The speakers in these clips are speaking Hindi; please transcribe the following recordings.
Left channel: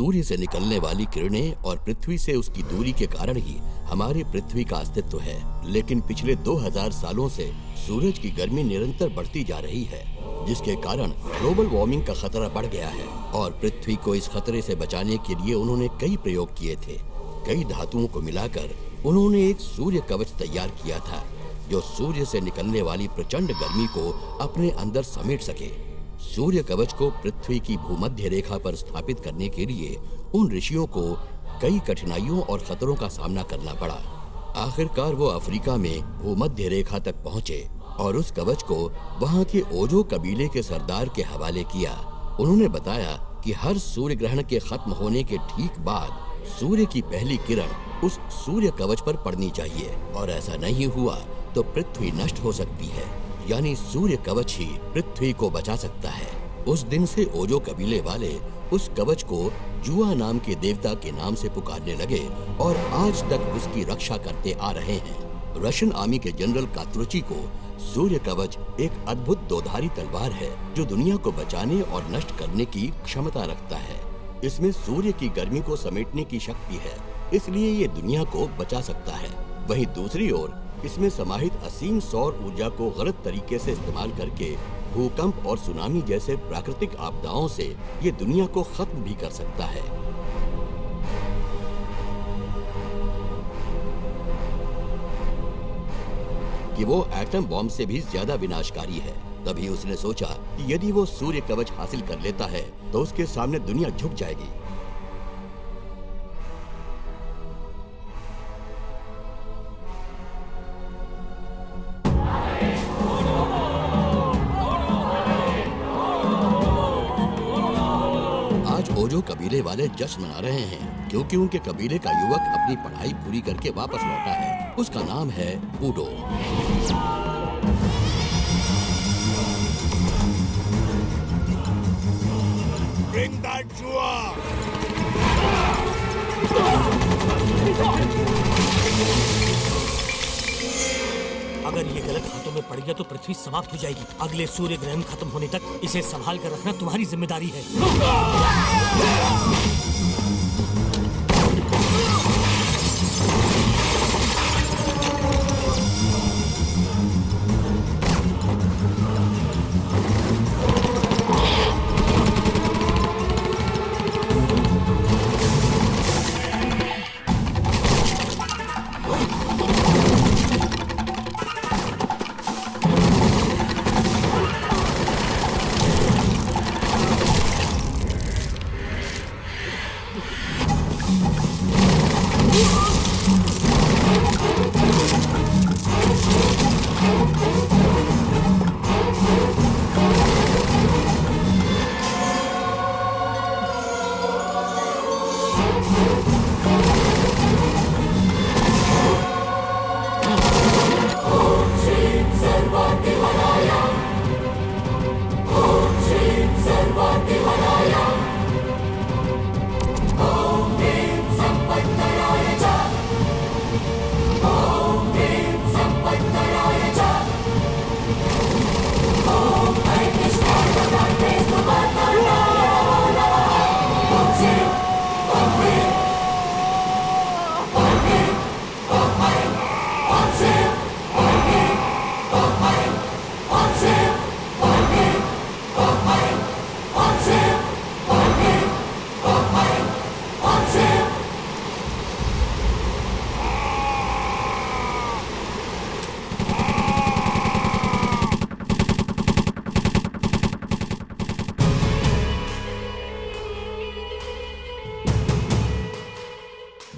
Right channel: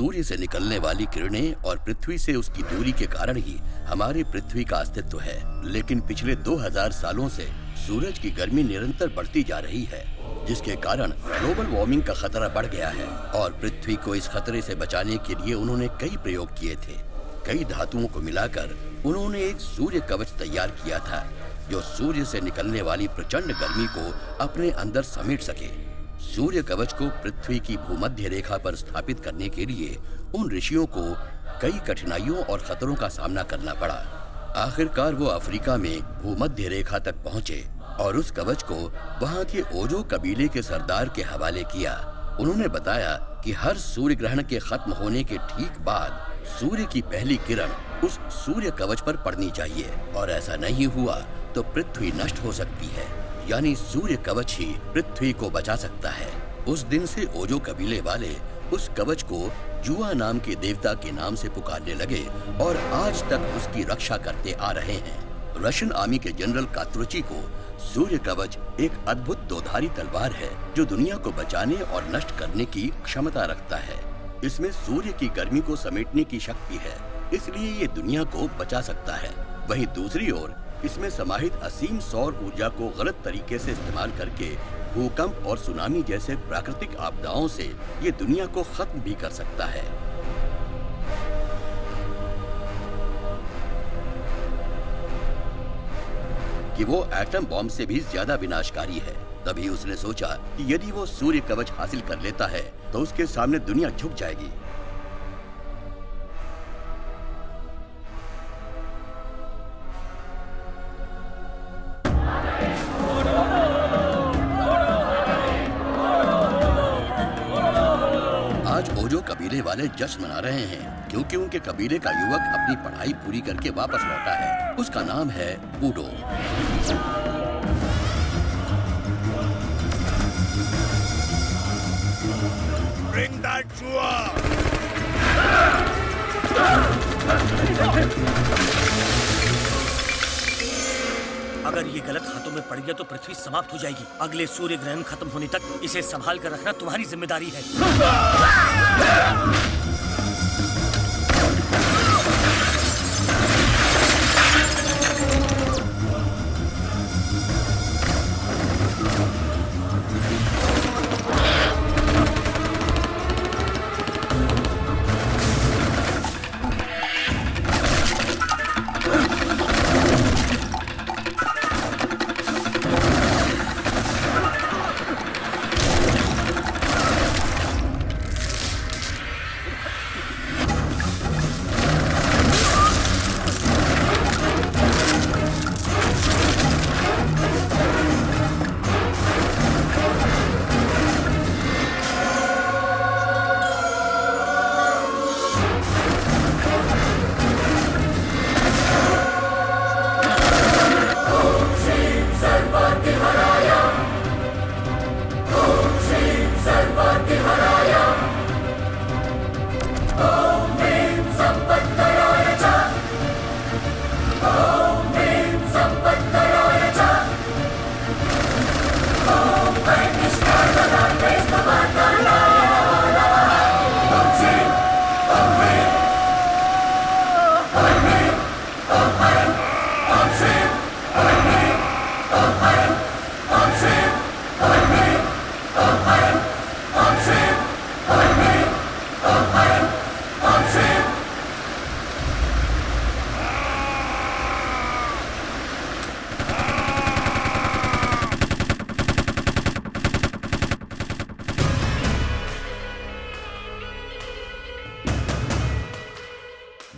सूर्य से निकलने वाली किरणें और पृथ्वी से उसकी दूरी के कारण ही हमारी पृथ्वी का अस्तित्व है। लेकिन पिछले 2000 सालों से सूरज की गर्मी निरंतर बढ़ती जा रही है, जिसके कारण ग्लोबल वार्मिंग का खतरा बढ़ गया है। और पृथ्वी को इस खतरे से बचाने के लिए उन्होंने कई प्रयोग किए थे। कई धातुओं को मिलाकर उन्होंने एक सूर्य कवच तैयार किया था, जो सूर्य से निकलने वाली प्रचंड गर्मी को अपने अंदर समेट सके। सूर्य कवच को पृथ्वी की भूमध्य रेखा पर स्थापित करने के लिए उन ऋषियों को कई कठिनाइयों और खतरों का सामना करना पड़ा। आखिरकार वो अफ्रीका में भूमध्य रेखा तक पहुंचे और उस कवच को वहां के ओजो कबीले के सरदार के हवाले किया। उन्होंने बताया कि हर सूर्य ग्रहण के खत्म होने के ठीक बाद सूर्य की पहली किरण उस सूर्य कवच पर पड़नी चाहिए, और ऐसा नहीं हुआ तो पृथ्वी नष्ट हो सकती है। यानी सूर्य कवच ही पृथ्वी को बचा सकता है। उस दिन से ओजो कबीले वाले उस कवच को जुआ नाम के देवता के नाम से पुकारने लगे और आज तक उसकी रक्षा करते आ रहे हैं। रशियन आर्मी के जनरल कात्रुची को सूर्य कवच एक अद्भुत दोधारी तलवार है, जो दुनिया को बचाने और नष्ट करने की क्षमता रखता है। इसमें सूर्य की गर्मी को समेटने की शक्ति है, इसलिए ये दुनिया को बचा सकता है। वहीं दूसरी ओर इसमें समाहित असीम सौर ऊर्जा को गलत तरीके से इस्तेमाल करके भूकंप और सुनामी जैसे प्राकृतिक आपदाओं से ये दुनिया को खत्म भी कर सकता है। कि वो एटम बॉम्ब से भी ज्यादा विनाशकारी है। तभी उसने सोचा कि यदि वो सूर्य कवच हासिल कर लेता है तो उसके सामने दुनिया झुक जाएगी। आज ओजो कबीले वाले जश्न मना रहे हैं, क्योंकि उनके कबीले का युवक अपनी पढ़ाई पूरी करके वापस लौटा है। उसका नाम है बूडो। Bring that जुआ! अगर ये गलत हाथों में पड़ गया तो पृथ्वी समाप्त हो जाएगी। अगले सूर्य ग्रहण खत्म होने तक इसे संभाल कर रखना तुम्हारी जिम्मेदारी है।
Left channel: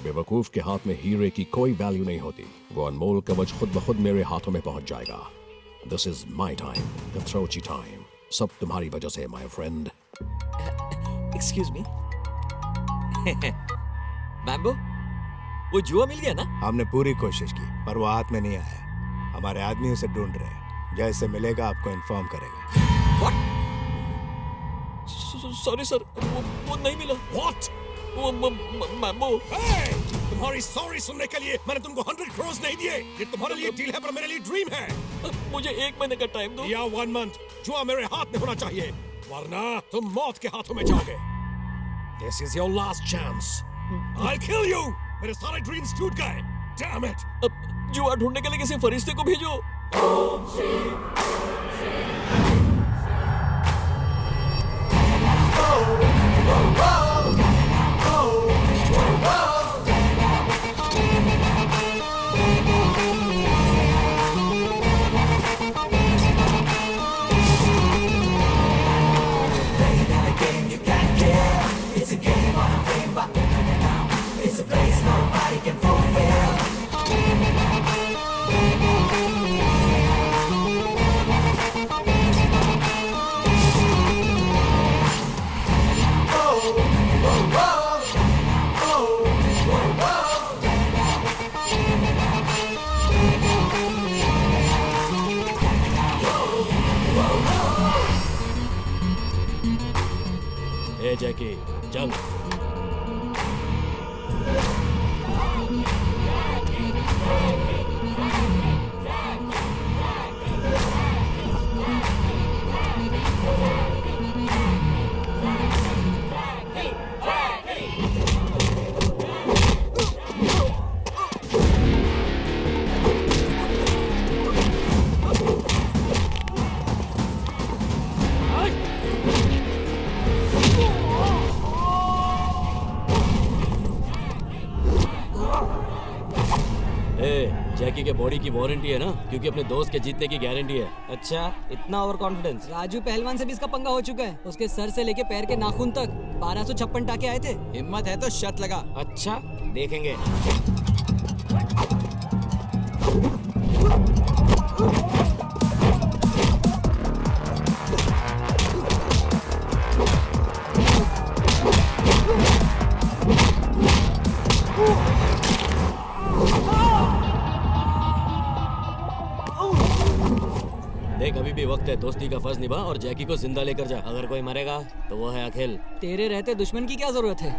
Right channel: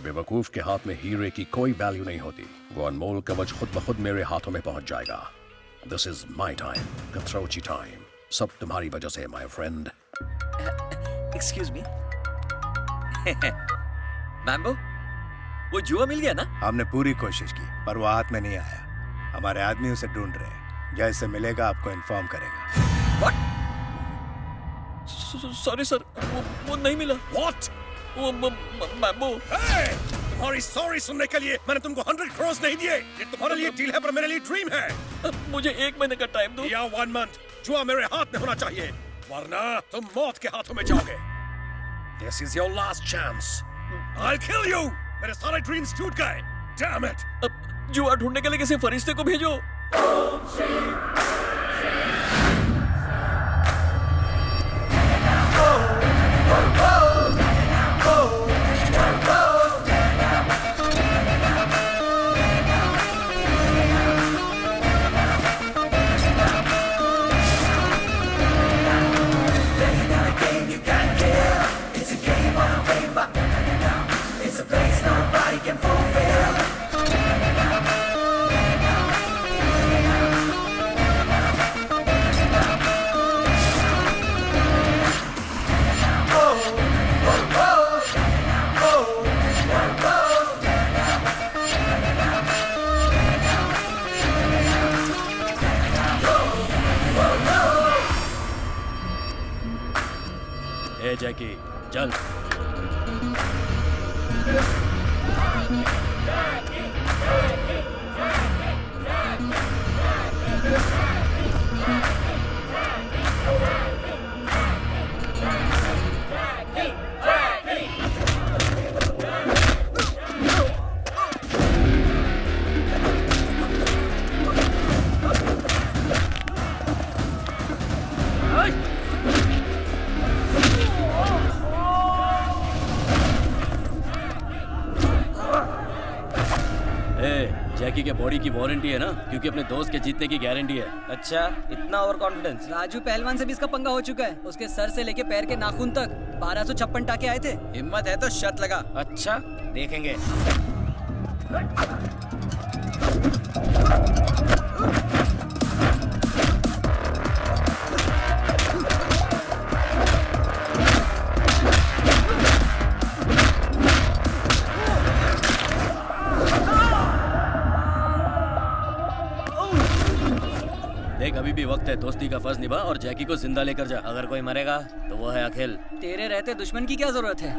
बेवकूफ के हाथ में हीरे की कोई वैल्यू नहीं होती। वो अनमोल कवच खुद ब खुद मेरे हाथों में पहुंच जाएगा। दिस इज माई टाइम, कथरोची टाइम। सब तुम्हारी वजह से my friend. Excuse me. Mambo, वो जुआ मिल गया ना? हमने पूरी कोशिश की पर वो हाथ में नहीं आया। हमारे आदमी उसे ढूंढ रहे हैं। जैसे मिलेगा आपको इन्फॉर्म करेगा। What? सॉरी सर, वो नहीं मिला। What? वो मैम्बो। Hey! तुम्हारी सॉरी सुनने के लिए मैंने तुमको 100 crores नहीं दिए। ये तुम्हारे लिए डील है पर मेरे लिए ड्रीम है। मुझे 1 महीने का टाइम दो। या 1 month। जुआ मेरे हाथ में होना चाहिए, वरना तुम मौत के हाथों में जाओगे। This is your last chance. I'll kill you. मेरे सारे dreams टूट गए. Damn it. अब जुआ ढूंढने के लिए किसी फरिश्ते को भेजो. ए जैकी, चल. जैकी के बॉडी की वारंटी है ना, क्योंकि अपने दोस्त के जीतने की गारंटी है. अच्छा, इतना ओवर कॉन्फिडेंस. राजू पहलवान से भी इसका पंगा हो चुका है. उसके सर से लेके पैर के नाखून तक 1256 टाके आए थे. हिम्मत है तो शर्त लगा. अच्छा, देखेंगे. देख, अभी भी वक्त है. दोस्ती का फर्ज निभा और जैकी को जिंदा लेकर जा. अगर कोई मरेगा तो वो है अखिल. तेरे रहते दुश्मन की क्या जरूरत है?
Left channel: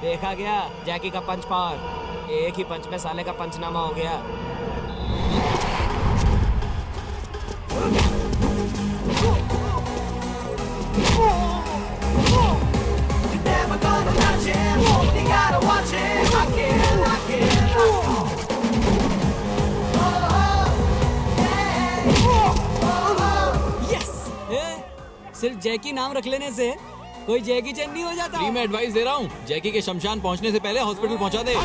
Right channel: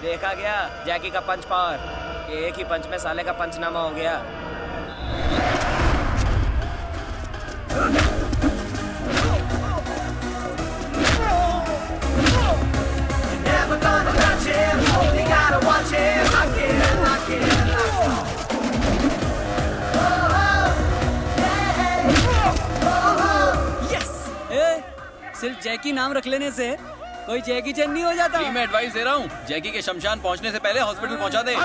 देखा गया जैकी का पंच पावर. एक ही पंच में साले का पंचनामा हो गया. सिर्फ जैकी नाम रख लेने से कोई जैकी चैन नहीं हो जाता. मैं एडवाइस दे रहा हूँ, जैकी के शमशान पहुँचने से पहले हॉस्पिटल पहुँचा दे.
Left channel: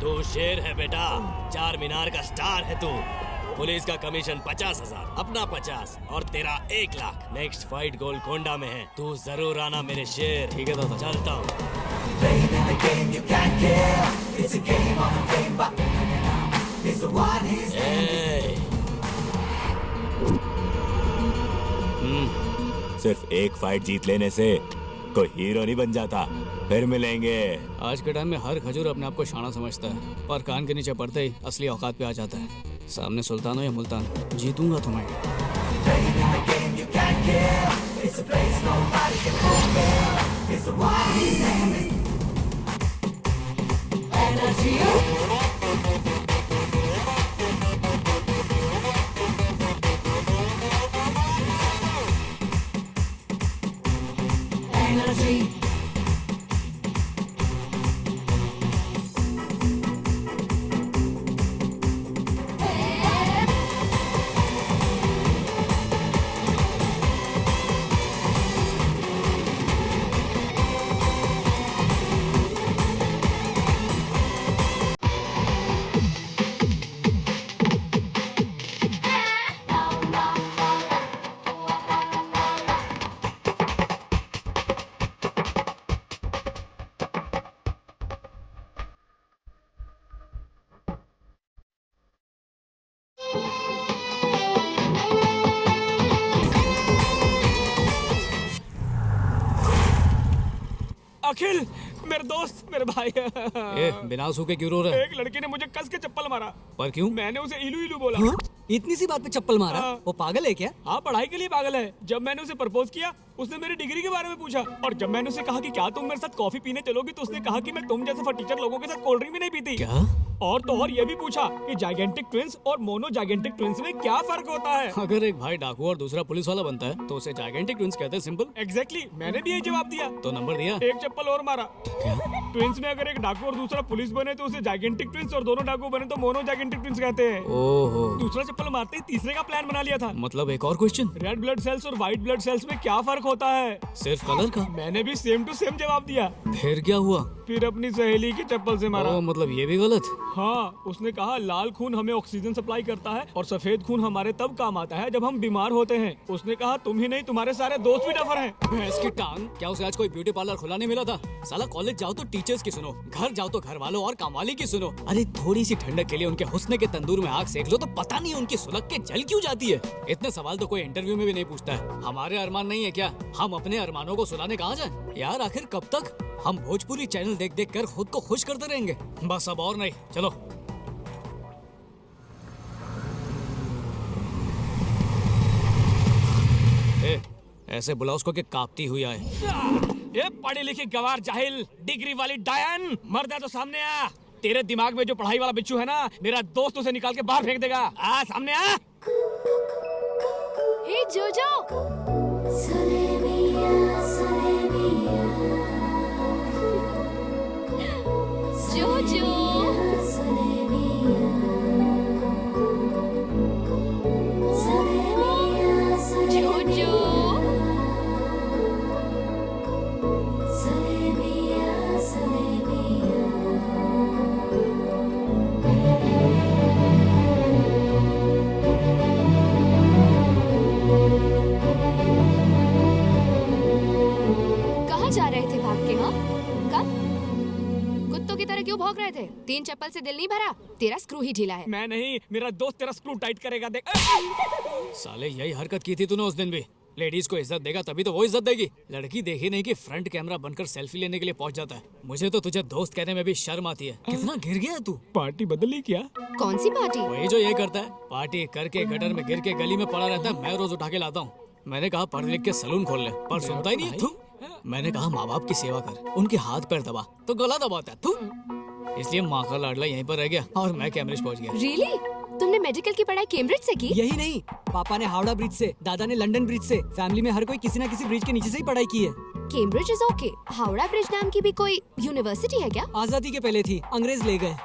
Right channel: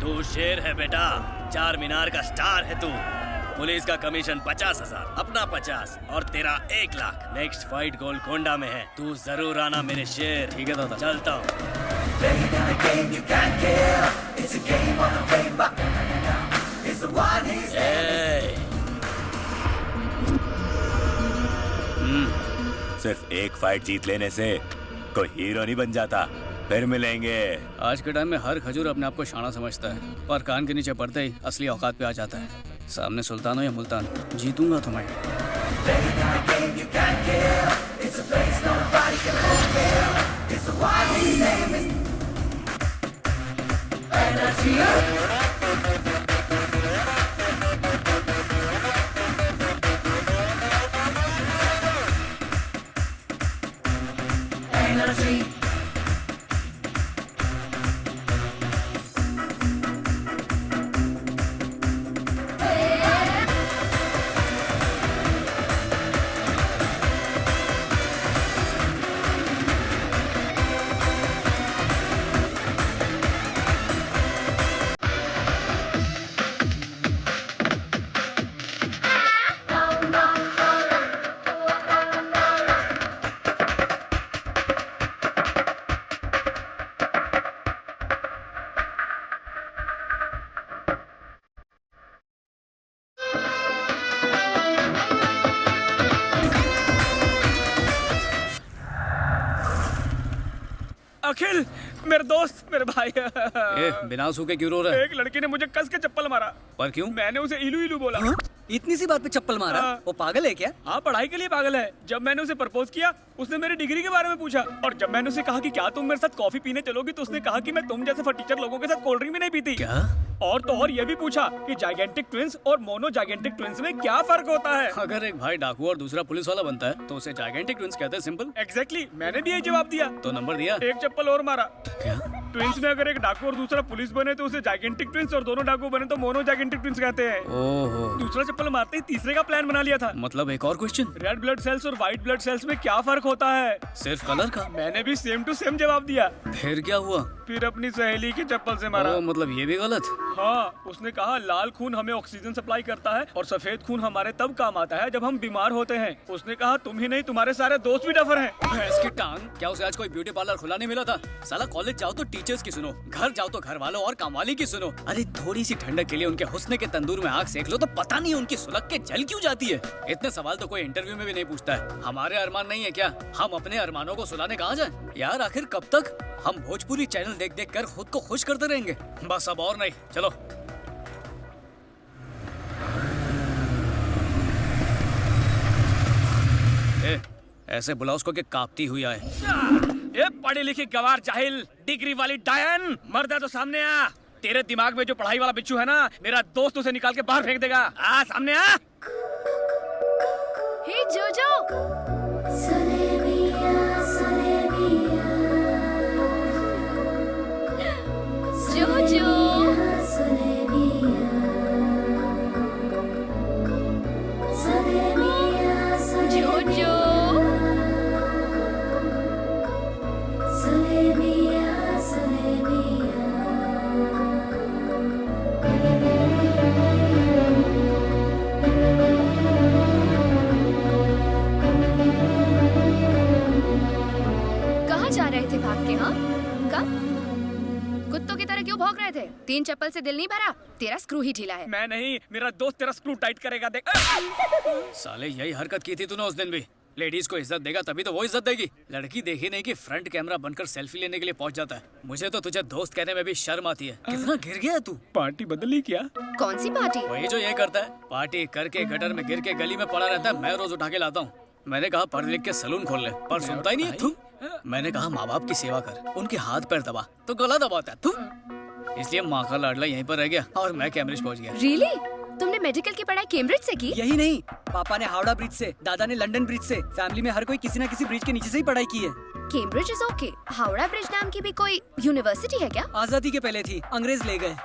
तू शेर है बेटा, चार मीनार का स्टार है तू. पुलिस का कमीशन 50,000, अपना 50 और तेरा 1 लाख. नेक्स्ट फाइट गोलकोंडा में है. तू जरूर आना मेरे शेर. ठीक है दादा. चलता हूँ. सिर्फ एक फाइट जीत लेने से कोई हीरो नहीं बन जाता. फिर मिलेंगे. आज के टाइम में हर खजूर अपने आप को शाना समझता है, पर कान के नीचे पड़ते ही असली औकात पे आ जाता है. सामने सुल्तान हो या मुल्तान, जीतूंगा तुम्हें. अखिल, मेरे दोस्त, मेरे भाई। ए, बिना सूखे क्यों रो रहा है? एक लड़की ने मुझे कस के चप्पल मारा। पर क्यों? मैंने उसे इलू इलू बोला। हाँ? इतनी सी बात पे चप्पल मारा? हाँ। वो पागल है क्या? हाँ, पढ़ाई के लिए पागल है। जब मैंने उसे प्रपोज किया, उसने मेरी डिग्री के बारे में पूछा, और जब मैंने उसे कहा कि क्या तुम मेरे साथ कॉफी पीने चलोगी, तो उसने कहा कि मैं तुम जैसे फटीचर लोगों के साथ कोल्ड ड्रिंक भी नहीं पीती। क्या? और तो और ये भी पूछा कि जाइगेंटिक ट्विंस और मोनो जाइगेंटिक ट्विंस में क्या फर्क होता है। अगर एक भाई डाकू और दूसरा पुलिस वाला बनता है तो उसे जाइगेंटिक ट्विंस कहते हैं। सिंपल। एग्जैक्टली, मैंने भी यही जवाब दिया। तो नंबर दिया? एक चप्पल और मारा। क्या? ट्विंस में अगर एक डाकू और दूसरा पुलिस बने तो उसे जाइगेंटिक ट्विंस, और दोनों डाकू बने तो मोनो जाइगेंटिक ट्विंस कहते हैं। ओहो। दूसरा चप्पल मारते ही तीसरे का प्लान बना लिया था। मतलब एक और क्वेश्चन, रेड ब्लड सेल्स और व्हाइट ब्लड सेल्स में क्या फर्क होता है? सिर्फ कलर का? मैंने भी सेम टू सेम जवाब दिया। फिर क्या हुआ? फिर अपनी सहेली की चप्पल से मारा। ओ, मतलब ये भी गलत? हाँ, उसने कहा लाल खून हमें ऑक्सीजन सप्लाई करता है और सफेद खून हमारे तब काम आता है जब हम बीमार होते हैं। उसने कहा तुम ही नहीं, तुम्हारे सारे दोस्त भी डफर हैं। भैंस की टांग, क्या उसे आज कोई ब्यूटी पार्लर खुला नहीं मिला था? साला कॉलेज जाओ तो टीचर्स की सुनो, घर जाओ तो घर वालों और कामवाली की सुनो। अरे थोड़ी सी ठंडक के लिए उनके हुस्न के तंदूर में आग सेक लो तो पता नहीं उनकी सुलग के जल क्यों जाती है। इतने सवाल तो कोई इंटरव्यू में भी नहीं पूछता है। हमारे अरमान नहीं है क्या? हम अपने अरमानों को सुलाने कहाँ जाएं? यार आखिर कब तक हम भोजपुरी चैनल देख देख कर खुद को खुश करते रहेंगे? बस अब और नहीं, चलो। ए, ऐसे बुलाओ उसको कि कांपती हुई आए। ये पढ़ी लिखी गवार जाहिल, डिग्री वाली डायन, मर्द है तो सामने आ। तेरे दिमाग में जो पढ़ाई वाला बिच्छू है ना, मेरा दोस्त उसे निकाल के बाहर फेंक देगा। आ सामने आ। हे जोजो, जोजो, जोजो, कहाँ जा रहे थे भाग के? हाँ, कब? कुत्तों की तरह क्यों भौंक रहे थे? 3 चप्पल से दिल नहीं भरा? तेरा स्क्रू ही ढीला है। मैं नहीं, मेरा दोस्त तेरा स्क्रू टाइट करेगा, देख। साले यही हरकत की थी तूने उस दिन भी। लेडीज को इज्जत देगा तभी तो वो इज्जत देगी। लड़की देखी नहीं कि फ्रंट कैमरा बनकर सेल्फी लेने के लिए पहुंच जाता है। मुझे तो तुझे दोस्त कहने में भी शर्म आती है। कितना गिर गया तू? पार्टी बदली क्या? कौन सी पार्टी? वही जो ये करता है, पार्टी करके गटर में गिर के गली में पड़ा रहता है। मैं रोज उठा के लाता हूँ। मैंने कहा पढ़ लिख के सलून खोल ले, पर सुनता ही नहीं है। तू, मैंने कहा माँ बाप की सेवा कर, उनके हाथ पैर दबा, तो गला दबाता है तू। इसलिए माँ का लाडला यहीं पर रह गया और मैं कैम्ब्रिज पहुँच गया। रियली? तुमने मेडिकल की पढ़ाई कैम्ब्रिज से की? यही नहीं, पापा ने हावड़ा ब्रिज से, दादा ने लंदन ब्रिज से, फैमिली में हर कोई किसी न किसी ब्रिज के नीचे से ही पढ़ाई की है। Cambridge is okay. Howrah bridge नाम की भी कोई यूनिवर्सिटी है क्या? आजादी के पहले थी, अंग्रेज ले गए।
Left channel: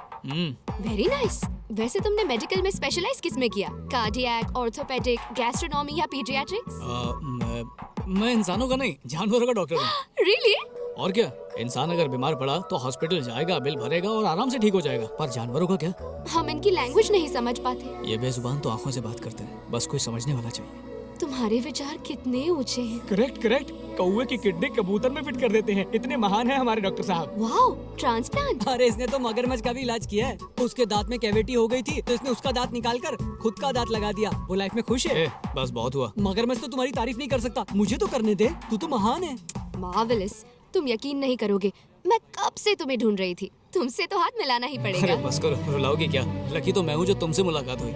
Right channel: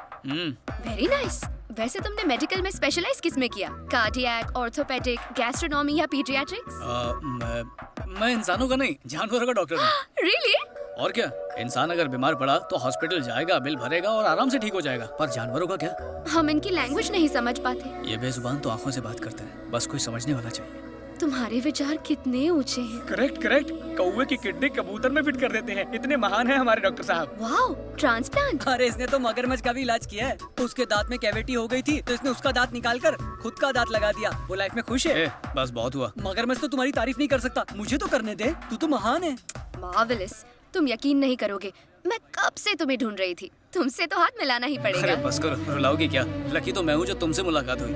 Very nice. वैसे तुमने मेडिकल में स्पेशलाइज किस में किया? कार्डियक, ऑर्थोपेडिक, गैस्ट्रोनॉमी या पीडियाट्रिक्स? मैं इंसानों का नहीं, जानवरों का डॉक्टर हूँ। रियली? और क्या, इंसान अगर बीमार पड़ा तो हॉस्पिटल जाएगा, बिल भरेगा और आराम से ठीक हो जाएगा। पर जानवरों का क्या? हम इनकी लैंग्वेज नहीं समझ पाते। ये बेजुबान तो आंखों से बात करते हैं, बस कोई समझने वाला चाहिए। तुम्हारे विचार कितने ऊंचे हैं। करेक्ट करेक्ट, कौवे की किडनी कबूतर में फिट कर देते हैं। इतने महान हैं हमारे डॉक्टर साहब। Wow, transplant. अरे इसने तो मगरमच्छ का भी इलाज किया है। उसके दांत में कैविटी हो गई थी तो इसने उसका दांत निकालकर खुद का दांत लगा दिया। वो लाइफ में खुश है। बस बहुत हुआ। मगरमच्छ तो तुम्हारी तारीफ नहीं कर सकता, मुझे तो करने दे, तू तो महान है। मार्वेलस, तुम यकीन नहीं करोगे, मैं कब से तुम्हें ढूंढ रही थी। तुमसे तो हाथ मिलाना ही अरे पड़ेगा। बस करो, रुलाओगी क्या? लकी तो मैं हूँ जो तुमसे मुलाकात हुई।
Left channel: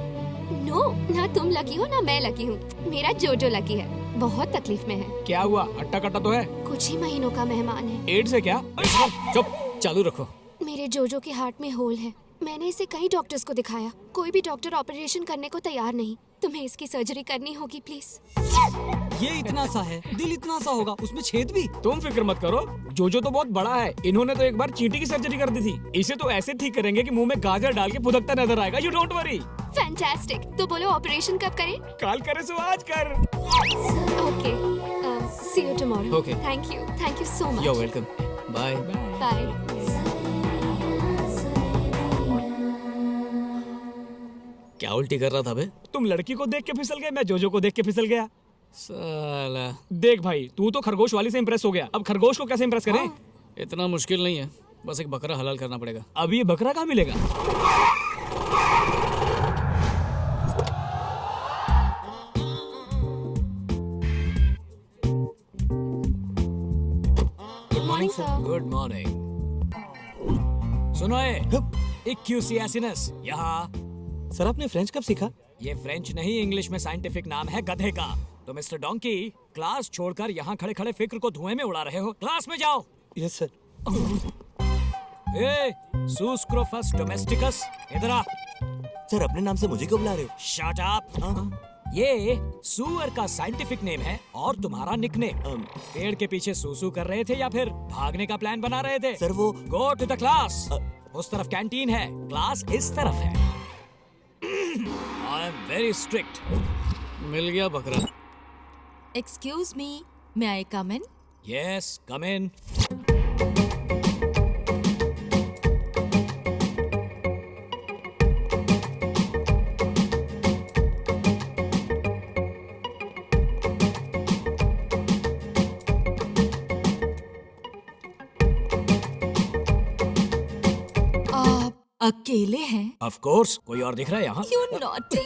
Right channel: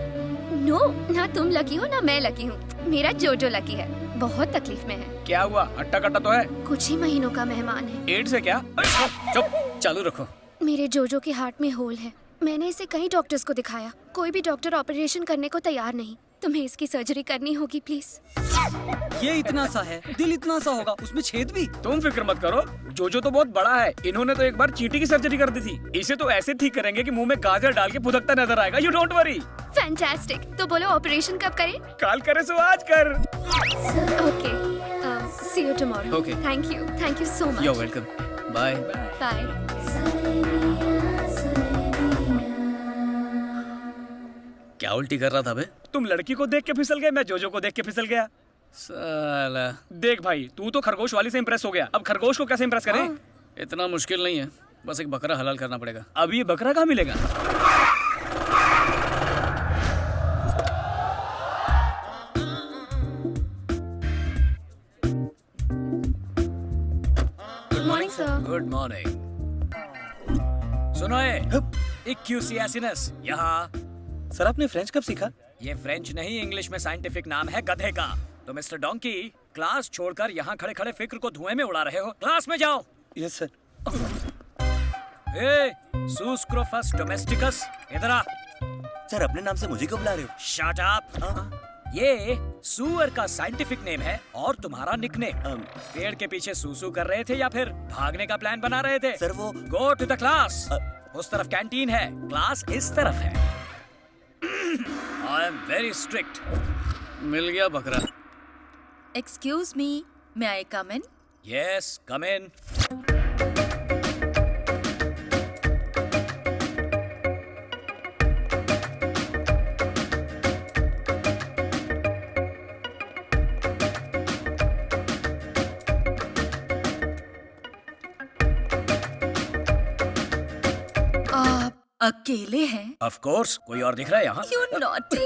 नो, ना तुम लकी हो ना मैं लकी हूँ। मेरा जोजो लकी है, बहुत तकलीफ में है। क्या हुआ? अट्टा कट्टा तो है? कुछ ही महीनों का मेहमान है। एड्स है क्या? चुप, चालू रखो। मेरे जोजो के हार्ट में होल है। मैंने इसे कई डॉक्टर्स को दिखाया, कोई भी डॉक्टर ऑपरेशन करने को तैयार नहीं। तुम्हें इसकी सर्जरी करनी होगी प्लीज। ये इतना सा है, दिल इतना सा होगा, उसमें छेद भी। तुम फिक्र मत करो, जोजो तो बहुत बड़ा है। इन्होंने तो एक बार चींटी की सर्जरी कर दी थी। इसे तो ऐसे ठीक करेंगे कि मुंह में गाजर डाल के फुदकता नजर आएगा। You don't worry. फैंटास्टिक। तो बोलो ऑपरेशन कब करें? काल करे सो आज कर। Okay, see you tomorrow. Okay. Thank you so much. You're welcome. Bye. Bye. क्या उल्टी कर रहा था बे? तुम लड़की को देख के फिसल गए, मैं जोजो को देख के फिसल गया। साला। देख भाई, तू तो खरगोश वाली से इम्प्रेस हो गया, अब खरगोश को कैसे इम्प्रेस करें? इतना मुश्किल नहीं है, बस एक बकरा हलाल करना पड़ेगा। अब ये बकरा कहाँ मिलेगा? Good morning sir. Good morning. सुनो इक्यूसियासिनस यहाँ। सर आपने फ्रेंच कब सीखा? ये फ्रेंच नहीं, इंग्लिश में साइंटिफिक नाम है गधे का। तो मिस्टर डोंकी, क्लास छोड़कर यहाँ खड़े खड़े फिक्र को धुएं में उड़ा रहे हो। क्लास में जाओ। Yes sir. ए सुस्क्रोफस डोमेस्टिकस, इधर आ। सर अपने नाम से मुझे क्यों बुला रहे हो? Shut up. ये सुअर का साइंटिफिक नेम है और तुम्हारा निकनेम। पेड़ के पीछे सूसू कर रहे थे या फिर भागने का प्लान बना रहे थे? सर वो गो टू द क्लास। उस तरफ कैंटीन है, क्लास इस तरफ है। I am very strict. मिल गया बकरा। Excuse me, may I come in? Yes, come in. अकेले हैं? ऑफ कोर्स, कोई और दिख रहा है यहाँ? You naughty!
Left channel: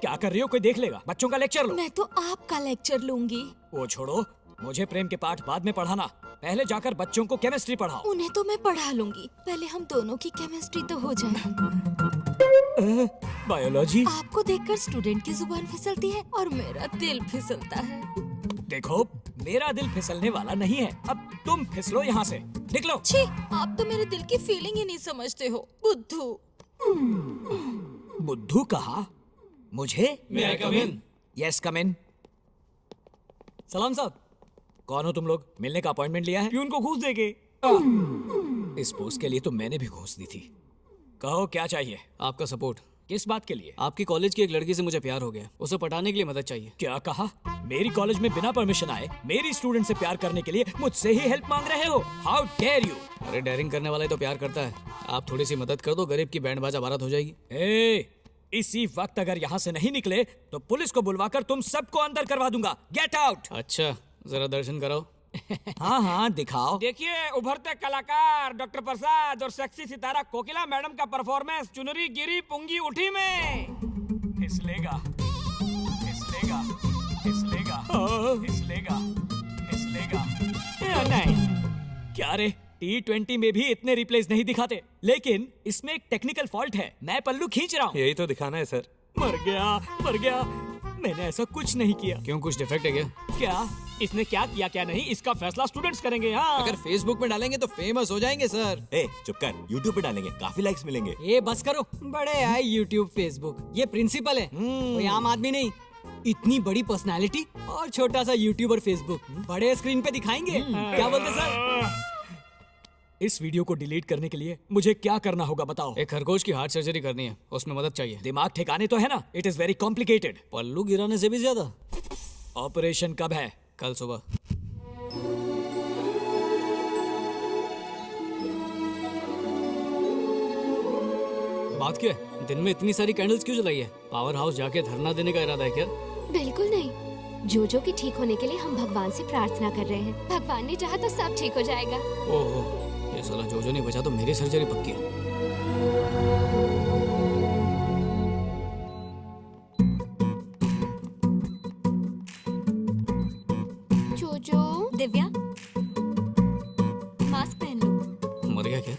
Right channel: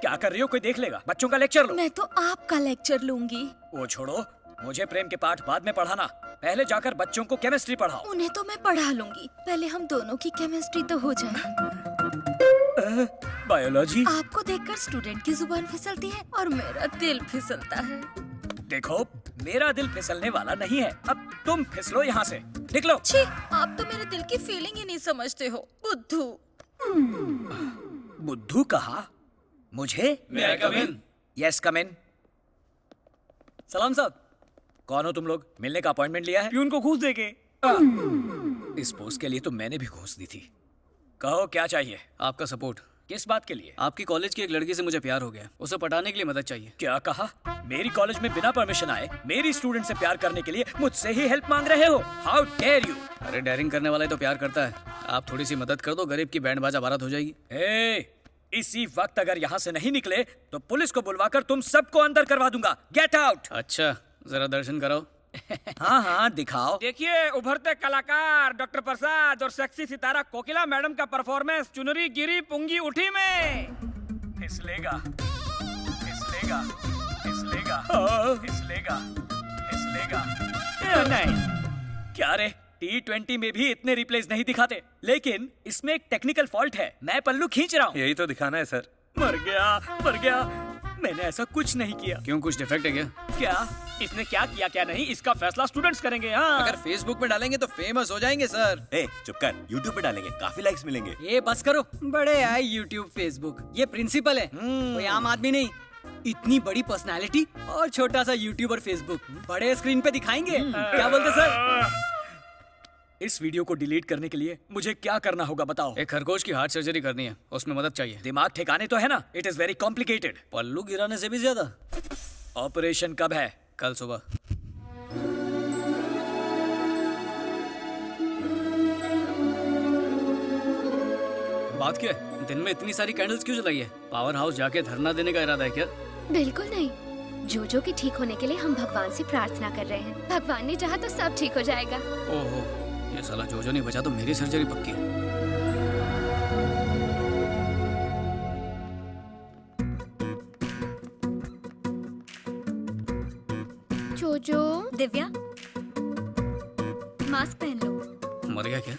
क्या कर रही हो? कोई देख लेगा। बच्चों का लेक्चर लो। मैं तो आपका लेक्चर लूंगी। वो छोड़ो, मुझे प्रेम के पाठ बाद में पढ़ाना। पहले जाकर बच्चों को केमिस्ट्री पढ़ाओ। उन्हें तो मैं पढ़ा लूंगी, पहले हम दोनों की केमिस्ट्री तो हो जाए। बायोलॉजी? आपको देखकर स्टूडेंट की जुबान फिसलती है और मेरा दिल फिसलता है। देखो, मेरा दिल फिसलने वाला नहीं है। अब तुम फिसलो यहाँ से, निकलो। छी, आप तो मेरे दिल की फीलिंग ही नहीं समझते हो, बुद्धू। बुद्धू कहा? मुझे? May I come in? Yes, come in. सलाम साहब। कौन हो तुम लोग? मिलने का अपॉइंटमेंट लिया है? प्यून को घूस देके। इस पोस्ट के लिए तो मैंने भी घूस दी थी। कहो क्या चाहिए? आपका सपोर्ट। किस बात के लिए? आपकी कॉलेज की एक लड़की से मुझे प्यार हो गया, उसे पटाने के लिए मदद चाहिए। क्या कहा? मेरी कॉलेज में बिना परमिशन आए मेरी स्टूडेंट से प्यार करने के लिए मुझसे ही हेल्प मांग रहे हो? How dare you! अरे डेयरिंग करने वाला ही तो प्यार करता है। आप थोड़ी सी मदद कर दो, गरीब की बैंड बाजा बारात हो जाएगी। इसी वक्त अगर यहाँ से नहीं निकले तो पुलिस को बुलवाकर तुम सबको अंदर करवा दूंगा। Get out! अच्छा, जरा दर्शन कराओ। हाँ हाँ, दिखाओ। देखिए, उभरते कलाकार डॉक्टर प्रसाद और सेक्सी सितारा कोकिला मैडम का परफॉर्मेंस चुनरी गिरी पुंगी उठी में। फिसलेगा, फिसलेगा, फिसलेगा, फिसलेगा, फिसलेगा। नहीं, क्या रे, T20 में भी इतने रिप्लेस नहीं दिखाते, लेकिन इसमें एक टेक्निकल फॉल्ट है। मैं पल्लू खींच रहा हूँ। यही तो दिखाना है सर। मर गया, मर गया। मैंने ऐसा कुछ नहीं किया। क्यों, कुछ डिफेक्ट है क्या? क्या? इसने क्या किया क्या नहीं, इसका फैसला स्टूडेंट्स करेंगे। हाँ, अगर फेसबुक में डालेंगे तो फेमस हो जाएंगे सर। चुप कर, YouTube पे डालेंगे, काफी लाइक्स मिलेंगे। ये बस करो, बड़े आए यूट्यूब फेसबुक। ये प्रिंसिपल है, कोई आम आदमी नहीं। इतनी बड़ी पर्सनालिटी और छोटा सा यूट्यूब और फेसबुक, बड़े स्क्रीन पे दिखाएंगे। क्या बोलते सर? इस वीडियो को डिलीट करने के लिए मुझे क्या करना होगा बताओ? एक खरगोश की हार्ट सर्जरी करनी है, उसमें मदद चाहिए। दिमाग ठिकाने तो है ना? It is very complicated. पल्लू गिराने से भी ज्यादा। ऑपरेशन कब है? कल सुबह। बात क्या है? दिन में इतनी सारी कैंडल्स क्यों जलाई है? पावर हाउस जाके धरना देने का इरादा है क्या? बिल्कुल नहीं, जोजो के ठीक होने के लिए हम भगवान से प्रार्थना कर रहे हैं। भगवान ने चाहा तो सब ठीक हो जाएगा। ओहो, ये साला जोजो नहीं बचा तो मेरी सर्जरी पक्की है। जोजो, दिव्या, मास्क पहन लो। मर गया क्या?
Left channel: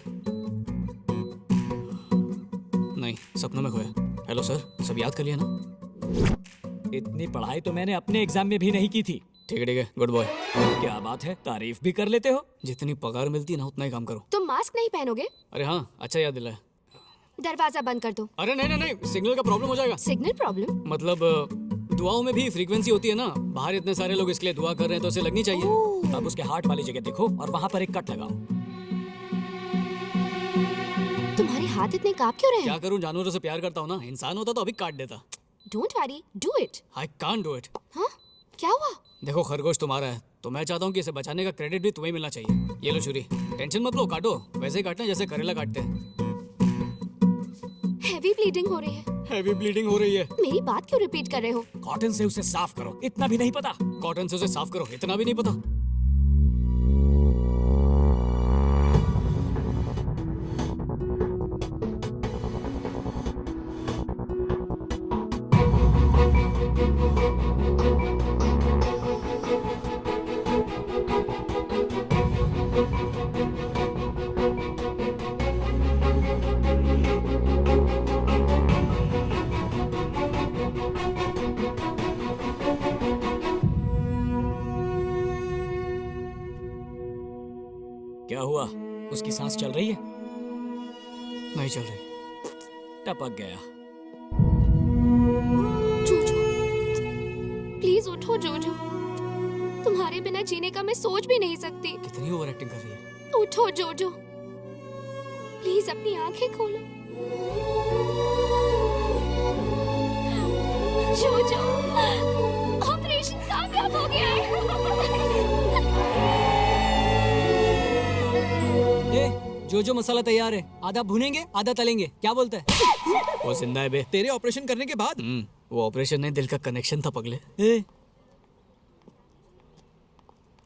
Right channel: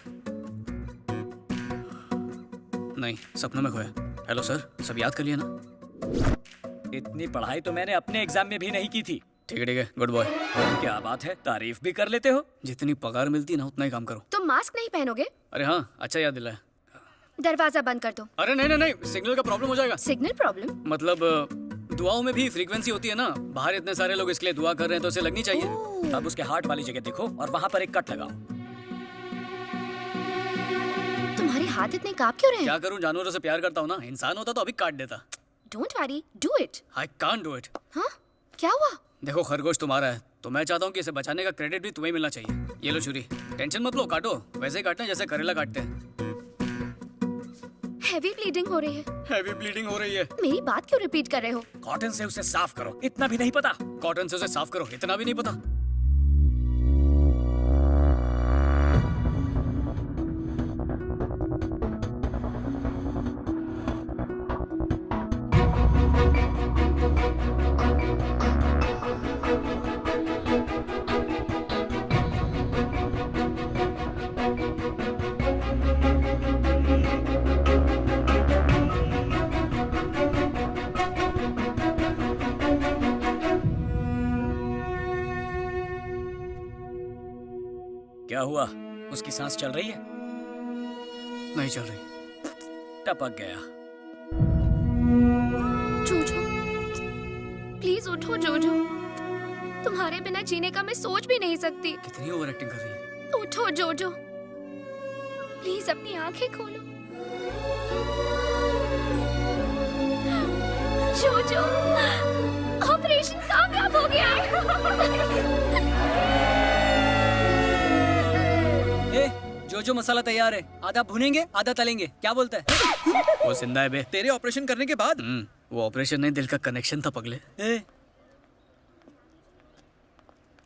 नहीं, सपनों में खोया। हेलो सर, सब याद कर लिया ना? इतनी पढ़ाई तो मैंने अपने एग्जाम में भी नहीं की थी। ठीक है, गुड बॉय। क्या बात है, तारीफ भी कर लेते हो। जितनी पगार मिलती है ना, उतना ही काम करो। तुम मास्क नहीं पहनोगे? अरे हाँ, अच्छा याद दिलाया। दरवाजा बंद कर दो। अरे नहीं नहीं नहीं, सिग्नल का प्रॉब्लम हो जाएगा। Signal problem? मतलब दुआओं में भी फ्रीक्वेंसी होती है ना। बाहर इतने सारे लोग इसके लिए दुआ कर रहे हैं तो इसे लगनी चाहिए। अब उसके हार्ट वाली जगह देखो और वहाँ पर एक कट लगाओ। तुम्हारे हाथ इतने कांप क्यों रहे हैं? क्या करूं, जानवरों से प्यार करता हूँ ना। इंसान होता तो अभी काट देता। Don't worry, do it. I can't do it. हाँ, क्या हुआ? देखो, खरगोश तुम्हारा है तो मैं चाहता हूँ कि इसे बचाने का क्रेडिट भी तुम्हें मिलना चाहिए। ये लो छुरी, टेंशन मत लो, काटो। वैसे ही काटना जैसे करेला काटते हैं। हैवी ब्लीडिंग हो रही है। हैवी ब्लीडिंग हो रही है? मेरी बात क्यों रिपीट कर रहे हो? कॉटन से उसे साफ करो, इतना भी नहीं पता? कॉटन से उसे साफ करो, इतना भी नहीं पता? क्या हुआ? उसकी सांस चल रही है? नहीं चल रही। टपक गया। जोजो, प्लीज उठो जोजो। तुम्हारे बिना जीने का मैं सोच भी नहीं सकती। कितनी ओवर एक्टिंग कर रही है। उठो जोजो, प्लीज अपनी आंखें खोलो। जोजो, ऑपरेशन कामयाब हो गया है। जो मसाला तैयार है, आधा भुनेंगे आधा तलेंगे, क्या बोलता है? वो जिंदा है बे। तेरे ऑपरेशन करने के बाद? वो ऑपरेशन नहीं, दिल का कनेक्शन था पगले।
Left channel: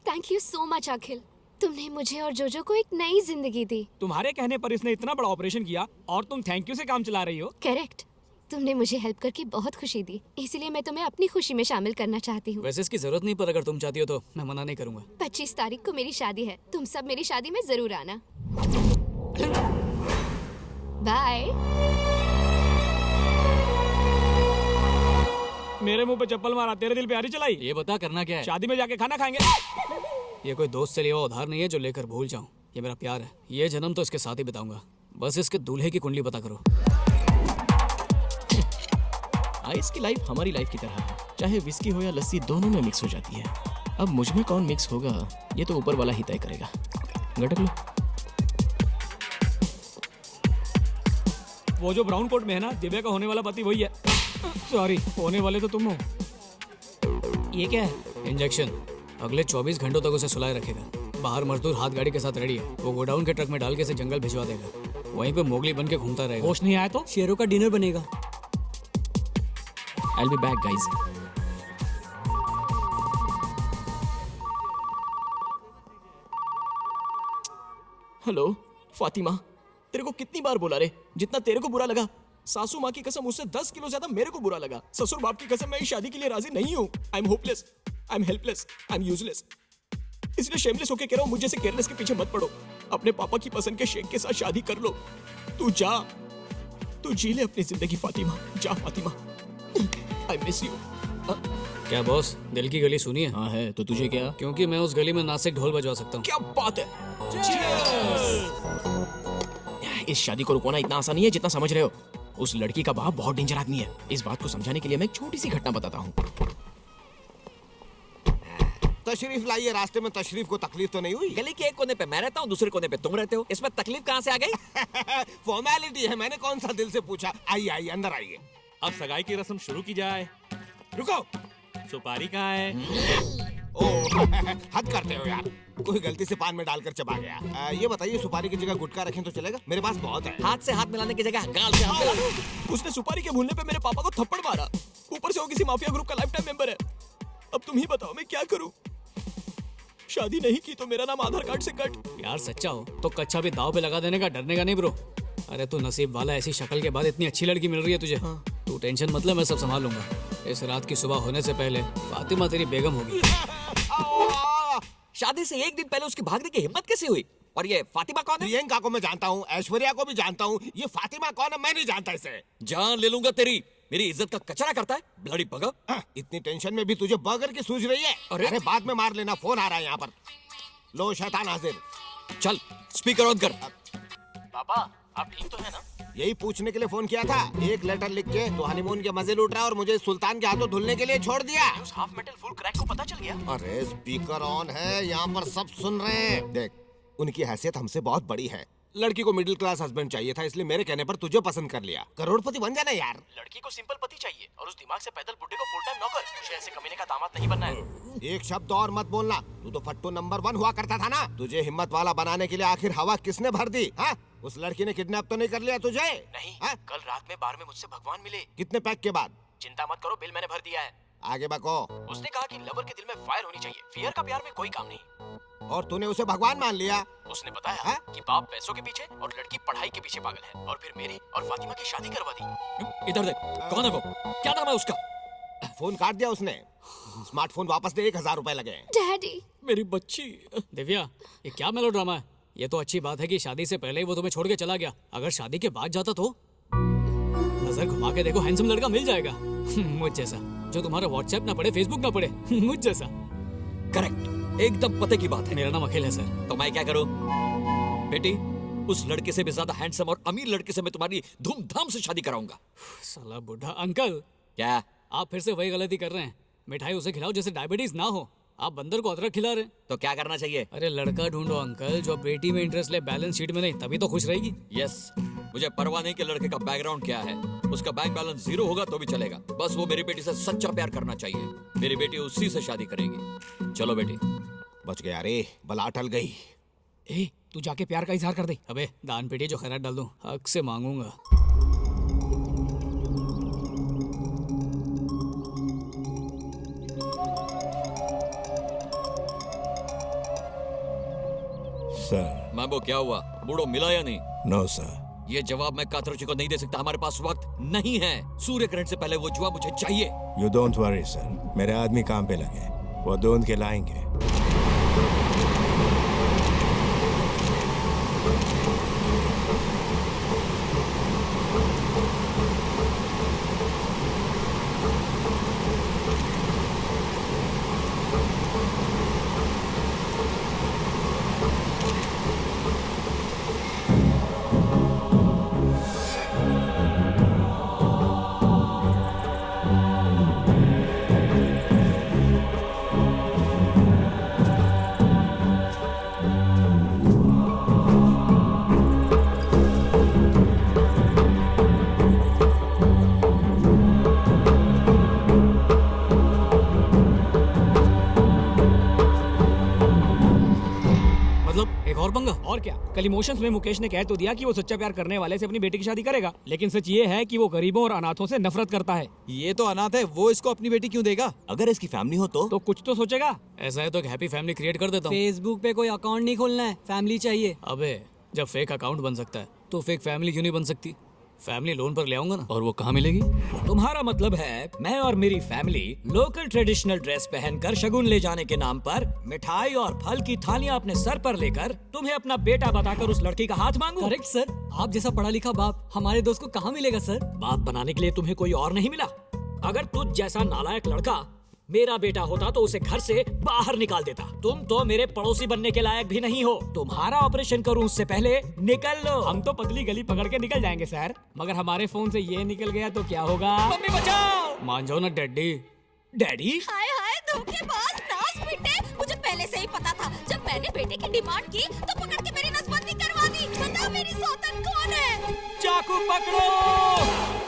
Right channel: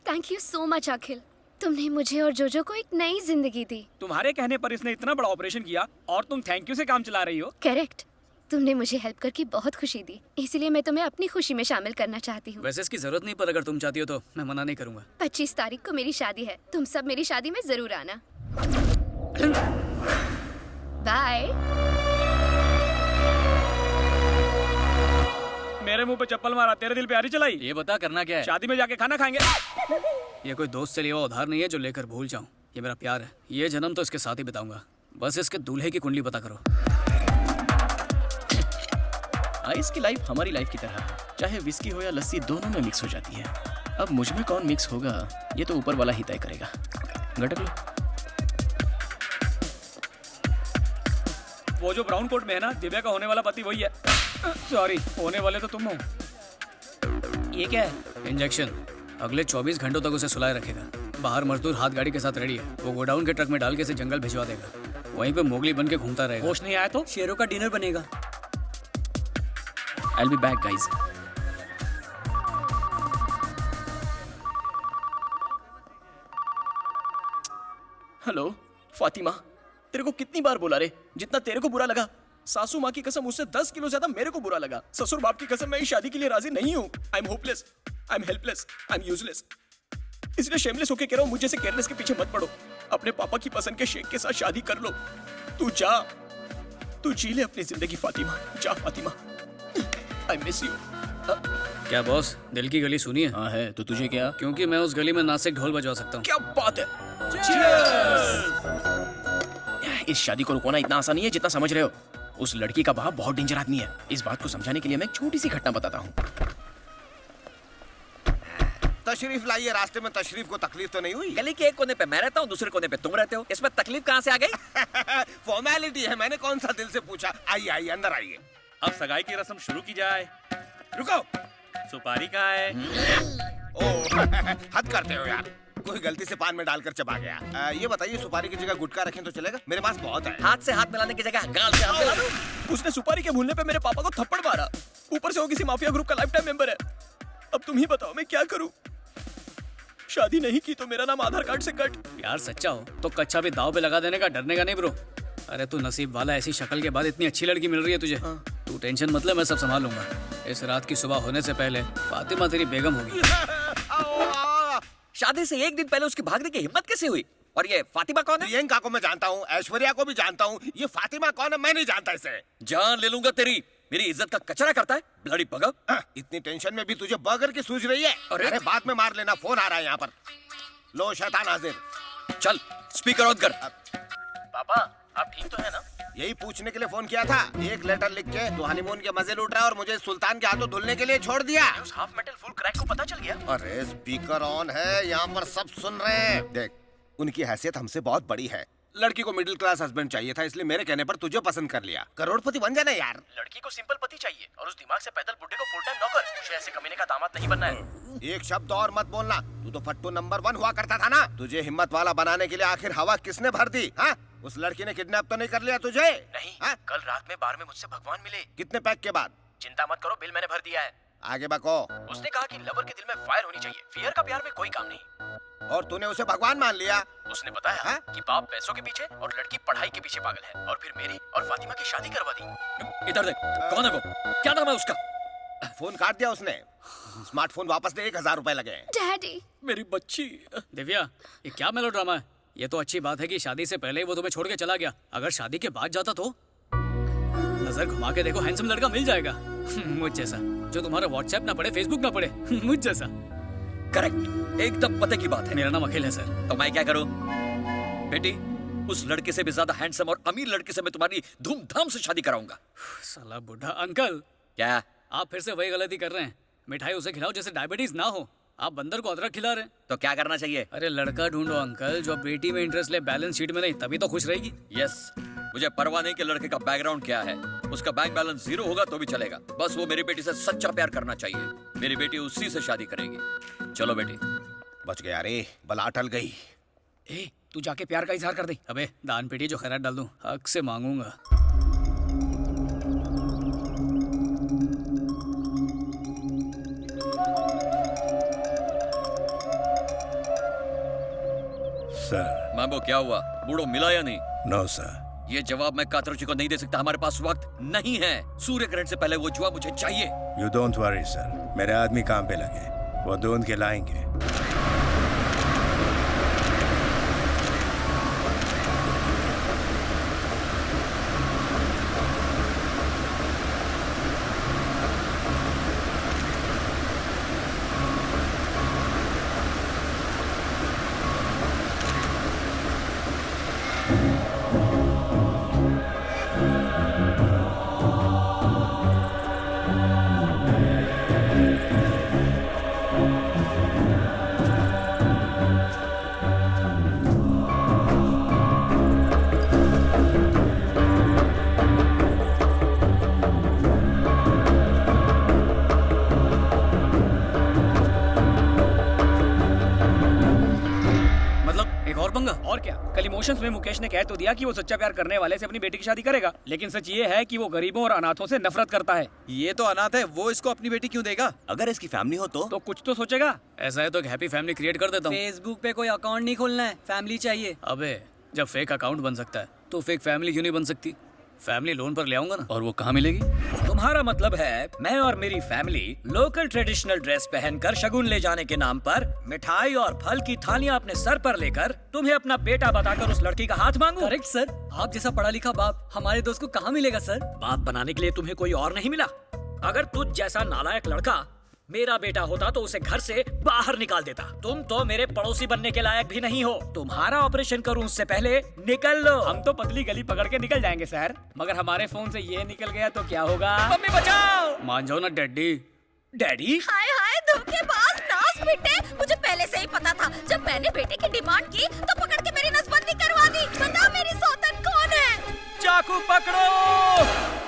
थैंक यू सो मच अखिल, तुमने मुझे और जोजो को एक नई जिंदगी दी। तुम्हारे कहने पर इसने इतना बड़ा ऑपरेशन किया और तुम थैंक यू से काम चला रही हो। करेक्ट, तुमने मुझे हेल्प करके बहुत खुशी दी, इसलिए मैं तुम्हें अपनी खुशी में शामिल करना चाहती हूँ। वैसे इसकी जरूरत नहीं, पर अगर तुम चाहती हो तो मैं मना नहीं करूंगा। 25 तारीख को मेरी शादी है, तुम सब मेरी शादी में जरूर आना। बाय। मेरे मुंह पे चप्पल मारा, तेरे दिल पे आरी चलाई। ये बता करना क्या है? शादी में जाके खाना खाएंगे। ये कोई दोस्त से लिया हुआ उधार नहीं है जो लेकर भूल जाऊं। ये मेरा प्यार है, ये जन्म तो इसके साथ ही बिताऊंगा। बस इसके दूल्हे की कुंडली पता करो। आइस की लाइफ हमारी लाइफ की तरह है, चाहे विस्की हो या लस्सी दोनों में मिक्स हो जाती है। अब मुझ में कौन मिक्स होगा ये तो ऊपर वाला ही तय करेगा। गटक लो। वो जो ब्राउन कोट में है ना, दिव्या का होने वाला पति वही है। सॉरी, होने वाले तो तुम हो। ये क्या है? इंजेक्शन। अगले 24 घंटों तक उसे सुलाए रखेगा। बाहर मजदूर हाथ गाड़ी के साथ रेडी है, वो गोडाउन के ट्रक में डाल के इसे जंगल भिजवा देगा। वहीं पे मोगली बन के घूमता रहेगा। होश नहीं आया तो शेरों का डिनर बनेगा। I'll be back, guys. Hello Fatima, तेरे को कितनी बार बोला रे, जितना तेरे को बुरा लगा सासू माँ की कसम उससे 10 किलो ज्यादा मेरे को बुरा लगा। ससुर बाप की कसम मैं इस शादी के लिए राजी नहीं हूँ। I am hopeless, I am helpless, I am useless. इसलिए शेमलेस होके कह रहा हूँ, मुझे से केयरलेस के पीछे मत पड़ो। अपने पापा की पसंद के शेख के साथ शादी कर लो। तू जा, तू जी ले अपनी जिंदगी फातिमा। जा फातिमा, आई मिस यू। क्या बॉस, दिल की गली सुनी है? हाँ है, तो तुझे क्या? क्योंकि मैं उस गली में नासिक ढोल बजवा सकता हूँ। क्या बात है। इस शादी को रुकवाना इतना आसान नहीं है जितना समझ रहे हो। उस लड़की का बाप बहुत डेंजर आदमी है। इस बात को समझाने के लिए मैं एक छोटी सी घटना बताता हूँ। तशरीफ लाइए। रास्ते में तशरीफ को तकलीफ तो नहीं हुई? गली के एक कोने पे मैं रहता हूँ, दूसरे कोने पे तुम रहते हो, इसमें तकलीफ कहाँ से आ गई? फॉर्मेलिटी है, मैंने कौन सा दिल से पूछा। आइए आइए अंदर आइए। अब सगाई की रस्म शुरू की जाए। रुको, सुपारी कहाँ है? ओह हद करते हो यार, कोई गलती से पान में डालकर चबा गया। ये बताइए सुपारी की जगह गुटखा रखें तो चलेगा? मेरे पास बहुत है। हाथ से हाथ मिलाने की जगह गाल से हाथ मिला दो। उसने सुपारी के भूलने पे मेरे पापा को थप्पड़ मारा, ऊपर से वो किसी माफिया ग्रुप का लाइफ टाइम मेंबर है। अब तुम ही बताओ मैं क्या करूं? शादी नहीं की तो मेरा नाम आधार कार्ड से कट। यार सच्चा हो तो कच्चा भी दाव पे लगा देने का, डरने का नहीं ब्रो। अरे तू नसीब वाला, ऐसी शक्ल के बाद इतनी अच्छी लड़की मिल रही है तुझे। हाँ। तू टेंशन मत ले, मैं सब संभाल लूंगा। इस रात की सुबह होने से पहले फातिमा तेरी बेगम होगी। शादी से एक दिन पहले उसकी भागने की हिम्मत कैसे हुई? और ये फातिमा कौन है? प्रियंका को मैं जानता हूँ, ऐश्वर्या को भी जानता हूँ, ये फातिमा कौन है मैं नहीं जानता इसे। जान ले लूंगा तेरी, मेरी इज्जत का कचरा करता है ब्लडी बगर। इतनी टेंशन में भी तुझे बर्गर की सूझ रही है? अरे बाद में मार लेना, फोन आ रहा है यहाँ पर। लो शैतान हाजिर। चल स्पीकर ऑन कर। पापा आप ठीक तो है ना? यही पूछने के लिए फोन किया था। एक लेटर लिख के तो हनीमून के मजे लूट रहा है और मुझे सुल्तान के हाथों धुलने के लिए छोड़ दिया। उस हाफ मेटल फुल क्रैक को पता चल गया? अरे स्पीकर ऑन है, यहाँ पर सब सुन रहे हैं। देख, उनकी हैसियत हमसे बहुत बड़ी है। लड़की को मिडिल क्लास हस्बैंड चाहिए था, इसलिए मेरे कहने पर तुझे पसंद कर लिया। करोड़पति बन जाना यार। लड़की को सिंपल पति चाहिए और उस दिमाग से पैदल बुड्ढे को फुल टाइम नौकर। मुझे ऐसे कमीने का दामाद नहीं बनना है। एक शब्द और मत बोलना। तू तो फट्टू नंबर 1 हुआ करता था ना। तुझे हिम्मत वाला बनाने के लिए आखिर हवा किसने भर दी? हाँ? उस लड़की ने किडनैप तो नहीं कर लिया तुझे? नहीं। हा? कल रात में बार में मुझसे भगवान मिले। कितने पैक के बाद? चिंता मत करो, बिल मैंने भर दिया है। आगे बको। उसने कहा कि लवर के दिल में फायर होनी चाहिए, फियर का प्यार में कोई काम नहीं। और तूने उसे भगवान मान लिया? उसने बताया कि बाप पैसों के पीछे और लड़की पढ़ाई के पीछे पागल है, और फिर मेरी और फातिमा की शादी करवा दी। इधर देख, कौन है वो? क्या नाम है उसका? फोन काट दिया उसने। स्मार्टफोन वापस दे, 1000 रुपए लगे। डैडी, मेरी बच्ची। दिव्या, ये क्या मेलोड्रामा है? ये तो अच्छी बात है कि शादी से पहले ही वो तुम्हें छोड़ के चला गया। अगर शादी के बाद जाता तो नजर घुमा के देखो, हैंडसम लड़का मिल जाएगा मुझ जैसा, जो तुम्हारा व्हाट्सएप ना पढ़े, फेसबुक ना पढ़े मुझ जैसा। करेक्ट। एकदम पते की बात है। मेरा नाम अखिल है सर। तो मैं क्या करूं? बेटी, उस लड़के से भी ज्यादा हैंडसम और अमीर लड़के से मैं तुम्हारी धूमधाम से शादी कराऊंगा। साला बुढ़ा अंकल। क्या? आप फिर से वही गलती कर रहे हैं। मिठाई उसे खिलाओ जैसे डायबिटीज ना हो। आप बंदर को अदरक खिला रहे हैं। तो क्या करना चाहिए? अरे लड़का ढूंढो अंकल जो बेटी में इंटरेस्ट ले, बैलेंस शीट में नहीं, तभी तो खुश रहेगी। यस, मुझे परवाह नहीं कि लड़के का बैकग्राउंड क्या है। उसका बैंक बैलेंस 0 होगा तो भी चलेगा। बस वो मेरी बेटी से सच्चा प्यार करना चाहिए। मेरी बेटी उसी से शादी करेगी। चलो बेटी। बच गया रे, बला टल गई। ए, तू जाके प्यार का इजहार कर दे। अबे दान पेटी जो खैरात डाल दूं, हक से मांगूंगा। सर। मैम्बो क्या हुआ? बूढ़ो मिला या नहीं? No sir. ये जवाब मैं कातरुचि को नहीं दे सकता। हमारे पास वक्त नहीं है। सूर्य ग्रहण से पहले वो जुआ मुझे चाहिए। यू डोंट वरी सर, मेरे आदमी काम पे लगे, वो ढूंढ के लाएंगे। एक और पंगा। और क्या, कल इमोशंस में मुकेश ने कह तो दिया कि वो सच्चा प्यार करने वाले से अपनी बेटी की शादी करेगा, लेकिन सच ये है कि वो गरीबों और अनाथों से नफरत करता है। ये तो अनाथ है, वो इसको अपनी बेटी क्यों देगा? अगर इसकी फैमिली हो तो कुछ तो सोचेगा। ऐसा है तो एक हैप्पी फैमिली क्रिएट कर देता हूँ। फेसबुक पे कोई अकाउंट नहीं खोलना है, फैमिली चाहिए। अबे जब फेक अकाउंट बन सकता है तो फेक फैमिली क्यों नहीं बन सकती? फैमिली लोन पर ले आऊंगा ना। और वो कहाँ मिलेगी? तुम्हारा मतलब है मैं और मेरी फैमिली लोकल ट्रेडिशनल ड्रेस पहनकर शगुन ले जाने के नाम पर मिठाई और फल की थालियां अपने सर पर लेकर तुम्हें अपना बेटा बताकर उस लड़की का हाथ मांगू? करेक्ट सर, आप जैसा पढ़ा लिखा बाप हमारे दोस्त को कहाँ मिलेगा सर? बाप बनाने के लिए तुम्हें कोई और नहीं मिला? अगर तुझ जैसा नालायक लड़का मेरा बेटा होता तो उसे घर से बाहर निकाल देता। तुम तो मेरे पड़ोसी बनने के लायक भी नहीं हो। तुम्हारा ऑपरेशन करूं उससे पहले निकल लो। हम तो पतली गली पकड़ के निकल जाएंगे सर, मगर हमारे फोन से ये निकल गया तो क्या होगा? मम्मी बचाओ! मान जाओ ना डैडी। डैडी? हाय हाय धोखेबाज नास बेटे, मुझे पहले से ही पता था। जब मैंने बेटे की डिमांड की तो पकड़ के मेरी नसबंदी करवा दी। बता मेरी सौतन कौन है? चाकू पकड़ो!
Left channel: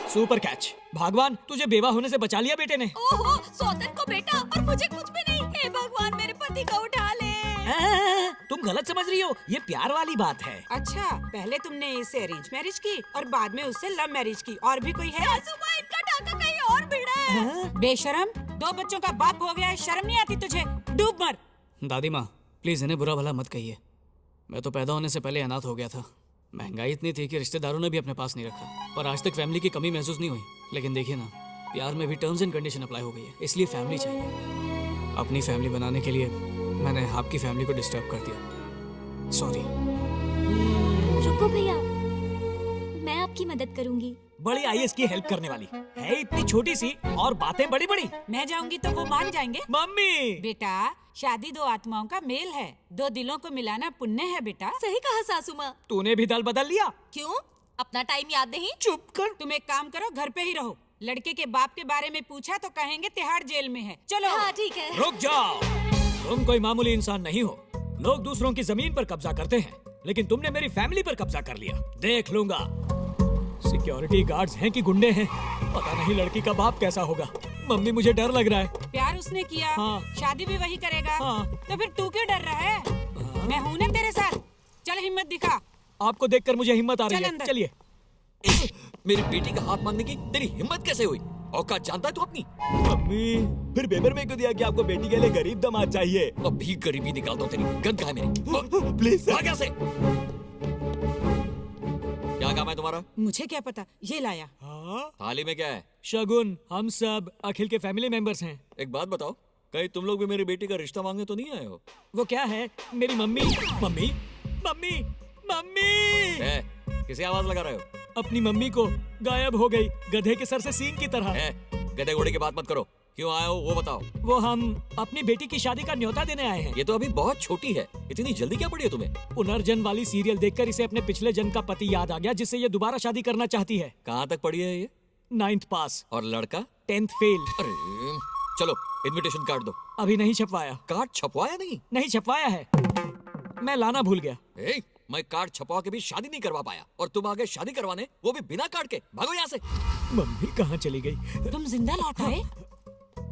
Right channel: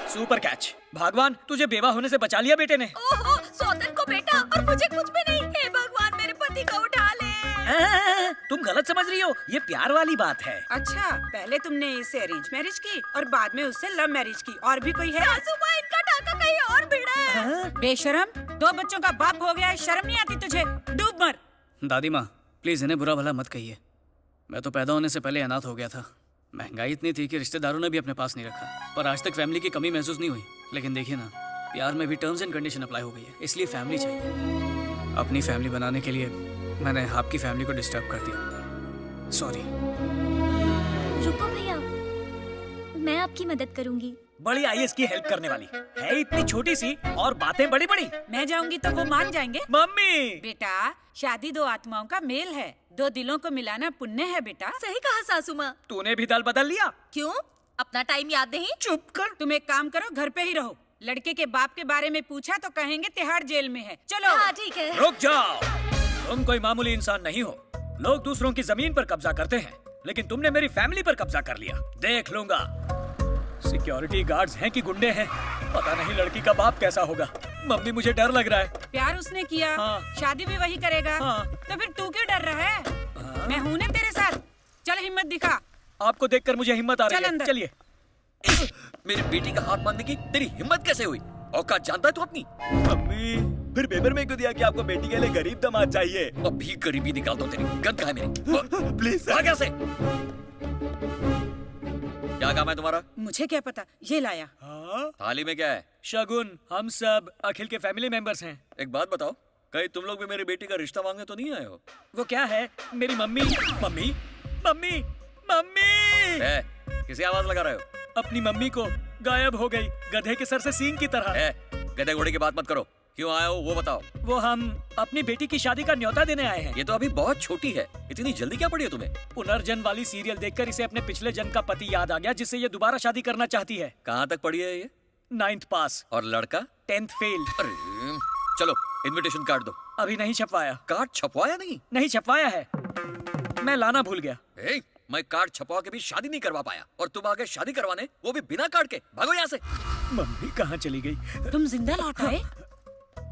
Super catch. भगवान तुझे बेवा होने से बचा लिया बेटे ने। ओहो, सौतन को बेटा और मुझे कुछ भी नहीं। हे भगवान मेरे पति को उठा ले। तुम गलत समझ रही हो, ये प्यार वाली बात है। अच्छा, पहले तुमने इससे अरेंज मैरिज की और बाद में उससे लव मैरिज की। और भी कोई है? सासू माँ, इनका टाका कहीं और भिड़ा है। बेशरम, 2 बच्चों का बाप हो गया है, शर्म नहीं आती तुझे? डूब मर। दादी माँ प्लीज इन्हें बुरा भला मत कहिए। मैं तो पैदा होने से पहले अनाथ हो गया था। महंगाई इतनी थी कि रिश्तेदारों ने भी अपने पास नहीं रखा, पर आज तक फैमिली की कमी महसूस नहीं हुई। लेकिन देखिए ना, प्यार में भी टर्म्स एंड कंडीशन अप्लाई हो गई है, इसलिए फैमिली चाहिए। अपनी फैमिली बनाने के लिए मैंने आपकी फैमिली को डिस्टर्ब कर दिया, सॉरी। रुको भैया, मैं आपकी मदद करूंगी। बड़ी आईएएस की हेल्प करने वाली है, इतनी छोटी सी और बातें बड़ी बड़ी। मैं जाऊंगी तो वो मान जाएंगे? मम्मी! बेटा, शादी 2 आत्माओं का मेल है, 2 दिलों को मिलाना पुण्य है बेटा। सही कहा सासू माँ। तूने भी दल बदल लिया? क्यों? अपना टाइम याद नहीं? चुप कर। तुम एक काम करो, घर पे ही रहो। लड़के के बाप के बारे में पूछा तो कहेंगे तिहाड़ जेल में है। चलो। हाँ ठीक है। रुक जाओ, तुम कोई मामूली इंसान नहीं हो। लोग दूसरों की जमीन पर कब्जा करते हैं, लेकिन तुमने मेरी फैमिली पर कब्जा कर लिया। देख लूंगा। सिक्योरिटी गार्ड्स हैं कि गुंडे हैं, पता नहीं लड़की का बाप कैसा होगा। मम्मी मुझे डर लग रहा है। प्यार उसने किया, हाँ। शादी भी वही करेगा, हाँ। तो फिर तू क्यों डर रहा है? मैं हूं ना तेरे साथ, चल हिम्मत दिखा। आपको देखकर मुझे हिम्मत आ रही है। अंदर। चलिए। मेरी बेटी का हाथ मांगने की तेरी हिम्मत कैसे हुई? औकात जानता है तू अपनी? मम्मी फिर पेपर में क्यों दिया कि आपको बेटी के लिए गरीब दामाद चाहिए? अभी गरीबी निकाल दो तेरी। गंद कहाँ है मेरी? Please sir. भाग यहाँ से। क्या काम है तुम्हारा? मुझे क्या पता, ये लाया। थाली में क्या है? शगुन। हम सब अखिल के फैमिली मेंबर्स हैं। एक बात बताओ, कहीं तुम लोग भी मेरी बेटी का रिश्ता मांगने तो नहीं आए हो? वो क्या है? मेरी मम्मी। मम्मी मम्मी मम्मी किसी आवाज लगा रहे हो? अपनी मम्मी को गायब हो गई, गधे के सर से सींग की तरह। गधे घोड़े की बात मत करो। क्यों आए हो वो बताओ। वो हम अपनी बेटी की शादी का न्योता देने आए हैं। ये तो अभी बहुत छोटी है, इतनी जल्दी क्या पड़ी है तुम्हें? पुनर्जन्म वाली सीरियल देखकर इसे अपने पिछले जन्म का पति याद आ गया, जिससे ये दोबारा शादी करना चाहती है। कहाँ तक पड़ी है ये? 9th पास। और लड़का? 10th fail. अरे चलो इनविटेशन कार्ड दो। अभी नहीं छपवाया। कार्ड छपवाया नहीं? नहीं छपवाया है, मैं लाना भूल गया। मैं कार्ड छपवा के भी शादी नहीं करवा पाया और तुम आगे शादी करवाने, वो भी बिना कार्ड के। भागो यहाँ से। मम्मी कहाँ चली गई? तुम जिंदा लौट आए?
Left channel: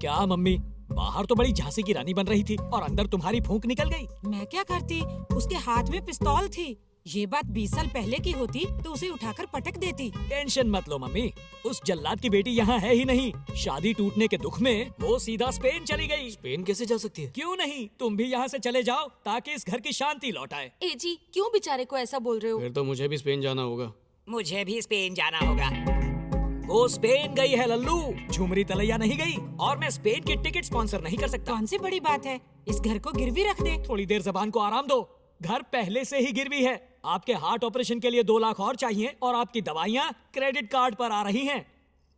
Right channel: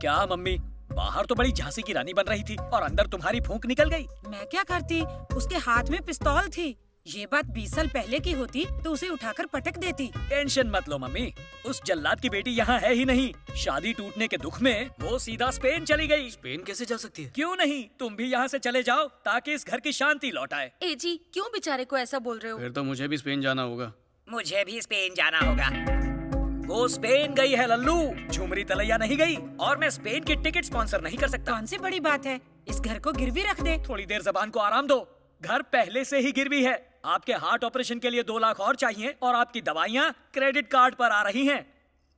क्या मम्मी, बाहर तो बड़ी झांसी की रानी बन रही थी और अंदर तुम्हारी फूंक निकल गई। मैं क्या करती, उसके हाथ में पिस्तौल थी। ये बात 20 साल पहले की होती तो उसे उठाकर पटक देती। टेंशन मत लो मम्मी, उस जल्लाद की बेटी यहाँ है ही नहीं। शादी टूटने के दुख में वो सीधा स्पेन चली गई। स्पेन कैसे जा सकती है? क्यों नहीं, तुम भी यहाँ से चले जाओ ताकि इस घर की शांति लौट आए। ए जी, क्यों बेचारे को ऐसा बोल रहे हो? फिर तो मुझे भी स्पेन जाना होगा। मुझे भी स्पेन जाना होगा। वो स्पेन गई है लल्लू, झुमरी तलैया नहीं गई। और मैं स्पेन की टिकट स्पॉन्सर नहीं कर सकता। कौन सी बड़ी बात है, इस घर को गिरवी रख दे। थोड़ी देर जबान को आराम दो, घर पहले से ही गिरवी है। आपके हार्ट ऑपरेशन के लिए 2 लाख और चाहिए और आपकी दवाइयाँ क्रेडिट कार्ड पर आ रही हैं।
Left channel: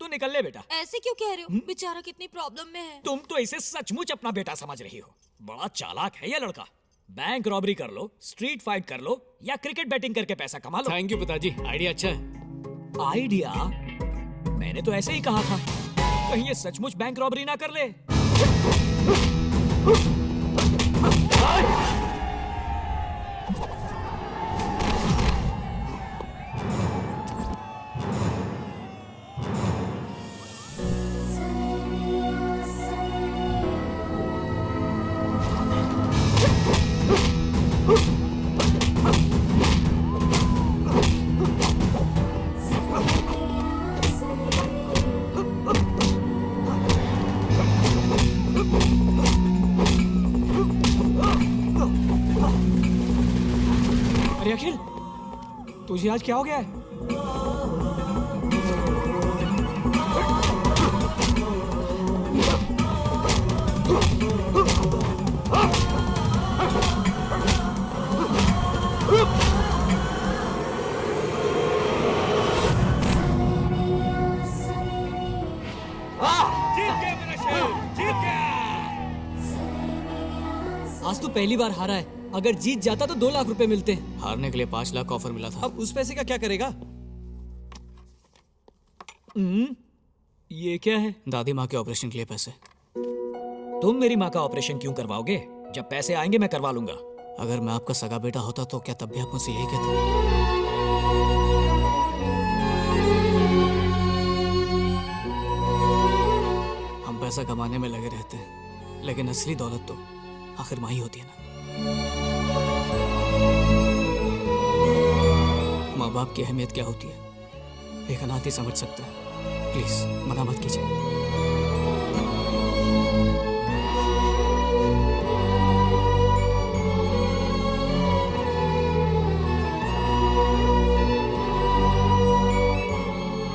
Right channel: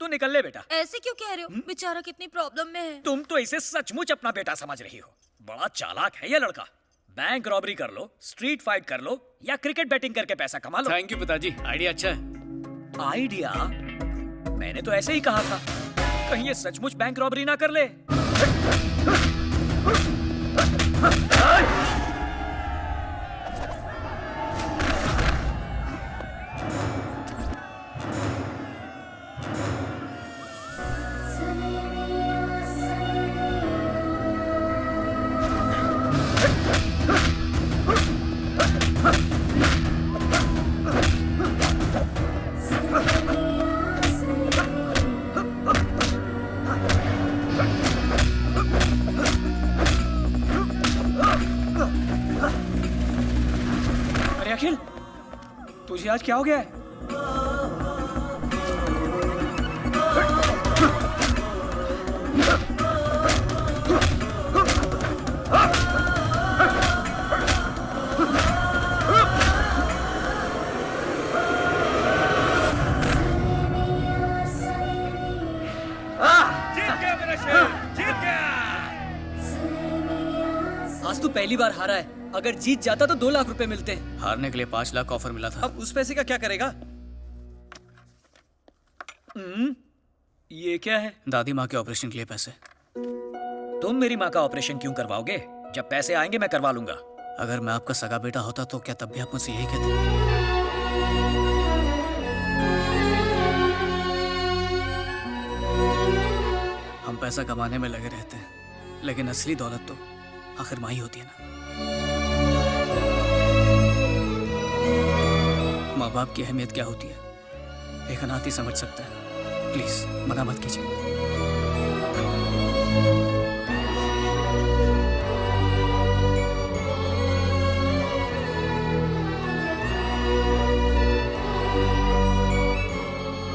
तू निकल ले बेटा। ऐसे क्यों कह रहे हो? बेचारा कितनी प्रॉब्लम में है। तुम तो इसे सचमुच अपना बेटा समझ रही हो। बड़ा चालाक है ये लड़का। बैंक रॉबरी कर लो, स्ट्रीट फाइट कर लो या क्रिकेट बैटिंग करके पैसा कमा लो। थैंक यू पिताजी, आइडिया अच्छा है। आइडिया? मैंने तो ऐसे ही कहा था, कहीं ये सचमुच बैंक रॉबरी ना कर ले। अरे अखिल, तुझे आज क्या हो गया है? जीत गया मेरा शेर, जीत गया। आज तू पहली बार हारा है, अगर जीत जाता तो 2 लाख रुपए मिलते। हारने के लिए 5 लाख ऑफर मिला था। अब उस पैसे का क्या करेगा? ये क्या है? दादी माँ के ऑपरेशन के लिए पैसे। तुम मेरी माँ का ऑपरेशन क्यों करवाओगे? जब पैसे आएंगे मैं करवा लूंगा। अगर मैं आपका सगा बेटा होता तो क्या तब भी आप मुझसे यही कहते? हम पैसा कमाने में लगे रहते हैं, लेकिन असली दौलत तो आखिर माँ ही होती है ना। माँ बाप की अहमियत क्या होती है एक अनाथ ही समझ सकता है। प्लीज मना मत कीजिए।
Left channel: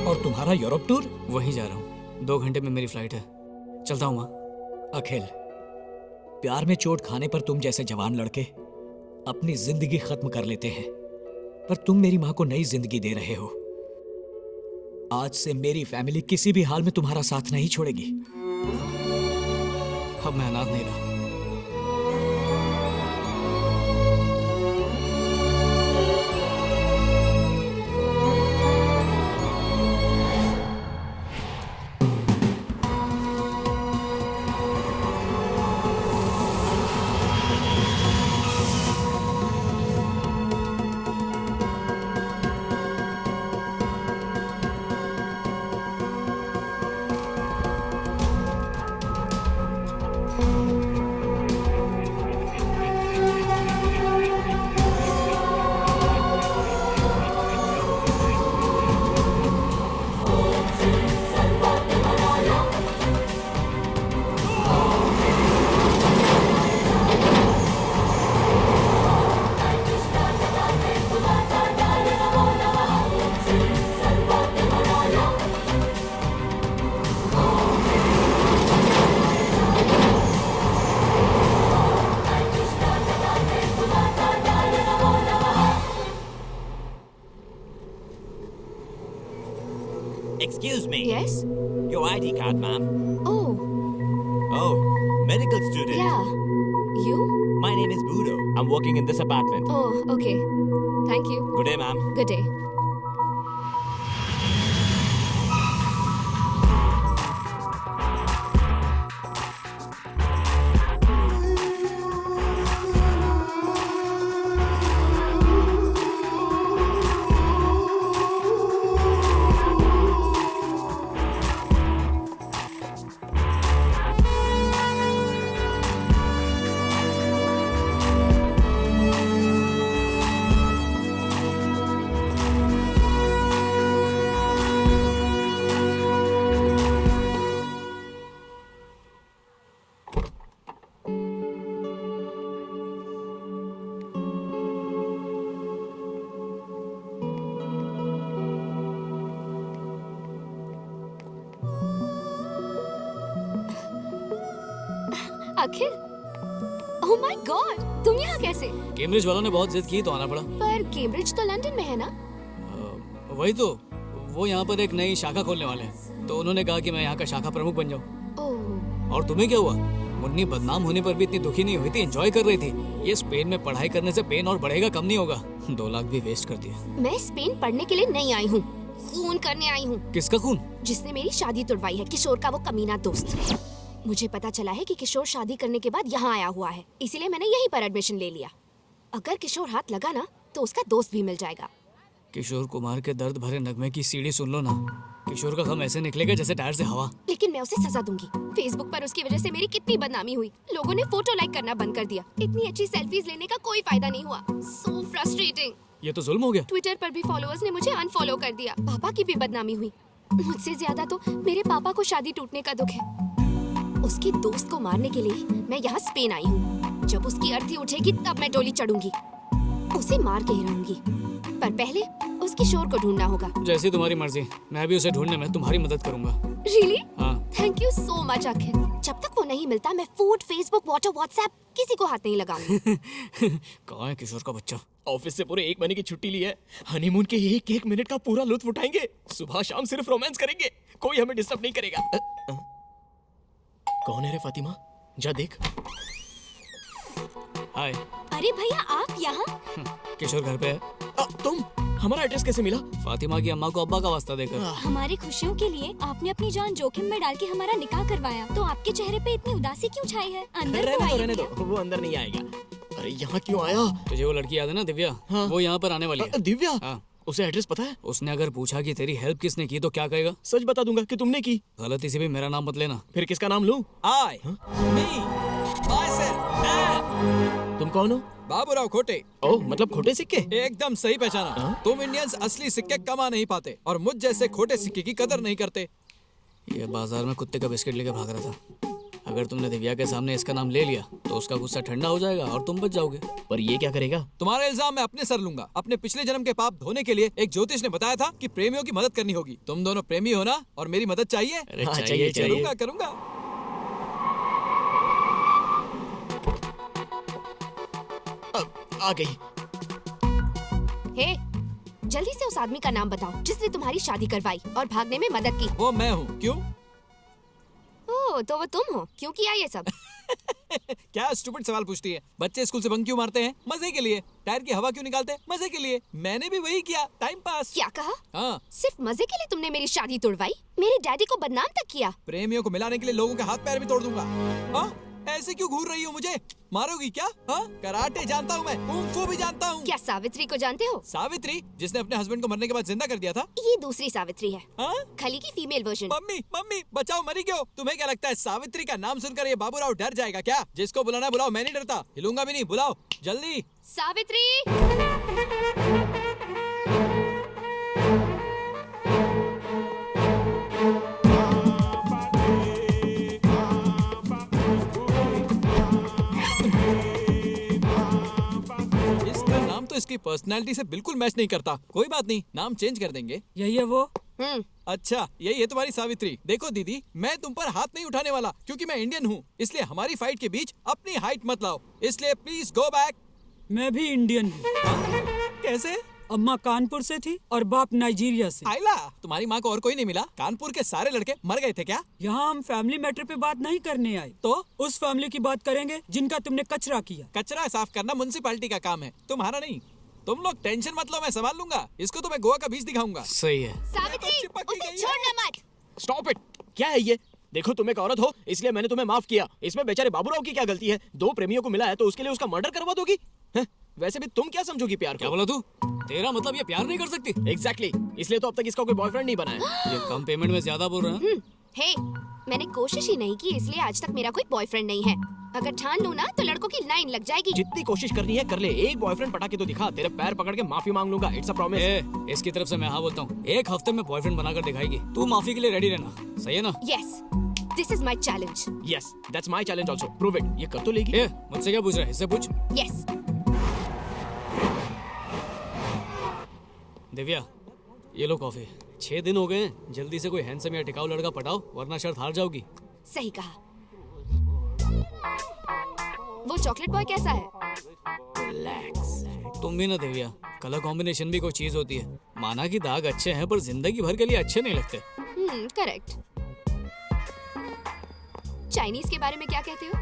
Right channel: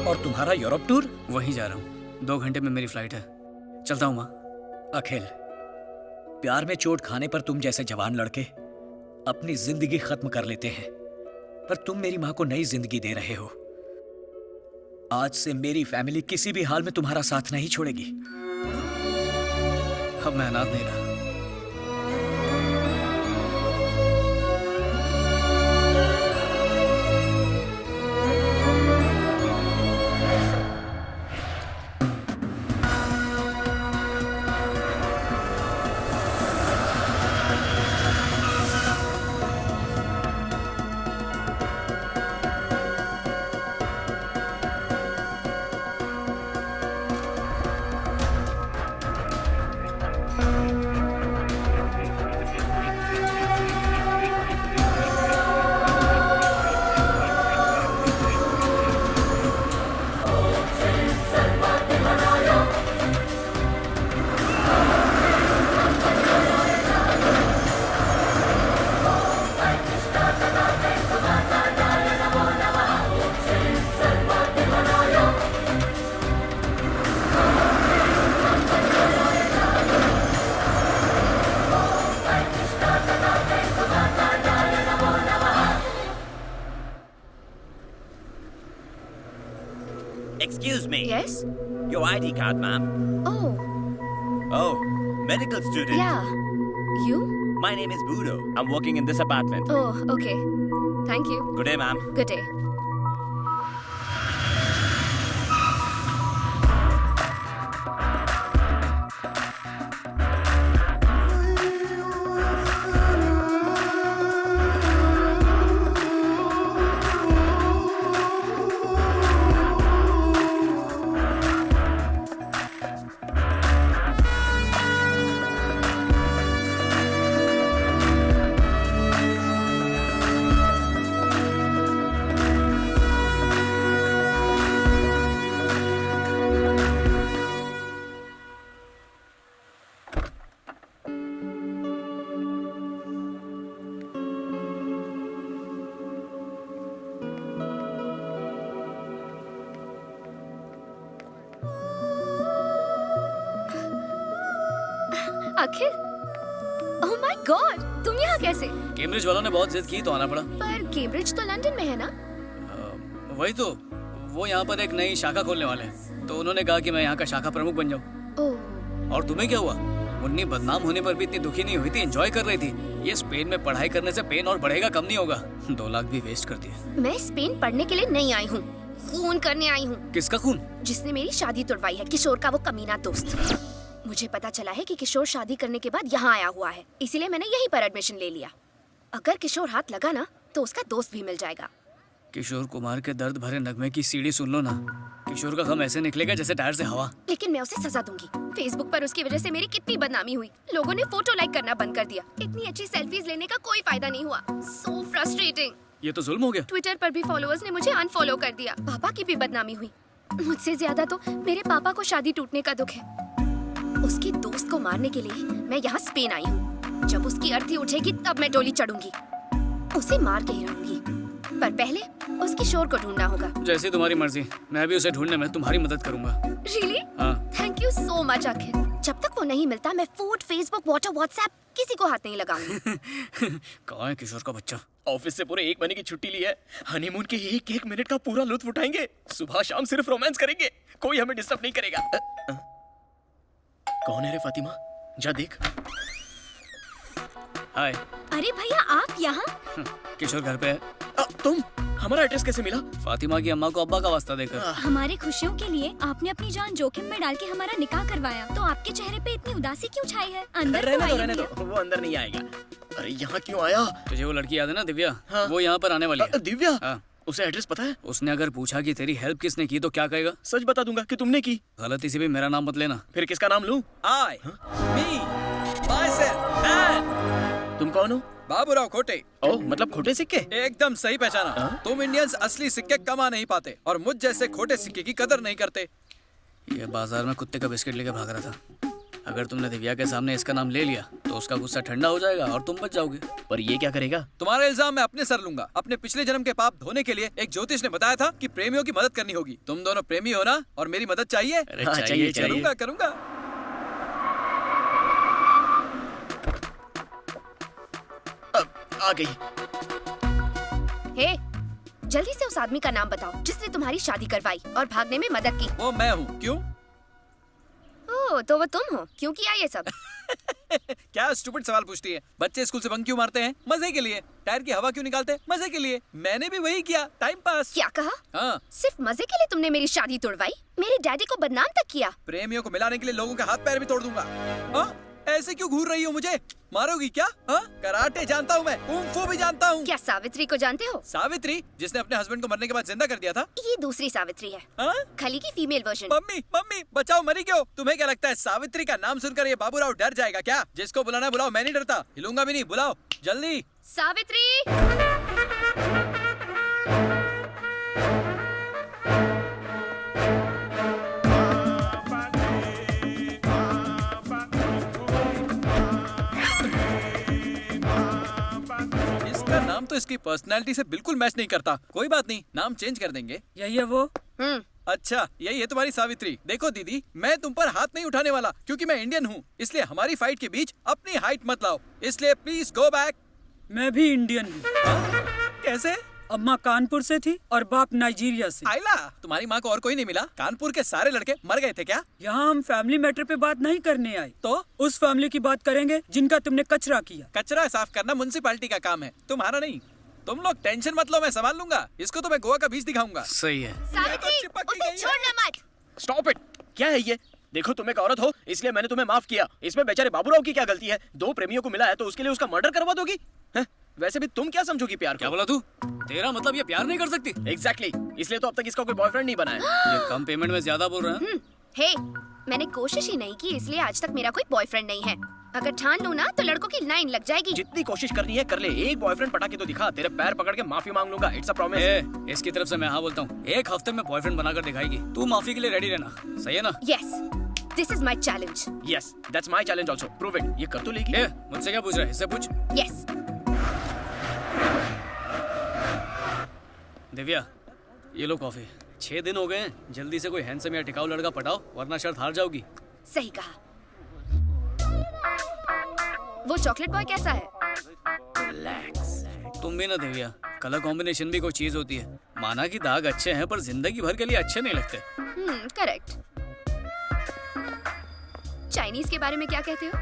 और तुम्हारा यूरोप टूर? वहीं जा रहा हूँ, 2 घंटे में मेरी फ्लाइट है। चलता हूँ माँ। अखिल, प्यार में चोट खाने पर तुम जैसे जवान लड़के अपनी जिंदगी खत्म कर लेते हैं, पर तुम मेरी माँ को नई जिंदगी दे रहे हो। आज से मेरी फैमिली किसी भी हाल में तुम्हारा साथ नहीं छोड़ेगी। अब मैं अनाथ नहीं रहा। Excuse me. Yes? Your ID card, ma'am. Oh, Oh, medical student. Yeah. You? My name is Budo. I'm working in this apartment. Oh, okay. Thank you. Good day, ma'am. Good day. Akhil, oh my God, तुम यहाँ कैसे? कैम्ब्रिज वालों ने बहुत जिद की तो आना पड़ा। पर कैम्ब्रिज तो लंदन में है ना? वही तो, वो यहाँ पर एक नई शाखा खोलने वाले हैं, तो उन्होंने कहा कि मैं यहाँ का शाखा प्रमुख बन जाऊँ। ओह। और तुम्हें क्या हुआ? मुन्नी बदनाम होने पर भी इतनी दुखी नहीं हुई थी, एंजॉय कर रही थी। ये स्पेन में पढ़ाई करने से पेन और बढ़ेगा, कम नहीं होगा। 2 लाख भी वेस्ट कर दिए। मैं स्पेन पढ़ने के लिए नहीं आई हूँ, खून करने आई हूँ। किसका खून? जिसने मेरी शादी तुड़वाई है, किशोर का वो कमीना दोस्त। मुझे पता चला है कि किशोर शादी करने के बाद यहाँ आया हुआ है, इसीलिए मैंने यहीं पर एडमिशन ले लिया। अगर किशोर हाथ लगा ना तो उसका दोस्त भी मिल जाएगा। किशोर कुमार के दर्द भरे नगमे की सीढ़ी सुन लो ना। किशोर का गम ऐसे निकलेगा जैसे टायर से हवा। लेकिन मैं उसे सजा दूंगी। फेसबुक पर उसकी वजह से मेरी कितनी बदनामी हुई। लोगों ने फोटो लाइक करना बंद कर दिया। इतनी अच्छी सेल्फीज लेने का कोई फायदा नहीं हुआ। So frustrating. ये तो जुल्म हो गया। ट्विटर पर भी फॉलोअर्स ने मुझे अनफॉलो कर दिया। पापा की भी बदनामी हुई। मुझसे ज्यादा तो मेरे पापा को शादी टूटने का दुख है। उसके दोस्त को मारने के लिए मैं यहाँ स्पेन आई हूँ। जब उसकी अर्थी उठेगी तब मैं डोली चढ़ूंगी। उसे मार के ही रहूंगी, पर पहले उस किशोर को ढूंढना होगा। जैसी तुम्हारी मर्जी, मैं भी उसे ढूंढने में तुम्हारी मदद करूंगा। रियली? हाँ। थैंक यू सो मच अखिल। जब तक वो नहीं मिलता मैं फूड, फेसबुक, व्हाट्सएप किसी को हाथ नहीं लगाऊंगी। कहाँ है किशोर का बच्चा? ऑफिस से पूरे 1 महीने की छुट्टी ली है। हनीमून के 1-1 मिनट का पूरा लुत्फ उठाएंगे। सुबह शाम सिर्फ रोमांस करेंगे, कोई हमें डिस्टर्ब नहीं करेगा। कौन है रे फातिमा? जा देख। हाय। अरे भैया आप यहाँ? किशोर घर पे है। तुम? हमारा एड्रेस कैसे मिला? फातिमा की अम्मा को अब्बा का वास्ता देकर। हमारी खुशियों के लिए आपने अपनी जान जोखिम में डाल के हमारा निकाह करवाया, तो आपके चेहरे पे इतनी उदासी क्यों छाई है? अंदर रहने दो, वो अंदर नहीं आएगा। अरे यहाँ क्यों आया? तुझे वो लड़की याद है ना, दिव्या? हाँ। वो यहाँ पर आने वाली है। दिव्या? हाँ। उसे एड्रेस पता है? उसने अगर पूछा कि तेरी हेल्प किसने की तो क्या कहेगा? सच बता दूंगा कि तुमने की। गलती से भी मेरा नाम मत लेना। फिर किसका नाम लूं? I, me, myself, and तुम कौन हो? बाबूराव खोटे। ओ, मतलब खोटे सिक्के? एकदम सही पहचाना। तुम इंडियंस असली सिक्के कमा नहीं पाते और मुझ जैसे खोटे सिक्के की कदर नहीं करते। ये बाजार में कुत्ते का बिस्किट लेके भाग रहा था। अगर तुमने दिव्या के सामने इसका नाम ले लिया तो उसका गुस्सा ठंडा हो जाएगा और तुम बच जाओगे। पर ये क्या करेगा? तुम्हारा इल्जाम मैं अपने सर लूंगा। अपने पिछले जन्म के पाप धोने के लिए एक ज्योतिष ने बताया था कि प्रेमियों की मदद करनी होगी। तुम दोनों प्रेमी हो ना, और मेरी मदद चाहिए? अरे हाँ, चाहिए। करूंगा। आ गई। हे, जल्दी से उस आदमी का नाम बताओ जिसने तुम्हारी शादी करवाई और भागने में मदद की। वो मैं हूँ। क्यों? ओह, तो वो तुम हो। क्यों किया ये सब? क्या स्टूपिड सवाल पूछती है? बच्चे स्कूल से बंक क्यों मारते हैं? मजे के लिए। टायर की हवा क्यों निकालते हैं? मजे के लिए। मैंने भी वही किया, टाइम पास। क्या कहा? हाँ। सिर्फ मजे के लिए तुमने मेरी शादी तोड़वाई? मेरे डैडी को बदनाम तक किया? प्रेमियों को मिलाने के लिए लोगों के हाथ पैर भी तोड़ दूंगा। हाँ? ऐसे क्यों घूर रही हो? मुझे मारोगी क्या? हाँ? कराटे जानता हूँ मैं, कुंग-फू भी जानता हूँ। क्या सावित्री को जानते हो? सावित्री, जिसने अपने हस्बैंड को मरने के बाद जिंदा कर दिया था? ये दूसरी सावित्री है। हाँ? खली की फीमेल वर्जन। मम्मी बचाओ, मरी क्यों? तुम्हें क्या लगता है सावित्री का नाम सुनकर ये बाबूराव डर जाएगा क्या? जिसको बुलाना बुलाओ, मैं नहीं डरता, हिलूंगा भी नहीं। बुलाओ जल्दी। सावित्री! नाम तो इसकी पर्सनैलिटी से बिल्कुल मैच नहीं करता। कोई बात नहीं, नाम चेंज कर देंगे। यही है वो। अच्छा, यही है तुम्हारी सावित्री। देखो दीदी, मैं तुम पर हाथ नहीं उठाने वाला क्योंकि मैं इंडियन हूँ, इसलिए हमारी फाइट के बीच अपनी हाइट मत लाओ। इसलिए प्लीज गो बैक। मैं भी इंडियन हूँ। कैसे? अम्मा कानपुर से थी और बाप नाइजीरिया से। आइला, तुम्हारी माँ को और कोई नहीं मिला? कानपुर के सारे लड़के मर गए थे क्या? यहाँ हम फैमिली मैटर पे बात नहीं करने आए, तो उस फैमिली की बात करेंगे जिनका तुमने कचरा किया। कचरा साफ करना म्युनिसिपैलिटी का काम है, तुम्हारा नहीं। तुम लोग टेंशन मत लो, मैं संभाल लूंगा। इसको तो मैं गोवा का बीच दिखाऊंगा। सही है। सावित्री, उसे छोड़ना मत। Stop it. क्या है ये? देखो तुम एक औरत हो इसलिए मैंने तुम्हें माफ किया। इसमें बेचारे बाबूराव की क्या गलती है? दो प्रेमियों को मिला है तो उसके लिए उसका मर्डर करवा दोगी? वैसे भी तुम क्या समझोगी प्यार को? क्या बोला तू? तेरा मतलब ये प्यार नहीं कर सकती? एग्जैक्टली इसलिए तो अब तक इसका कोई बॉयफ्रेंड नहीं बना है। ये कम पेमेंट में ज्यादा बोल रहा है। हे, मैंने कोशिश ही नहीं की इसलिए आज तक मेरा कोई बॉयफ्रेंड नहीं है। अगर ठान लूं ना तो लड़कों की लाइन लग जाएगी। जितनी कोशिश करनी है कर ले, एक बॉयफ्रेंड पटा के तो दिखा। तेरे पैर पकड़ के माफी मांग लूंगा, इट्स अ प्रॉमिस। इसकी तरफ से मैं हाँ बोलता हूँ, एक हफ्ते में बॉयफ्रेंड बनाकर दिखाएगी। तू माफी के लिए रेडी रहना, सही है ना? Yes, this is my challenge. Yes, that's my challenge also. Prove it. ये कर तो लेगी। मुझसे क्या पूछ रहा है? इससे पूछ। यस। दिव्या, ये लो कॉफी। 6 दिन हो गए हैं, जल्दी से कोई हैंडसम या टिकाऊ लड़का पटाओ वरना शर्त हार जाओगी। सही कहा। वो चॉकलेट बॉय कैसा है? रिलैक्स। तुम भी ना दिव्या, कलर कॉम्बिनेशन भी कोई चीज होती है। माना कि दाग अच्छे हैं पर जिंदगी भर के लिए अच्छे नहीं लगते। करेक्ट। चाइनीज के बारे में क्या कहते हो?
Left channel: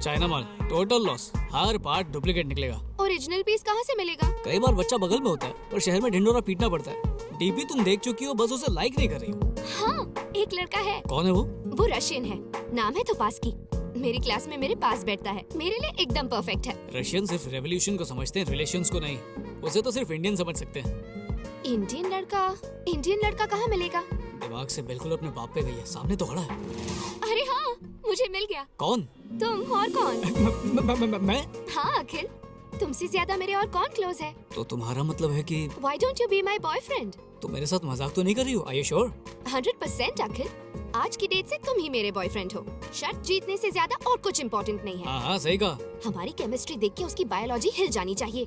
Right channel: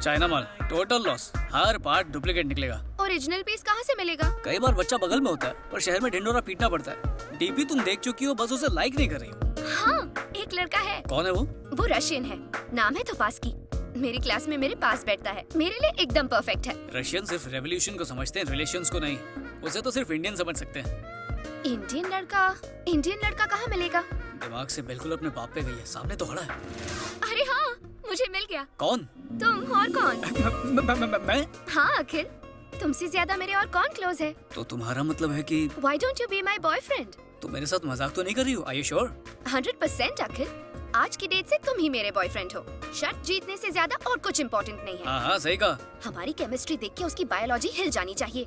चाइना माल टोटल लॉस, हर पार्ट डुप्लीकेट निकलेगा। ओरिजिनल पीस कहाँ से मिलेगा? कई बार बच्चा बगल में होता है पर शहर में ढिंडोरा पीटना पड़ता है। डीपी तुम देख चुकी हो, बस उसे लाइक नहीं कर रही हो। हाँ, एक लड़का है। कौन है वो? वो रशियन है, नाम है तोपास्की। मेरी क्लास में मेरे पास बैठता है, मेरे लिए एकदम परफेक्ट है। रशियन सिर्फ रेवोल्यूशन को समझते हैं, रिलेशंस को नहीं। उसे तो सिर्फ इंडियन समझ सकते हैं। इंडियन लड़का कहाँ मिलेगा? दिमाग से बिल्कुल अपने बाप पे गई है, सामने तो खड़ा है। अरे हाँ, मुझे मिल गया। कौन? तुम और कौन? मैं? हाँ अखिल, तुमसे ज्यादा मेरे और कौन क्लोज है? तो तुम्हारा मतलब है कि Why don't you be my boyfriend? तुम मेरे साथ मजाक तो नहीं कर रही हो? Are you sure? 100% अखिल, आज की डेट से तुम ही मेरे बॉयफ्रेंड हो। शर्त जीतने से ज्यादा और कुछ इम्पोर्टेंट नहीं है। हाँ सही कहा। हमारी केमिस्ट्री देख के उसकी बायोलॉजी हिल जानी चाहिए।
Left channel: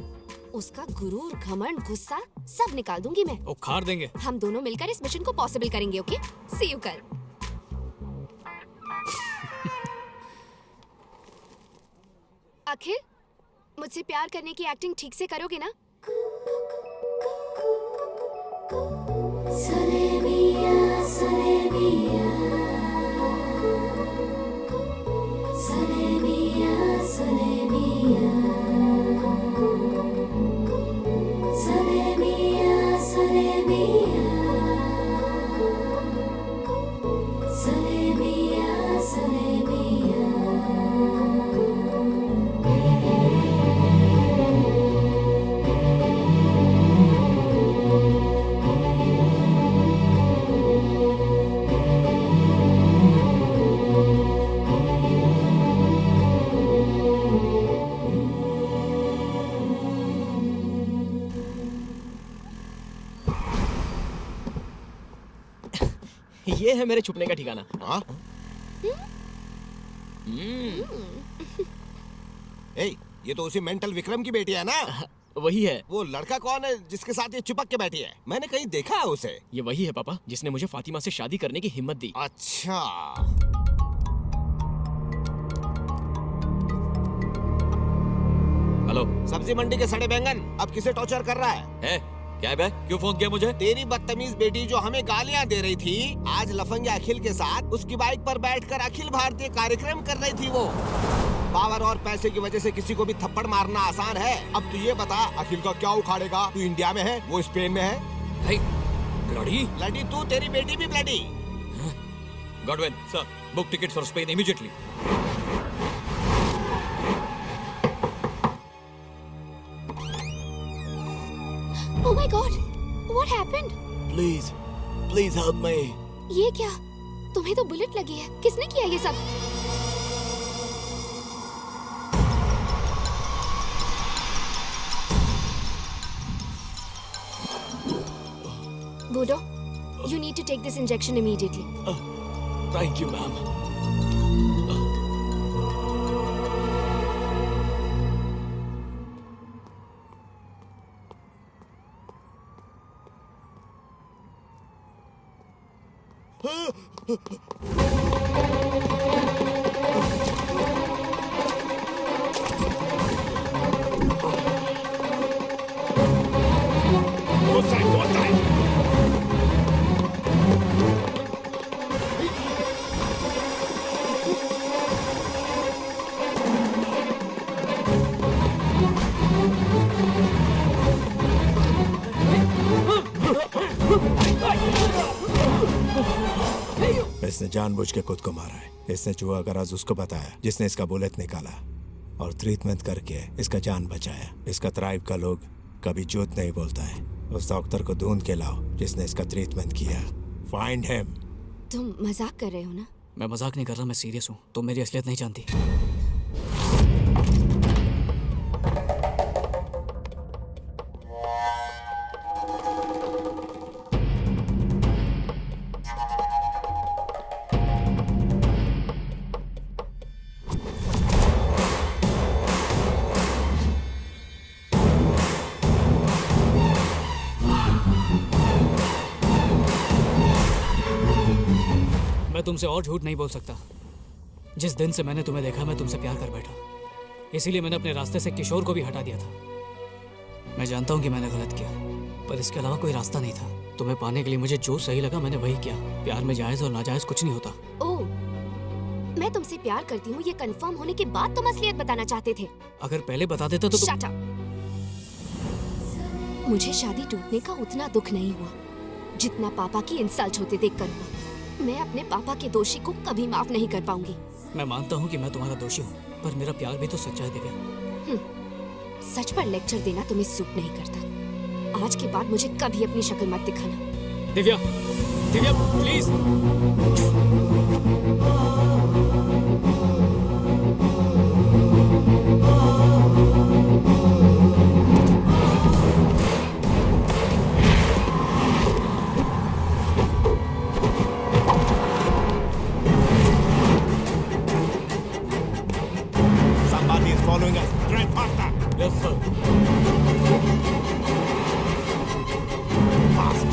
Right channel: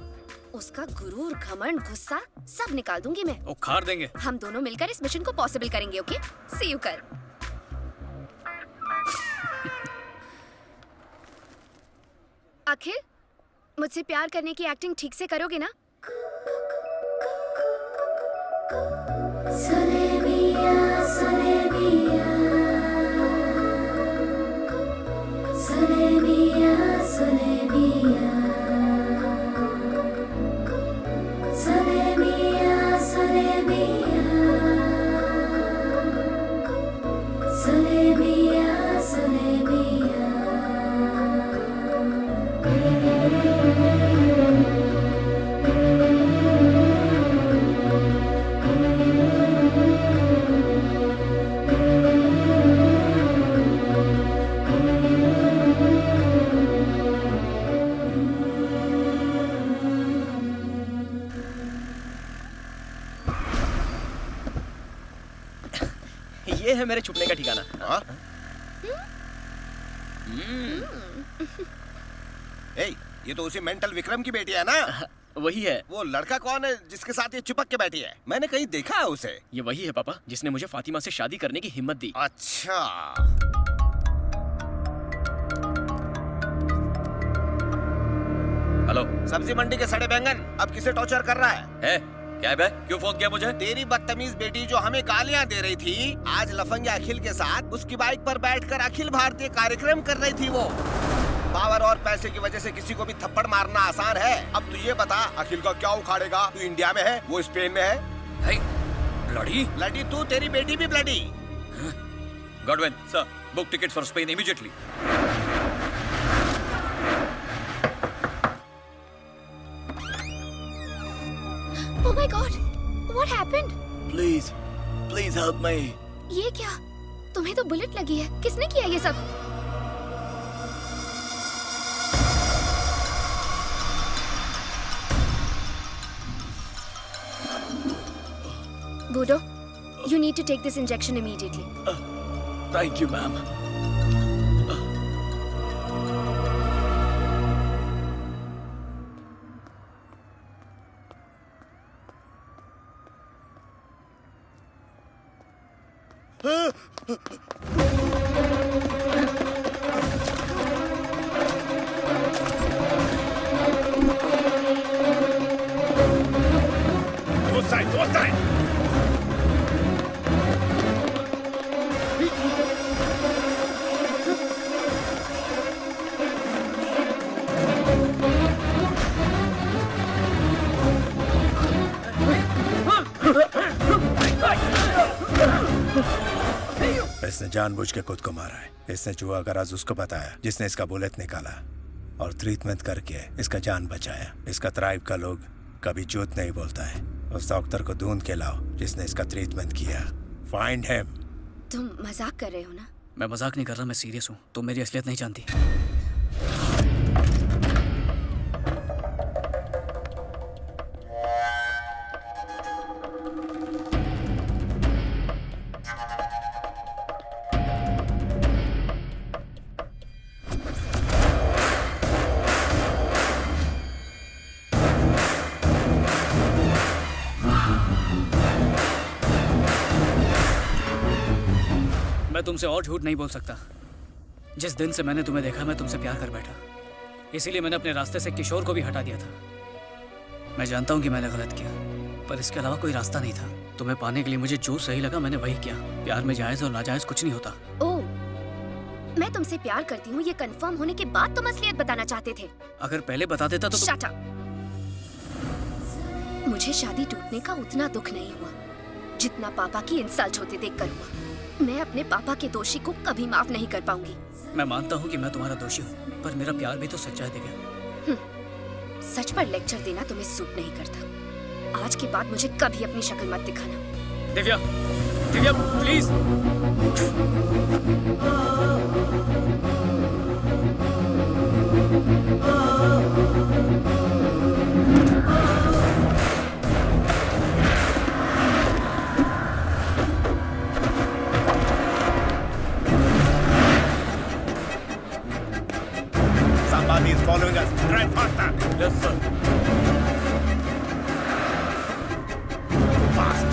उसका गुरूर, घमंड, गुस्सा सब निकाल दूंगी मैं। उखाड़ देंगे। हम दोनों मिलकर इस मिशन को पॉसिबल करेंगे। ओके, सी यू कल। अखिल, मुझसे प्यार करने की एक्टिंग ठीक से करोगे ना? ये है मेरे छुपने का ठिकाना। ये तो उसी मेंटल विक्रम की बेटी है ना? वही है। वो लड़का कौन है जिसके साथ ये चिपक के बैठी है? मैंने कहीं देखा है उसे। ये वही है पापा जिसने मुझे फातिमा से शादी करने की हिम्मत दी। अच्छा। हेलो, सब्जी मंडी के सड़े बैंगन अब किसे टॉर्चर कर रहा है? क्या है बे? क्यों फोन किया मुझे? तेरी बदतमीज बेटी जो हमें गालियां दे रही थी, आज लफंगे अखिल के साथ उसकी बाइक पर बैठकर अखिल भारतीय कार्यक्रम कर रही थी। वो पावर और पैसे की वजह से किसी को भी थप्पड़ मारना आसान है। अब तू ये बता, अखिल का क्या उखाड़ेगा? तू इंडिया में है, वो स्पेन में है। ब्लडी? ब्लडी तू, तेरी बेटी भी bloody. Godwin sir, book ticket for Spain immediately. Oh my God! What happened? Please help me. ये क्या? तुम्हें तो बुलेट लगी है। किसने किया ये सब? Budo, you need to take this injection immediately. Thank you, ma'am. इसने जानबूझ के खुद को मारा है। इसने जुआ का राज उसको बताया जिसने इसका बुलेट निकाला और ट्रीटमेंट करके इसका जान बचाया। इसका ट्राइब का लोग कभी झूठ नहीं बोलता है। उस डॉक्टर को ढूंढ के लाओ जिसने इसका ट्रीटमेंट किया। Find him. तुम मजाक कर रहे हो ना? मैं मजाक नहीं कर रहा, मैं सीरियस हूँ। तुम मेरी असलियत नहीं जानती। मैं तुमसे और झूठ नहीं बोल सकता। जिस दिन से मैंने तुम्हें देखा मैं तुमसे प्यार कर बैठा। इसीलिए मैंने अपने रास्ते से किशोर को भी हटा दिया था। मैं जानता हूँ कि मैंने गलत किया, पर इसके अलावा कोई रास्ता नहीं था। तुम्हें पाने के लिए मुझे जो सही लगा मैंने वही किया। प्यार में जायज और नाजायज कुछ नहीं होता। ओह, मैं तुमसे प्यार करती हूँ ये कंफर्म होने के बाद तुम असलियत बताना चाहते थे। अगर पहले बता देता तो Shut up! मुझे शादी टूटने का उतना दुख नहीं हुआ जितना पापा की इंसल्ट होते देखकर हुआ। मैं अपने पापा के दोषी को कभी माफ नहीं कर पाऊंगी। मैं मानता हूँ कि मैं तुम्हारा दोषी हूँ, पर मेरा प्यार भी तो सच्चा है दिव्या। सच पर लेक्चर देना तुम्हें सूट नहीं करता। आज के बाद मुझे कभी अपनी शक्ल मत दिखाना। Divya, Divya please. Somebody is following us. Drive faster. Yes, sir. Fast.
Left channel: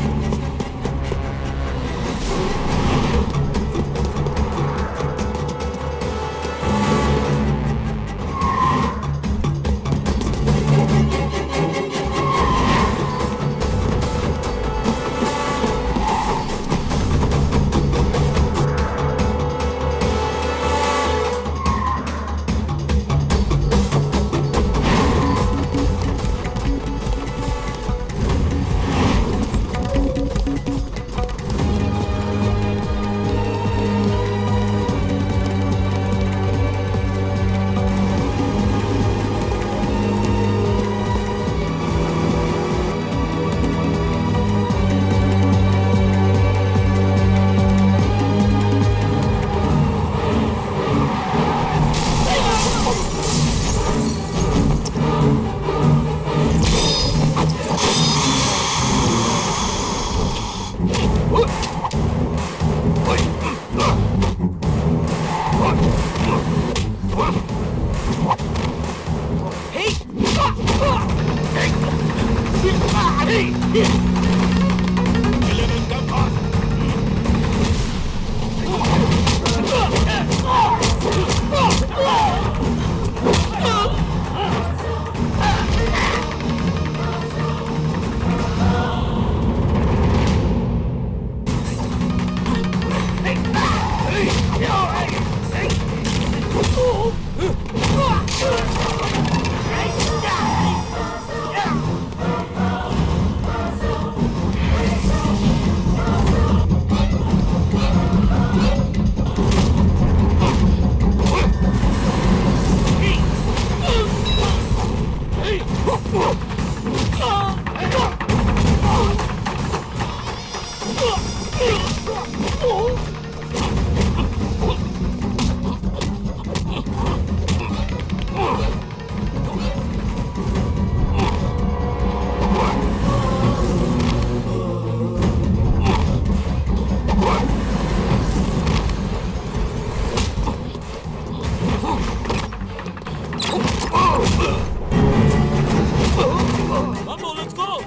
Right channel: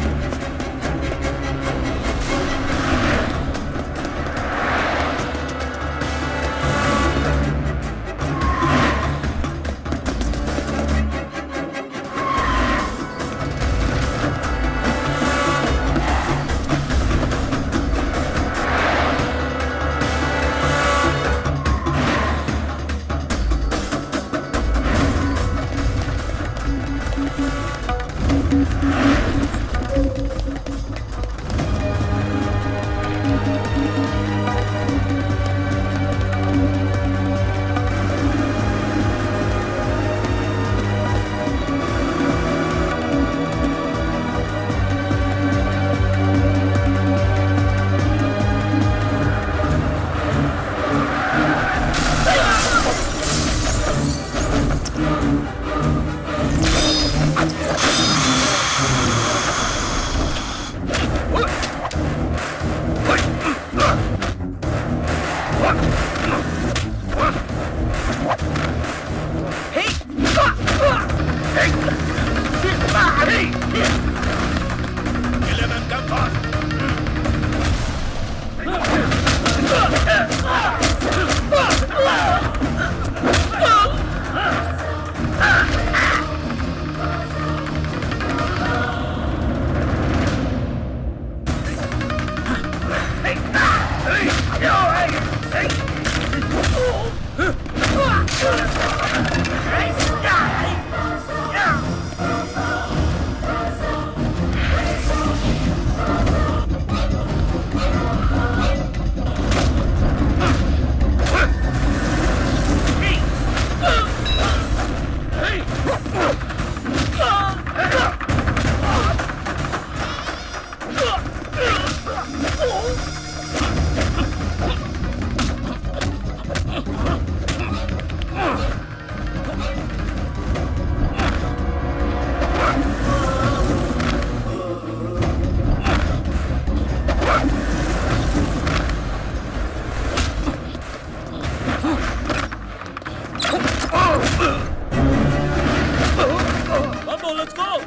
Mambo, let's go!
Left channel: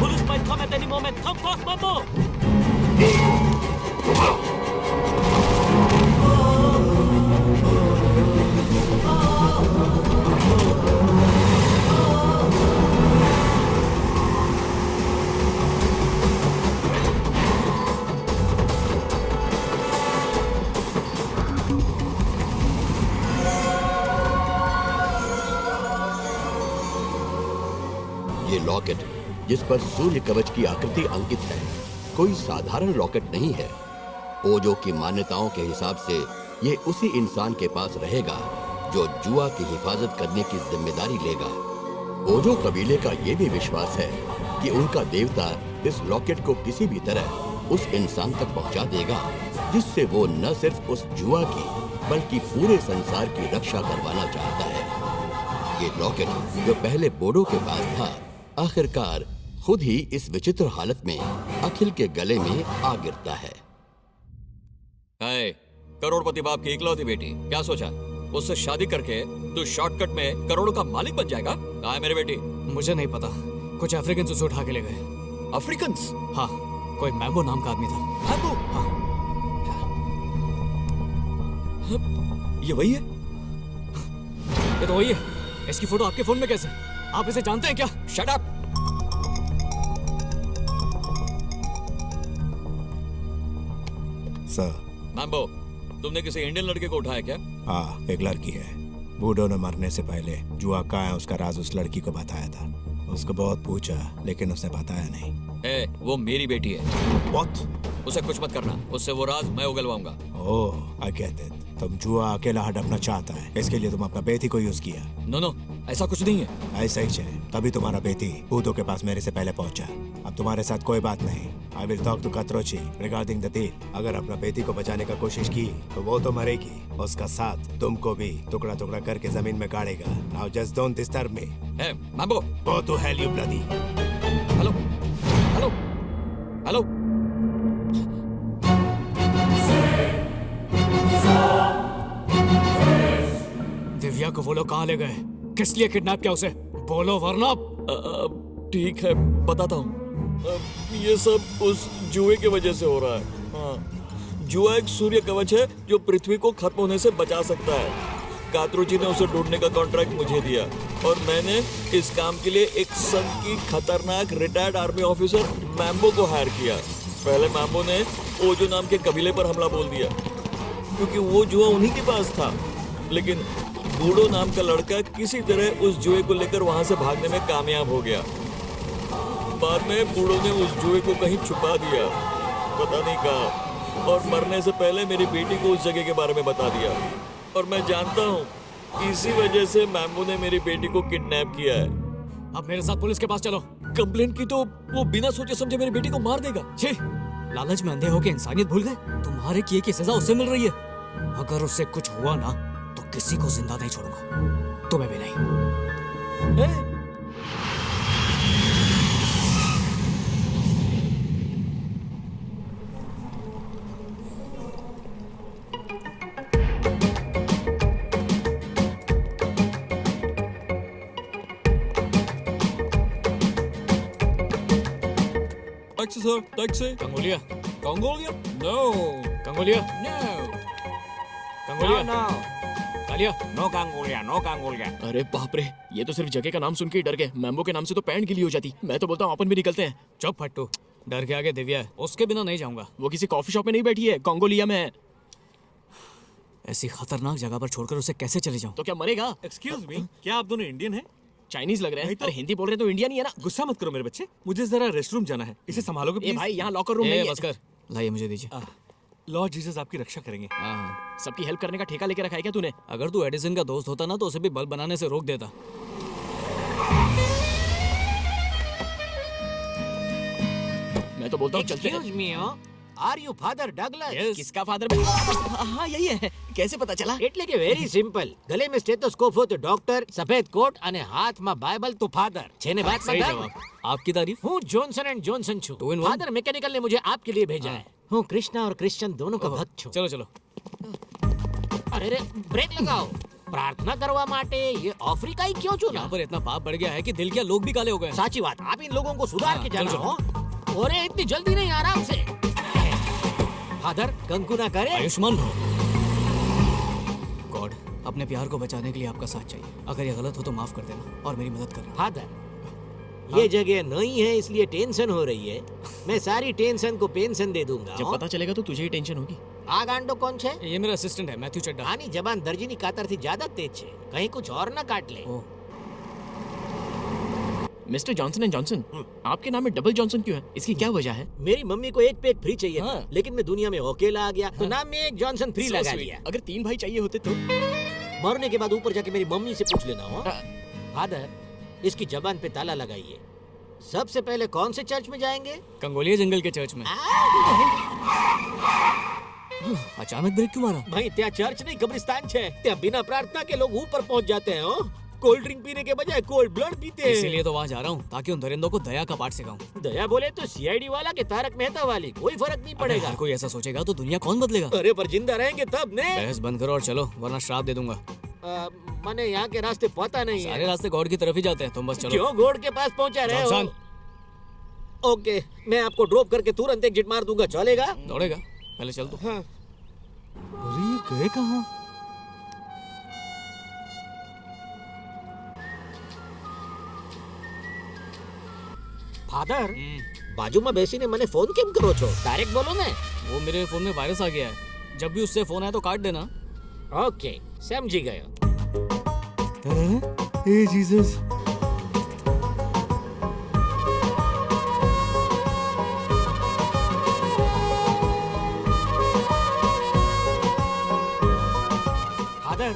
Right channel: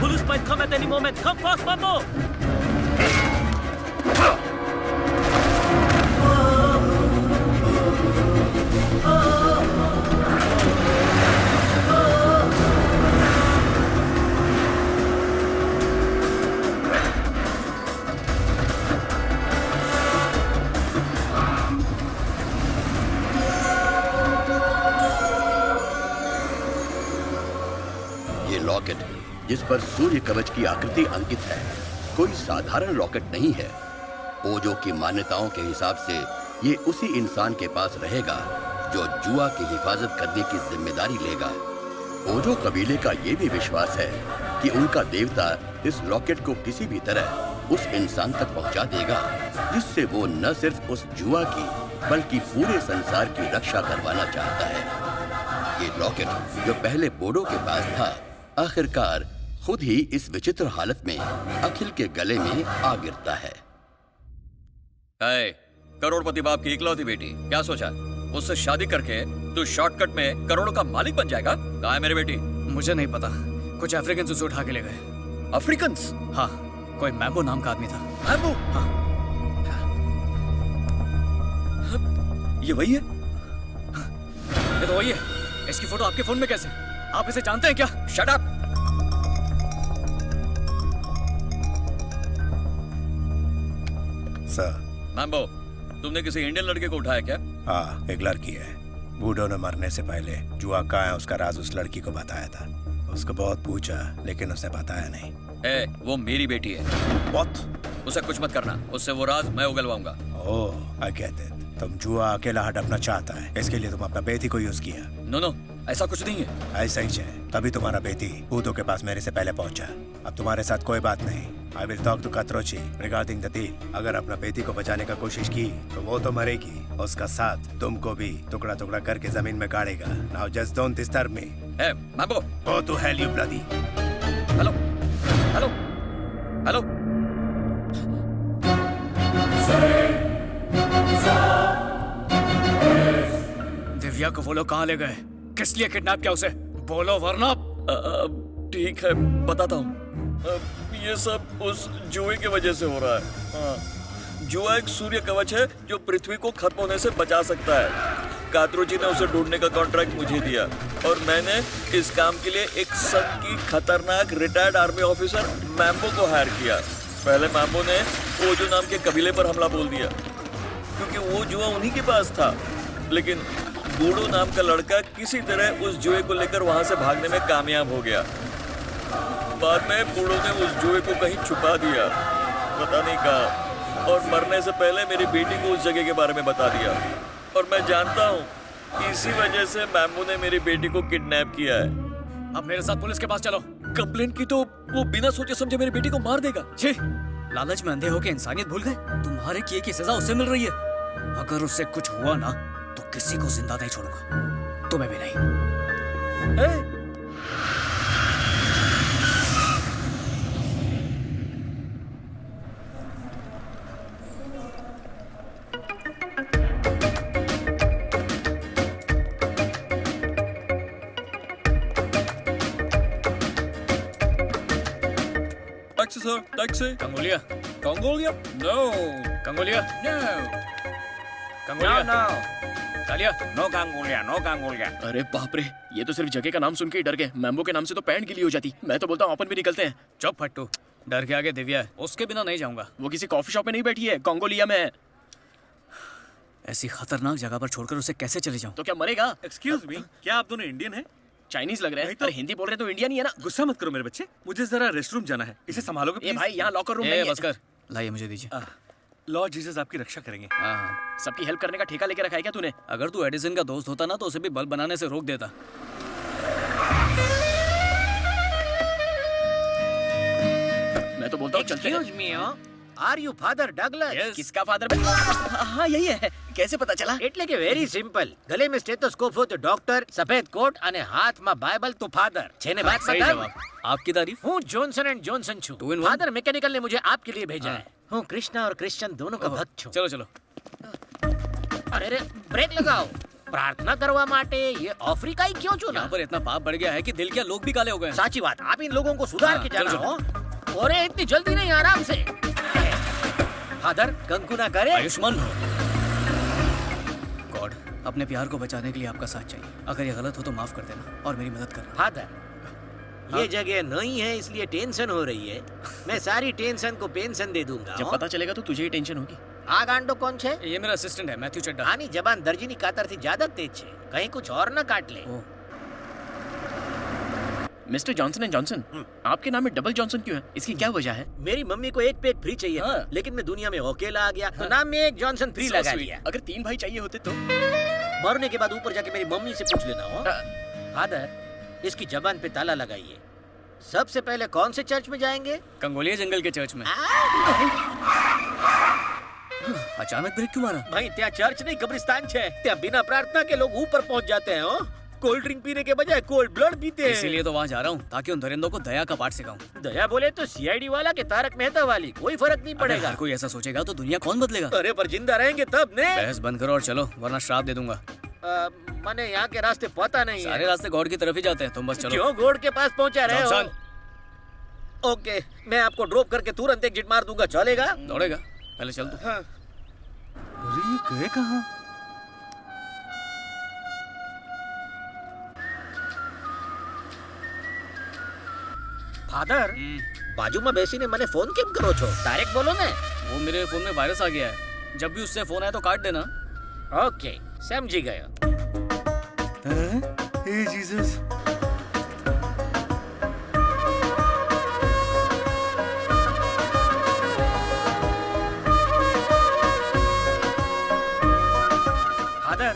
Police might come at any moment. Come fast, Mambo! ये लॉकेट जिस पर सूर्य कवच की आकृति अंकित है कोई साधारण लॉकेट नहीं है। ओजो की मान्यताओं के हिसाब से ये उसी इंसान के पास रहेगा जो जुआ की हिफाजत करने की जिम्मेदारी लेगा। ओजो कबीले का ये भी विश्वास है कि उनका देवता इस लॉकेट को किसी भी तरह उस इंसान तक पहुंचा देगा जिससे वो न सिर्फ उस जुआ की बल्कि पूरे संसार की रक्षा करवाना चाहता है। ये लॉकेट जो पहले बोडो के पास था, आखिरकार खुद ही इस विचित्र हालत में अखिल के गले में आ गिरता है। करोड़पति बाप की इकलौती बेटी, क्या सोचा उससे शादी करके तू शॉर्टकट में करोड़ों का मालिक बन जाएगा? कहाँ है मेरी बेटी? मुझे नहीं पता, कुछ अफ्रीकन उसे उठा के ले गए। अफ्रीकन? हाँ, कोई मैम्बो नाम का आदमी था। मैम्बो? हाँ। ये वही है? ये तो वही है। इसकी फोटो आपके फोन में कैसे? आप इसे जानते हैं क्या? Shut up! सर। मैम्बो, तुमने किसी इंडियन लड़के को उठाया क्या? हाँ, एक लड़की है। बूढ़ो ने मरने से पहले जुआ कहाँ है उसका राज उस लड़की को बताया था। उसको बहुत पूछा लेकिन उसने बताया नहीं। वो मेरी बेटी है। What? उसे कुछ मत करना, उससे वो राज मैं उगलवाऊंगा। ओह, I get it। तुम जुआ अकेला हड़पना चाहता है, इसके लिए तुम अपना बेटी को यूज किया। नो, ऐसा कुछ नहीं है। ऐसा ही है, तभी तुम्हारा बेटी भूतों के पास मेरे से पहले पहुंचा। अब तुम्हारे साथ कोई बात नहीं। I will talk to Katrochi regarding the deal। अगर अपना बेटी को बचाने का कोशिश की तो वो तो मरेगी, उसका साथ तुमको भी टुकड़ा टुकड़ा करके जमीन में गाड़ेगा। Now just don't disturb me। Mambo, go to hell you bloody। Hello, hello, hello. Divya को वो लोग कहाँ ले गए? किस लिए किडनैप किया उसे? बोलो वरना। ठीक है, बताता हूँ। ये सब उस जुए की वजह से हो रहा है। हाँ, जुआ एक सूर्य कवच है जो पृथ्वी को खत्म होने से बचा सकता है। कात्रोची ने उसे ढूंढने का कॉन्ट्रैक्ट मुझे दिया और मैंने इस काम के लिए एक सन की खतरनाक रिटायर्ड आर्मी ऑफिसर मैम्बो को हायर किया। पहले मैम्बो ने ओजो नाम के कबीले पर हमला बोल दिया क्योंकि वो जुआ उन्हीं के पास था, लेकिन बूढ़ो नाम का लड़का किसी तरह उस जुए को लेकर वहां से भागने में कामयाब हो गया। बाद में बूढ़ो ने उस जुए को कहीं छुपा दिया, पता नहीं कहाँ, और मरने से पहले मेरी बेटी को उस जगह के बारे में बता दिया। और मैं जानता हूँ इसी वजह से मैम्बो ने मेरी बेटी को किडनैप किया है। अब मेरे साथ पुलिस के पास चलो। कंप्लेंट की तो वो बिना सोचे समझे मेरी बेटी को मार देगा। छी, लालच में अंधे होके इंसानियत भूल गए। तुम्हारे किए की सजा उससे मिल रही है। अगर उससे कुछ हुआ ना तो किसी को जिंदा नहीं छोड़ूंगा, तुम्हें भी नहीं। Taxi sir, taxi. कंगोलिया, कंगोलिया? नो। कंगोलिया? नो। कंगोलिया? नो। कालिया? नो कंगोलिया, नो कंगोलिया। अरे बाप रे, ये तो सिर्फ जगह का नाम सुन के ही डर गए। मैम्बो के नाम से तो पैंट गीली हो जाती। मैं तो बोलता हूँ अपन भी निकलते हैं। चुप फट्टू, डर के आगे दिव्या है, उसके बिना नहीं जाऊंगा। वो किसी कॉफी शॉप में नहीं बैठी है, कंगोलिया में है। ऐसी खतरनाक जगह पर छोड़कर उसे कैसे चले जाऊं? तो क्या मरेगा? एक्सक्यूज मी, क्या आप दोनों इंडियन हैं? चाइनीज लग रहे हैं। तो अरे हिंदी बोल रहे हैं तो इंडियन ही है ना। गुस्सा मत करो मेरे बच्चे, मुझे जरा रेस्टरूम जाना है। इसे संभालोगे प्लीज? भाई यहाँ लॉकर रूम नहीं है। बस कर, लाइए मुझे दीजिए। लॉर्ड जीसस आपकी रक्षा करेंगे। हाँ, सबकी हेल्प करने का ठेका लेके रखा है क्या तूने? अगर तू एडिसन का दोस्त होता ना तो उसे भी बल्ब बनाने से रोक देता। मैं तो बोलता हूँ चलते हैं। Excuse me, are you Father Douglas? किसका फादर? हाँ यही है। कैसे पता चला? એટલે કે વેરી સિમ્પલ. ગલે में स्टेथोस्कोप हो तो डॉक्टर, सफेद कोट અને હાથમાં બાઇબલ તો फादर. છે ને बात सही मतलब? जवाब। आपकी तारीफ? हूँ जॉनसन एंड जॉनसन छू। फादर मैकेनिकल ने मुझे आपके लिए भेजा है। हूँ कृष्णा और क्रिश्चियन दोनों का भक्त छू। चलो चलो। अरे रे ब्रेक लगाओ। प्रार्थना करवा माटे ये अफ्रीकाई क्यों चुना? यहाँ पर इतना पाप बढ़ गया है कि दिल क्या लोग भी काले हो गए। साची बात, आप इन लोगों को सुधार के जाना चलो, हो। और इतनी जल्दी नहीं, आराम से। फादर कंकु ना करे। आयुष्मान भव। गॉड, अपने प्यार को बचाने के लिए आपका साथ चाहिए। अगर ये गलत हो तो माफ कर देना और मेरी मदद करना। फादर, ये जगह नहीं है इसलिए टेंशन हो रही है। मैं सारी टेंशन को पेंशन दे दूंगा। जब पता चलेगा तो तुझे ही टेंशन होगी। आ गांडो कौन छे? ये मेरा असिस्टेंट है, मैथ्यू चड्डा। आनी जबान दर्जीनी कातर थी ज्यादा तेज छे। कहीं कुछ और न काट ले। मिस्टर जॉनसन एंड जॉनसन, आपके नाम में डबल जॉनसन क्यों है? इसकी क्या वजह है? मेरी मम्मी को एक पे एक फ्री चाहिए था, लेकिन मैं दुनिया में अकेला आ गया तो नाम में एक जॉनसन फ्री So लगा sweet. दिया। अगर 3 भाई चाहिए होते तो? मरने के बाद ऊपर जाके मेरी मम्मी से पूछ लेना हो। फादर, इसकी जबान पे ताला लगाइए। सबसे पहले कौन से चर्च में जाएंगे? कंगोलिया जंगल के चर्च में। अचानक ब्रेक क्यों मारा? भाई त्या चर्च नहीं कब्रिस्तान छे। त्या बिना प्रार्थना के लोग ऊपर पहुंच जाते हैं। कोल्ड ड्रिंक पीने के बजाय कोल्ड ब्लड पीते हैं। इसीलिए तो वहाँ जा रहा हूँ ताकि उन दरिंदों को दया का पाठ सिखाऊं। दया बोले तो सीआईडी वाला के तारक मेहता वाली, कोई फर्क नहीं पड़ेगा। हर कोई ऐसा सोचेगा तो दुनिया कौन बदलेगा? अरे पर जिंदा रहेंगे तब ने। बहस बंद करो और चलो, वरना श्राप दे दूंगा। मैंने यहाँ के रास्ते पता नहीं सारे है। रास्ते गॉड की तरफ ही जाते हैं, तुम बस चलो। क्यों गॉड के पास पहुँचा रहे हो? जॉनसन। ओके, मैं आपको ड्रॉप करके तुरंत एग्जिट मार दूंगा, चलेगा? दौड़ेगा? पहले चल तू। हाँ। अरे ये गए कहाँ? फादर, बाजू में बेसी ने मैंने फोन केम करो छो? डायरेक्ट बोलो ने। वो मेरे फोन में वायरस आ गया है, जब भी उससे फोन आए तो काट देना। ओके, समझी गया। हे जीसस। फादर,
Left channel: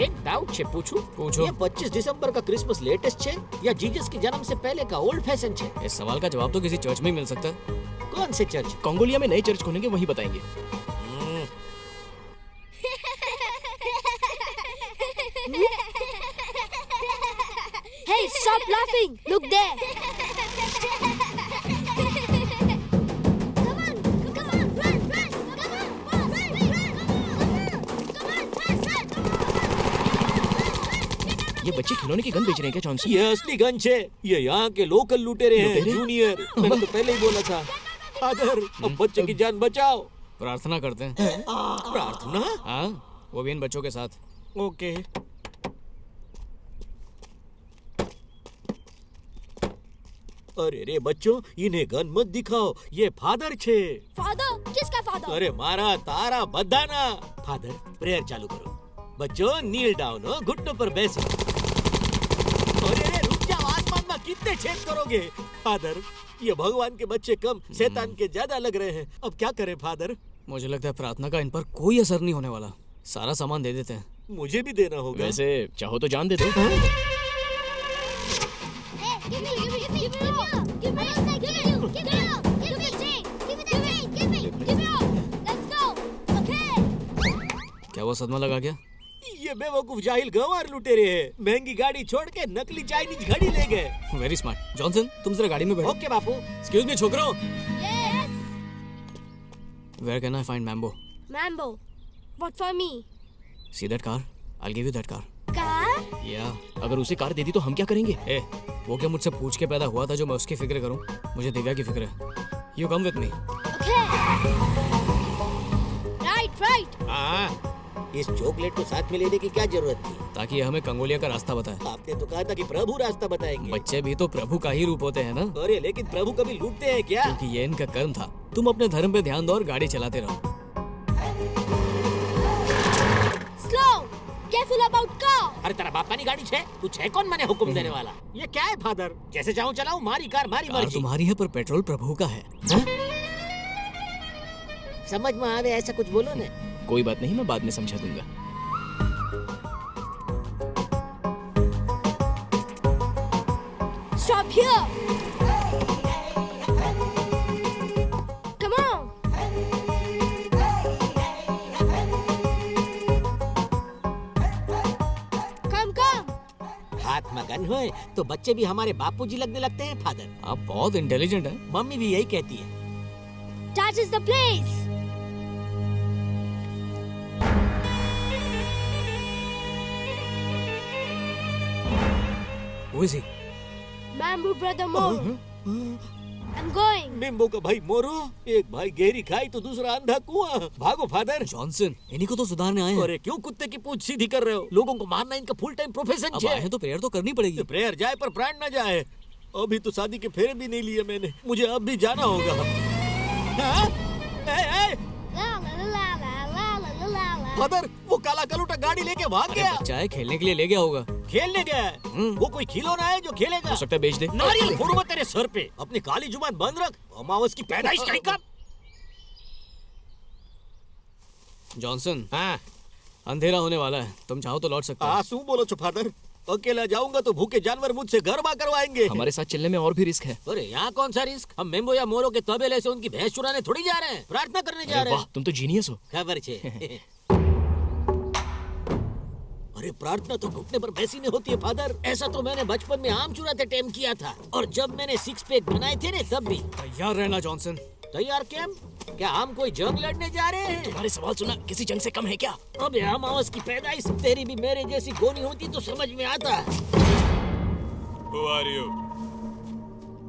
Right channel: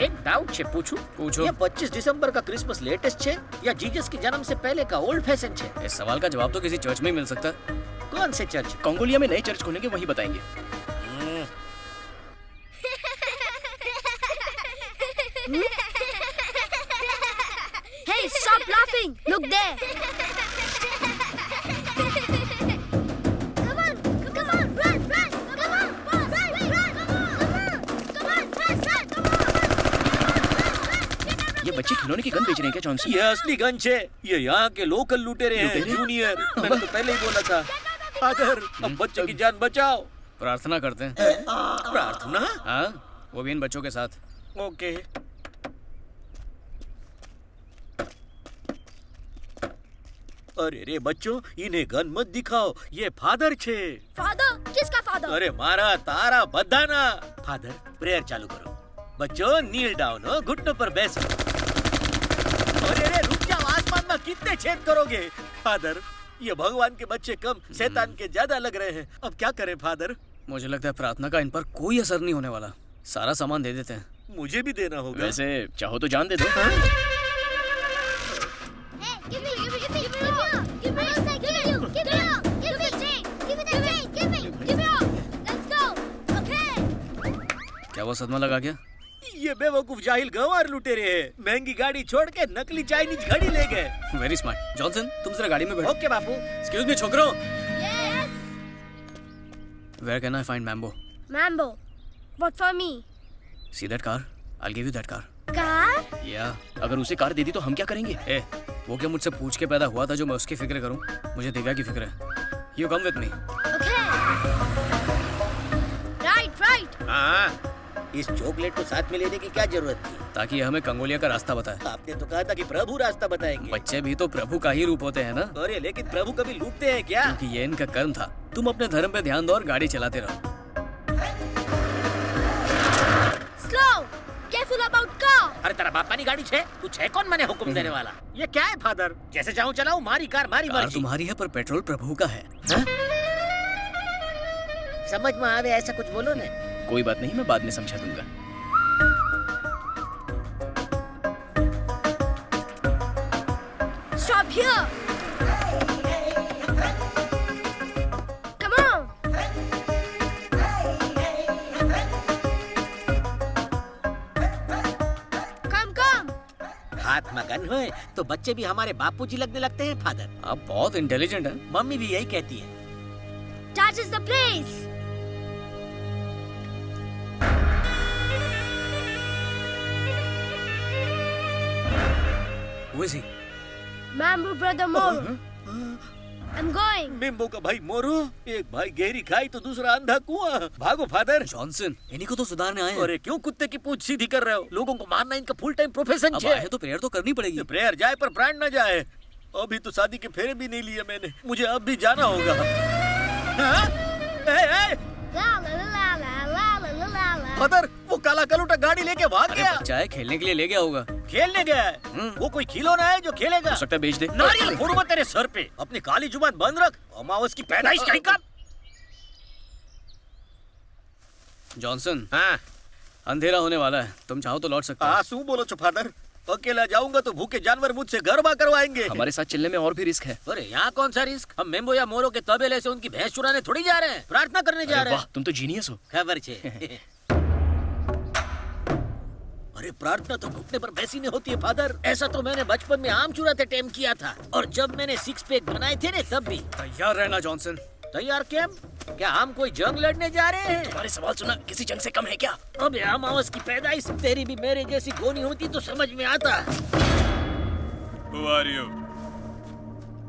एक डाउट छे पूछूं? पूछो। ये 25 दिसंबर का क्रिसमस लेटेस्ट छे या जीसस के जन्म से पहले का ओल्ड फैशन छे? इस सवाल का जवाब तो किसी चर्च में ही मिल सकता है। कौन से चर्च? कंगोलिया में नए चर्च खोलेंगे, वहीं बताएंगे। Hey, stop laughing! Look there! Come on, run, run! Come on, fast, run! Come on, fast, run! ये बच्चे खिलौने की गन बेच रहे हैं क्या जॉनसन? ये असली गन छे। ये यहाँ के लोकल लुटेरे हैं, लुटेरे? जूनियर। मैंने तो पहले ही बोला था। फादर, अब बच्चों की जान बचाओ। प्रार्थना करते हैं। प्रार्थना? हाँ, वो भी इन बच्चों के साथ। ओके। अरे रे बच्चों, इन्हें गन मत दिखाओ, ये फादर छे। फादर? किसका फादर? अरे मारा तारा बदाना। फादर, प्रेयर चालू करो। बच्चों नील डाउन हो, घुटनों पर बैसो। अरे रे रुक जाओ, आसमान में कितने छेद करोगे? फादर, ये भगवान के बच्चे कम, शैतान के ज्यादा लग रहे हैं। अब क्या करें फादर? मुझे लगता है प्रार्थना का इन पर कोई असर नहीं होने वाला। सारा सामान दे देते हैं। मुझे भी देना होगा। वैसे चाहो तो जान दे दो। क्या वो सदमा लगा गया? ये बेवकूफ जाहिल गंवार लुटेरे हैं। महंगी गाड़ी छोड़ के नकली चाइनीज घड़ी ले गए। Very smart. जॉनसन, तुम जरा गाड़ी में बैठो। ओके बापू। एक्सक्यूज मी छोकरो। Where can I find Mambo? Mambo. What for me? See that car? I'll give you that car. Car? Yeah. अगर उसे कार दे दी तो हम क्या करेंगे? वो क्या मुझसे पूछ के पैदा हुआ था जो मैं उसकी फिक्र करूं? मुझे दिव्या की फिक्र है। You come with me. Okay. Right. हाँ, इस चॉकलेट को साथ में लेने की क्या जरूरत थी? ताकि ये हमें कंगोलिया का रास्ता बताए। आपने तो कहा था कि प्रभु रास्ता बताएंगे। बच्चे भी तो प्रभु का ही रूप होते हैं ना? अरे लेकिन प्रभु कभी लूटते हैं क्या? क्योंकि ये इनका कर्म था। तुम अपने धर्म पे ध्यान दो और गाड़ी चलाते रहो। Slow. Careful about car. अरे तेरा बापा की गाड़ी छे, तू छे कौन मैंने हुक्म देने वाला? ये क्या है फादर? जैसे चाहूँ चलाऊं, मारी कार मारी कार मर्जी। तुम्हारी है पर पेट्रोल प्रभु का है। समझ में आवे ऐसा कुछ बोलो ने। कोई बात नहीं, मैं बाद में समझा दूंगा। Stop here. Come on. Come. हाथ में गन होए तो बच्चे भी हमारे बापूजी लगने लगते हैं फादर। आप बहुत इंटेलिजेंट हैं। मम्मी भी यही कहती है। That is the place. Who is he? Mambo brother Moro. I'm going. मिम्बो का भाई मोरो, एक भाई गहरी खाई तो दूसरा अंधा कुआं। भागो फादर। जॉनसन, इन्हीं को तो सुधारने आए हैं। अरे क्यों कुत्ते की पूंछ सीधी कर रहे हो? लोगों को मारना इनका फुल टाइम प्रोफेशन अब आए हैं तो प्रेयर तो करनी पड़ेगी। प्रेयर जाए पर प्राण न जाए। अभी तो शादी के फेरे भी नहीं लिए मैंने, मुझे अब भी जाना होगा। फादर, वो काला कलूटा गाड़ी लेके भाग गया। बच्चा है, खेलने के लिए ले गया होगा। खेलने गया है? वो कोई खिलौना है जो खेलेगा? हो सकता है बेच दे। नारियल फोड़ूंगा तेरे सर पे। अपनी काली जुबान बंद रख, अमावस की पैदाइश कहीं का। जॉनसन, हाँ अंधेरा होने वाला है, तुम चाहो तो लौट सकते हो। आंसू बोलो छो फादर, अकेला जाऊंगा तो भूखे जानवर मुझसे गरबा करवाएंगे। हमारे साथ चलने में और भी रिस्क है। अरे यहाँ कौन सा रिस्क? हम मेम्बो या मोरो के तबेले से उनकी भैंस चुराने थोड़ी जा रहे हैं, प्रार्थना करने जा रहे हैं। वाह, तुम तो जीनियस हो। खबर छे। अरे प्रार्थना तो घुटने पर बैसी नहीं होती है फादर। ऐसा तो मैंने बचपन में आम चुराते टाइम किया था, और जब मैंने 6 पैक बनाए थे ना तब भी। तैयार रहना जॉनसन। तैयार क्या? क्या हम कोई जंग लड़ने जा रहे हैं? तुम्हारे सवाल सुना किसी जंग से कम है क्या? अबे अमावस की पैदाइश, तेरी भी मेरे जैसी गोनी होती तो समझ में आता। Who are you?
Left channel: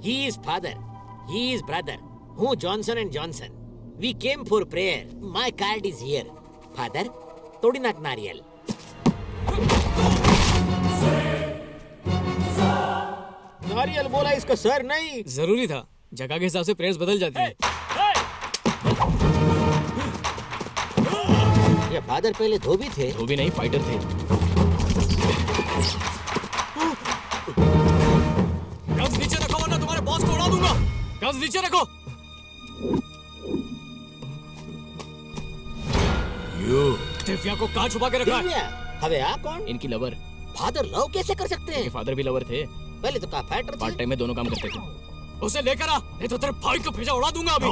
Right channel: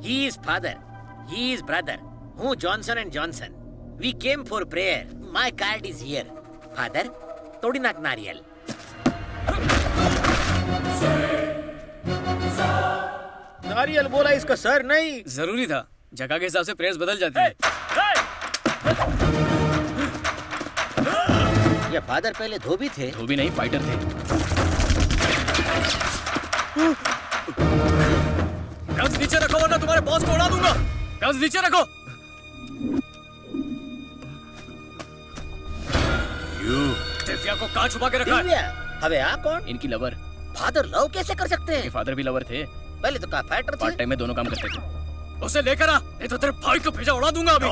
He is father, he is brother. हूँ Johnson and Johnson. We came for prayer. My card is here. Father, तोड़ी नाक नारियल। नारियल बोला, इसका सर नहीं। जरूरी था, जगह के हिसाब से प्रेयर्स बदल जाती है। ये फादर पहले धोबी थे। धोबी नहीं, फाइटर थे। गन्स नीचे रखो वरना तुम्हारे बॉस को उड़ा दूंगा। गन्स नीचे रखो। दिव्या को कहाँ छुपा के रखा है? दिव्या? हवे आ कौन? इनकी लवर। फादर लव कैसे कर सकते हैं? फादर भी लवर थे। पहले तो कहा फाइटर थे। पार्ट टाइम में दोनों काम करते थे। उसे लेकर आ, नहीं तो तेरे भाई को भेजा उड़ा दूंगा अभी।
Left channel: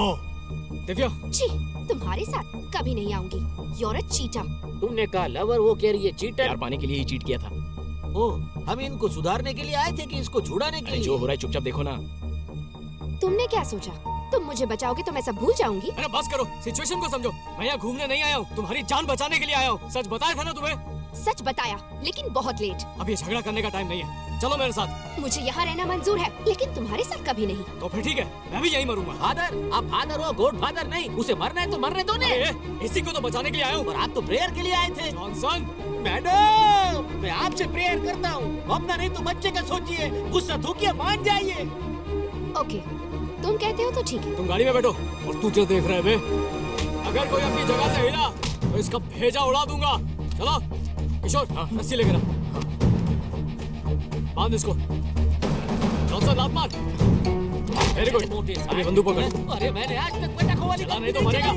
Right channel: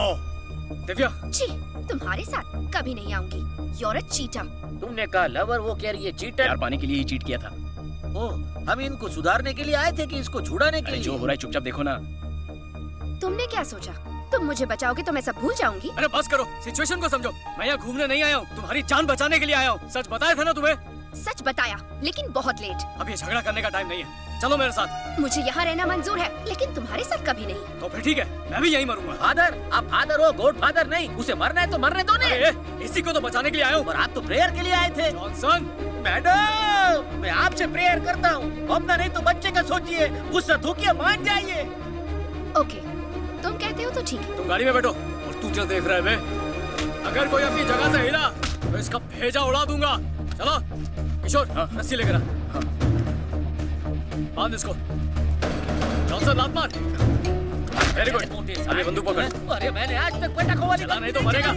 दिव्या, छी, तुम्हारे साथ कभी नहीं आऊंगी। You're a cheater। तुमने कहा लवर, वो कह रही है चीटर। प्यार पाने के लिए ही चीट किया था। ओ, हम इनको सुधारने के लिए आए थे कि इसको छुड़ाने के लिए? जो हो रहा है चुपचाप देखो ना। तुमने क्या सोचा? तुम मुझे बचाओगे तो मैं सब भूल जाऊंगी? अरे बस करो, सिचुएशन को समझो। मैं यहाँ घूमने नहीं आया हूँ, तुम्हारी जान बचाने के लिए आया हूँ। सच बताया था ना तुम्हें? सच बताया, लेकिन बहुत लेट। अब ये झगड़ा करने का टाइम नहीं है, चलो मेरे साथ। मुझे यहाँ रहना मंजूर है, लेकिन तुम्हारे साथ कभी नहीं। तो फिर ठीक है, मैं भी यहीं मरूंगा। फादर, आप फादर हो, गॉड फादर नहीं। उसे मरना है तो मरने दो ने। इसी को तो बचाने के लिए आया हूँ। और आप तो प्रेयर के लिए आए थे। जॉनसन, मैडम, मैं आपसे प्रेयर करता हूँ, अपना नहीं तो बच्चे का सोचिए। गुस्सा थूकिए, मान जाइए। ओके, तुम कहते हो तो ठीक है। तुम गाड़ी में बैठो। और तू क्या देख रहा है बे? अगर कोई अपनी जगह से हिला तो इसका भेजा उड़ा दूंगा। चलो किशोर, रस्सी लेकर आ। बांध इसको। जॉनसन, लात मार। Very good. अभी बंदूक पकड़। अरे मैंने आज तक पटाखों वाली चला नहीं तो मरेगा।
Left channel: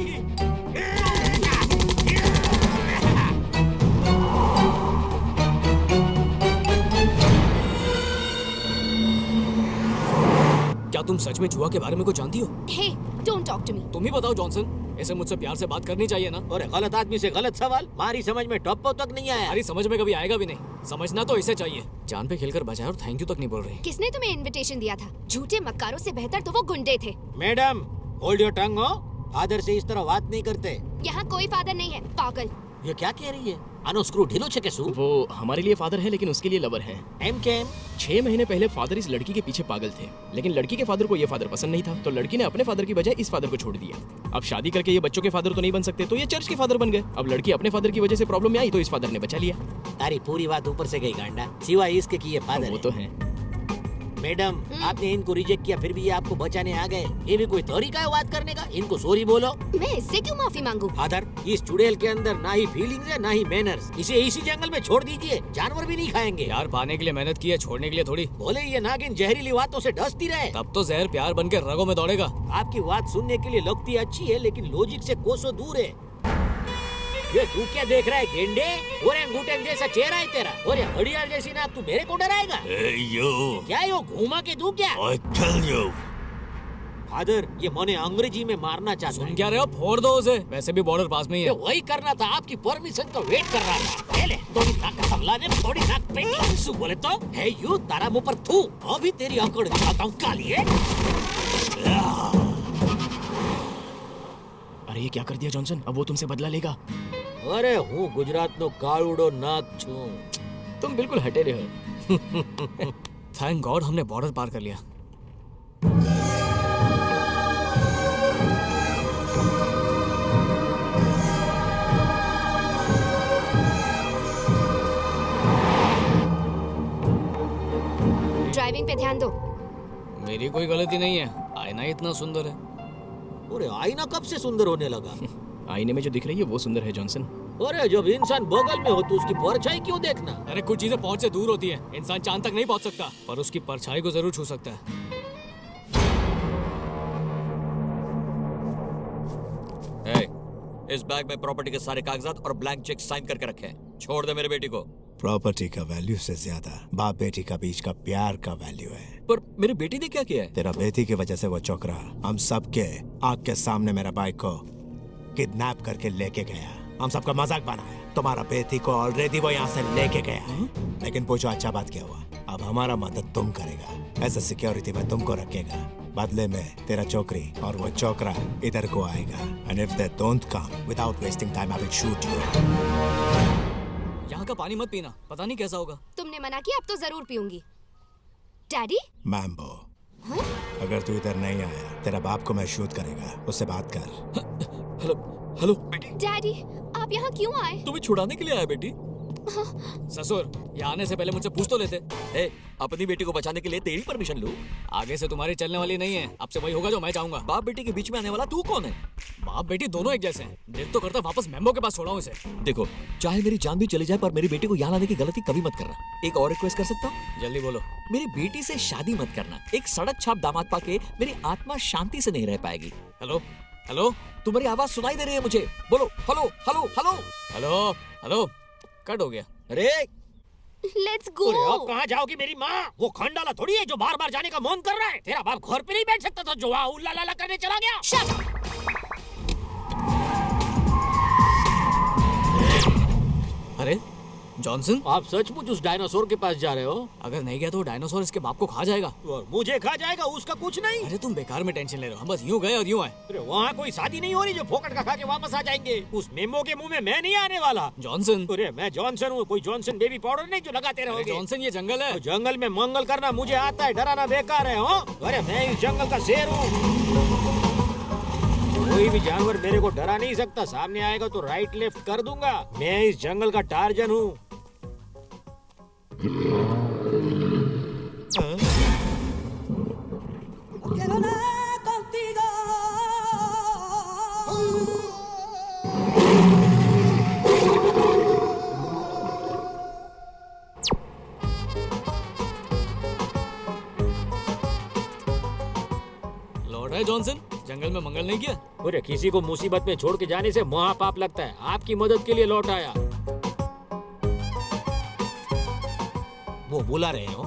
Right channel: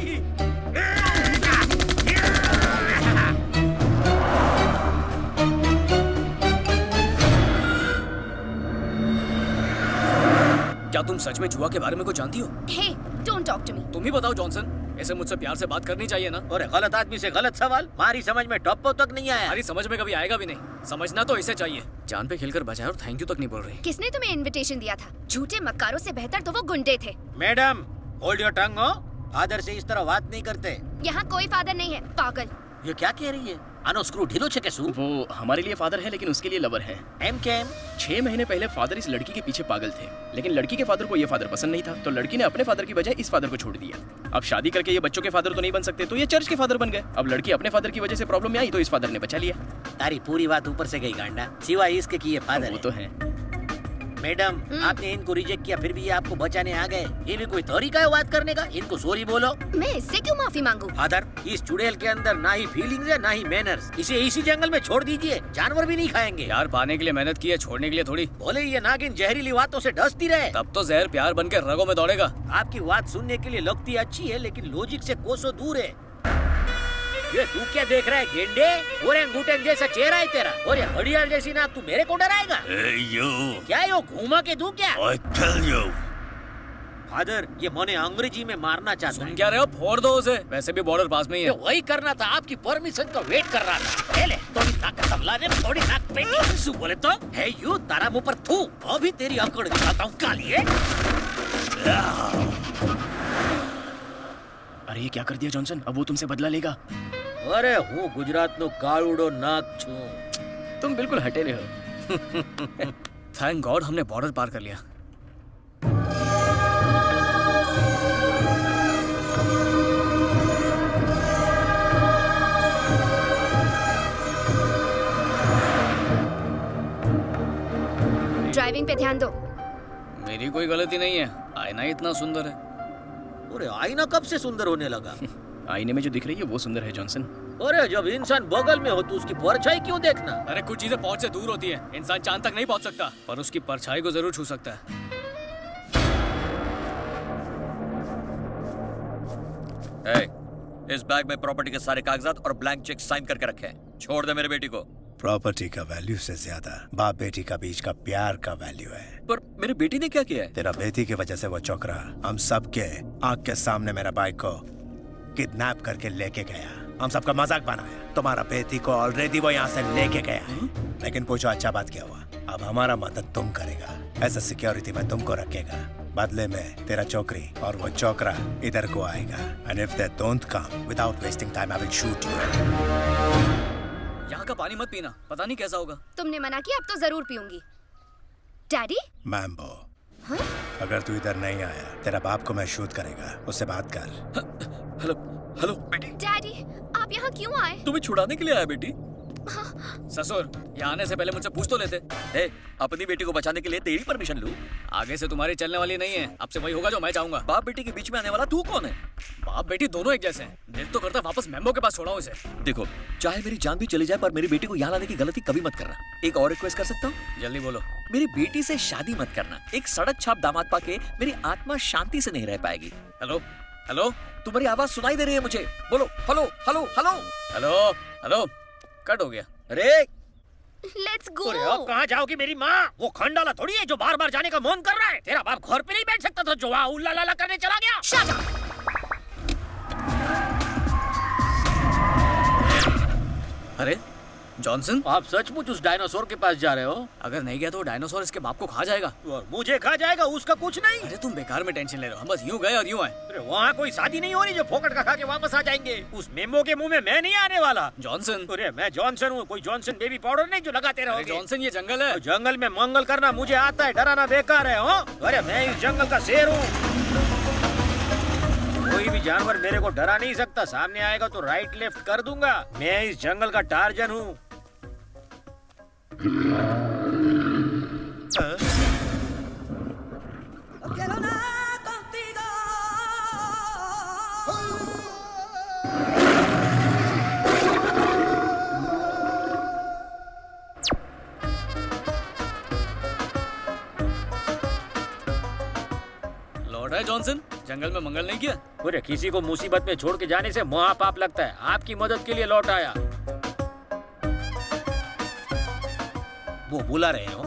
क्या तुम सच में जुआ के बारे में कुछ जानती हो? Hey, don't talk to me। तुम ही बताओ जॉनसन, ऐसे मुझसे प्यार से बात करनी चाहिए ना। और गलत आदमी से गलत सवाल, हमारी समझ में टॉप तक नहीं आया। हमारी समझ में कभी आएगा भी नहीं। समझना तो इसे चाहिए। जान पे खेलकर बचाया और थैंक यू तक नहीं बोल रही। किसने तुम्हें इनविटेशन दिया था? झूठे मक्कारों से बेहतर तो वो गुंडे थे। मैडम, होल्ड योर टंग हो। फादर से इस तरह बात नहीं करते। यहाँ कोई फादर नहीं है, पागल। ये क्या कह रही है? आनो स्क्रू ढीलो छे कैसू? वो हमारे लिए फादर है लेकिन उसके लिए लवर है। एम के एम? 6 महीने पहले फादर इस लड़की के पीछे पागल थे, लेकिन लड़की के फादर को ये फादर पसंद नहीं था, तो लड़की ने अपने फादर की बजाय इस फादर को छोड़ दिया। अब शादी करके ये बच्चों के फादर तो नहीं बन सकते, तो ये चर्च के फादर बन गए। अब लड़की अपने फादर की वजह से प्रॉब्लम में आई तो इस फादर ने बचा लिया। तारी पूरी बात ऊपर से गई गांडा, सिवाय इसके कि ये फादर वो तो है। मैडम, आपने इनको रिजेक्ट किया, फिर भी ये आपको बचाने आ गए। ये भी कोई तरीका है बात करने का? इनको सॉरी बोलो। मैं इससे क्यों माफी मांगू? फादर, इस चुड़ैल के अंदर ना ही फीलिंग्स है ना ही मैनर्स। इसे इसी जंगल में छोड़ दीजिए, जानवर भी नहीं खाएंगे। यार पाने के लिए मेहनत की है, छोड़ने के लिए थोड़ी। बोले ये नागिन जहरीली बातों से डसती रहे, तब तो जहर प्यार बन के रगों में दौड़ेगा। आपकी बात सुनने के लिए लगती अच्छी है, लेकिन लॉजिक से कोसों दूर है। ये तू क्या देख रहा है गेंडे? ओरेंगुटन जैसा चेहरा है तेरा, और ये घड़ियाल जैसी नाक, तू मेरे को डराएगा? क्या यो घूमा के तू क्या? फादर, ये मने अंग्रेजी में मारना चाहता है। क्या रहे हो? फोड़ दो उसे, वैसे भी बॉर्डर पास में ही है। वही करना था, आपकी परमिशन का वेट कर रहा था। ले थोड़ी नाक का तबला ने, थोड़ी नाक पे सु बोले तो है यू तारा मुंह पर थू। अभी तेरी अकड़ दिखाता हूँ कालिए। अरे ये क्या कर दिया जॉनसन? अब वो तुमसे बदला लेगा। अरे हूँ गुजरात नो कालुडो नाक छू। तुम बिल्कुल हटेले हो। थैंक गॉड हमने बॉर्डर पार कर लिया। ड्राइविंग पे ध्यान दो। मेरी कोई गलती नहीं है, आईना इतना सुंदर है। अरे आईना कब से सुंदर होने लगा? आईने में जो दिख रही है वो सुंदर है जॉनसन। अरे जब इंसान बगल में हो तो उसकी परछाई क्यों देखना? अरे कुछ चीजें पहुंच से दूर होती हैं। इंसान चांद तक नहीं पहुंच सकता, पर उसकी परछाई को जरूर छू सकता है। इस बैग में प्रॉपर्टी के सारे कागजात और ब्लैंक चेक साइन करके रखे हैं। छोड़ दे मेरे बेटी को। प्रॉपर्टी का वैल्यू से ज्यादा बाप बेटी का बीच का प्यार का वैल्यू है। पर मेरी बेटी ने क्या किया है? तेरा बेटी की वजह से वो चौकरा हम सबके आंख के सामने मेरा बाइक को किडनैप करके लेके गया। हम सबका मजाक बनाया। तुम्हारा बेटी को ऑलरेडी वो यहाँ से लेके गया है। लेकिन पूछो अच्छा बात क्या हुआ? अब हमारा मदद तुम करेगा। एज अ सिक्योरिटी में तुमको रखेगा। बदले में तेरा चौकरी और वो चौकरा इधर को आएगा। And if they don't come without wasting time I will shoot you. यहाँ का पानी मत पीना, पता नहीं कैसा होगा। तुमने मना किया, अब तो जरूर पीऊंगी। डैडी? मैम्बो, अगर तू इधर नहीं आया तेरा बाप को मैं शूट करेगा। उससे बात कर। हेलो डैडी, आप यहाँ क्यों आए? तुम्हें छुड़ाने के लिए आया बेटी। ससुर, यहाँ आने से पहले मुझसे पूछ तो लेते। अपनी बेटी को बचाने के लिए तेरी परमिशन लूं? आगे से तुम्हारी चलने वाली नहीं है। अब से वही होगा जो मैं चाहूंगा। बाप बेटी के बीच में आने वाला तू कौन है? बाप बेटी दोनों एक जैसे हैं। दिल तो करता वापस मैम्बो के पास छोड़ाऊं इसे। देखो, चाहे मेरी जान भी चली जाए पर मेरी बेटी को यहाँ लाने की गलती कभी मत करना। एक और रिक्वेस्ट कर सकता हूँ? जल्दी बोलो। मेरी बेटी से शादी मत करना। एक सड़क छाप दामाद पाके मेरी आत्मा शांति से नहीं रह पाएगी। हेलो हेलो, तुम्हारी आवाज सुनाई दे रही है मुझे। बोलो hello hello hello hello hello. Cut हो गया। अरे लेट्स गो। अरे अब कहाँ जाओगी मेरी माँ? वो खंडाला थोड़ी है जो बार बार जाने का मन कर रहा है। तेरा बाप घर पे नहीं बैठ सकता था जो वहाँ उल्ला लाला करने चला गया। Shut up! अरे जॉनसन, आप सचमुच उस डायनासोर के पास जा रहे हो? अगर नहीं गया तो डायनासोर इसके बाप को खा जाएगा। और मुझे खा जाएगा, उसका कुछ नहीं। अरे तुम बेकार में टेंशन ले रहे हो। हम बस यूं गए और यूं आए। अरे वहाँ कोई शादी नहीं हो रही जो फोकट का खा के वापस आ जाएंगे। उस मेमो के मुंह में मैं नहीं आने वाला। जॉनसन, अरे मैं जॉनसन हूँ, कोई जॉनसन बेबी पाउडर नहीं जो लगाते रहोगे। जॉनसन, ये जंगल है। जंगल में मंगल करना मुझे आता है, डराना बेकार है। अरे मैं इस जंगल का शेर हूँ। कोई भी जानवर मेरे को डरा नहीं सकता। सामने आएगा तो राइट लेफ्ट कर दूंगा। मैं इस जंगल का टार्जन हूँ। लौट है जॉनसन, जंगल में मंगल नहीं किया। अरे किसी को मुसीबत में छोड़ के जाने से महापाप लगता है। आपकी मदद के लिए लौट आया। वो बुला रहे हो?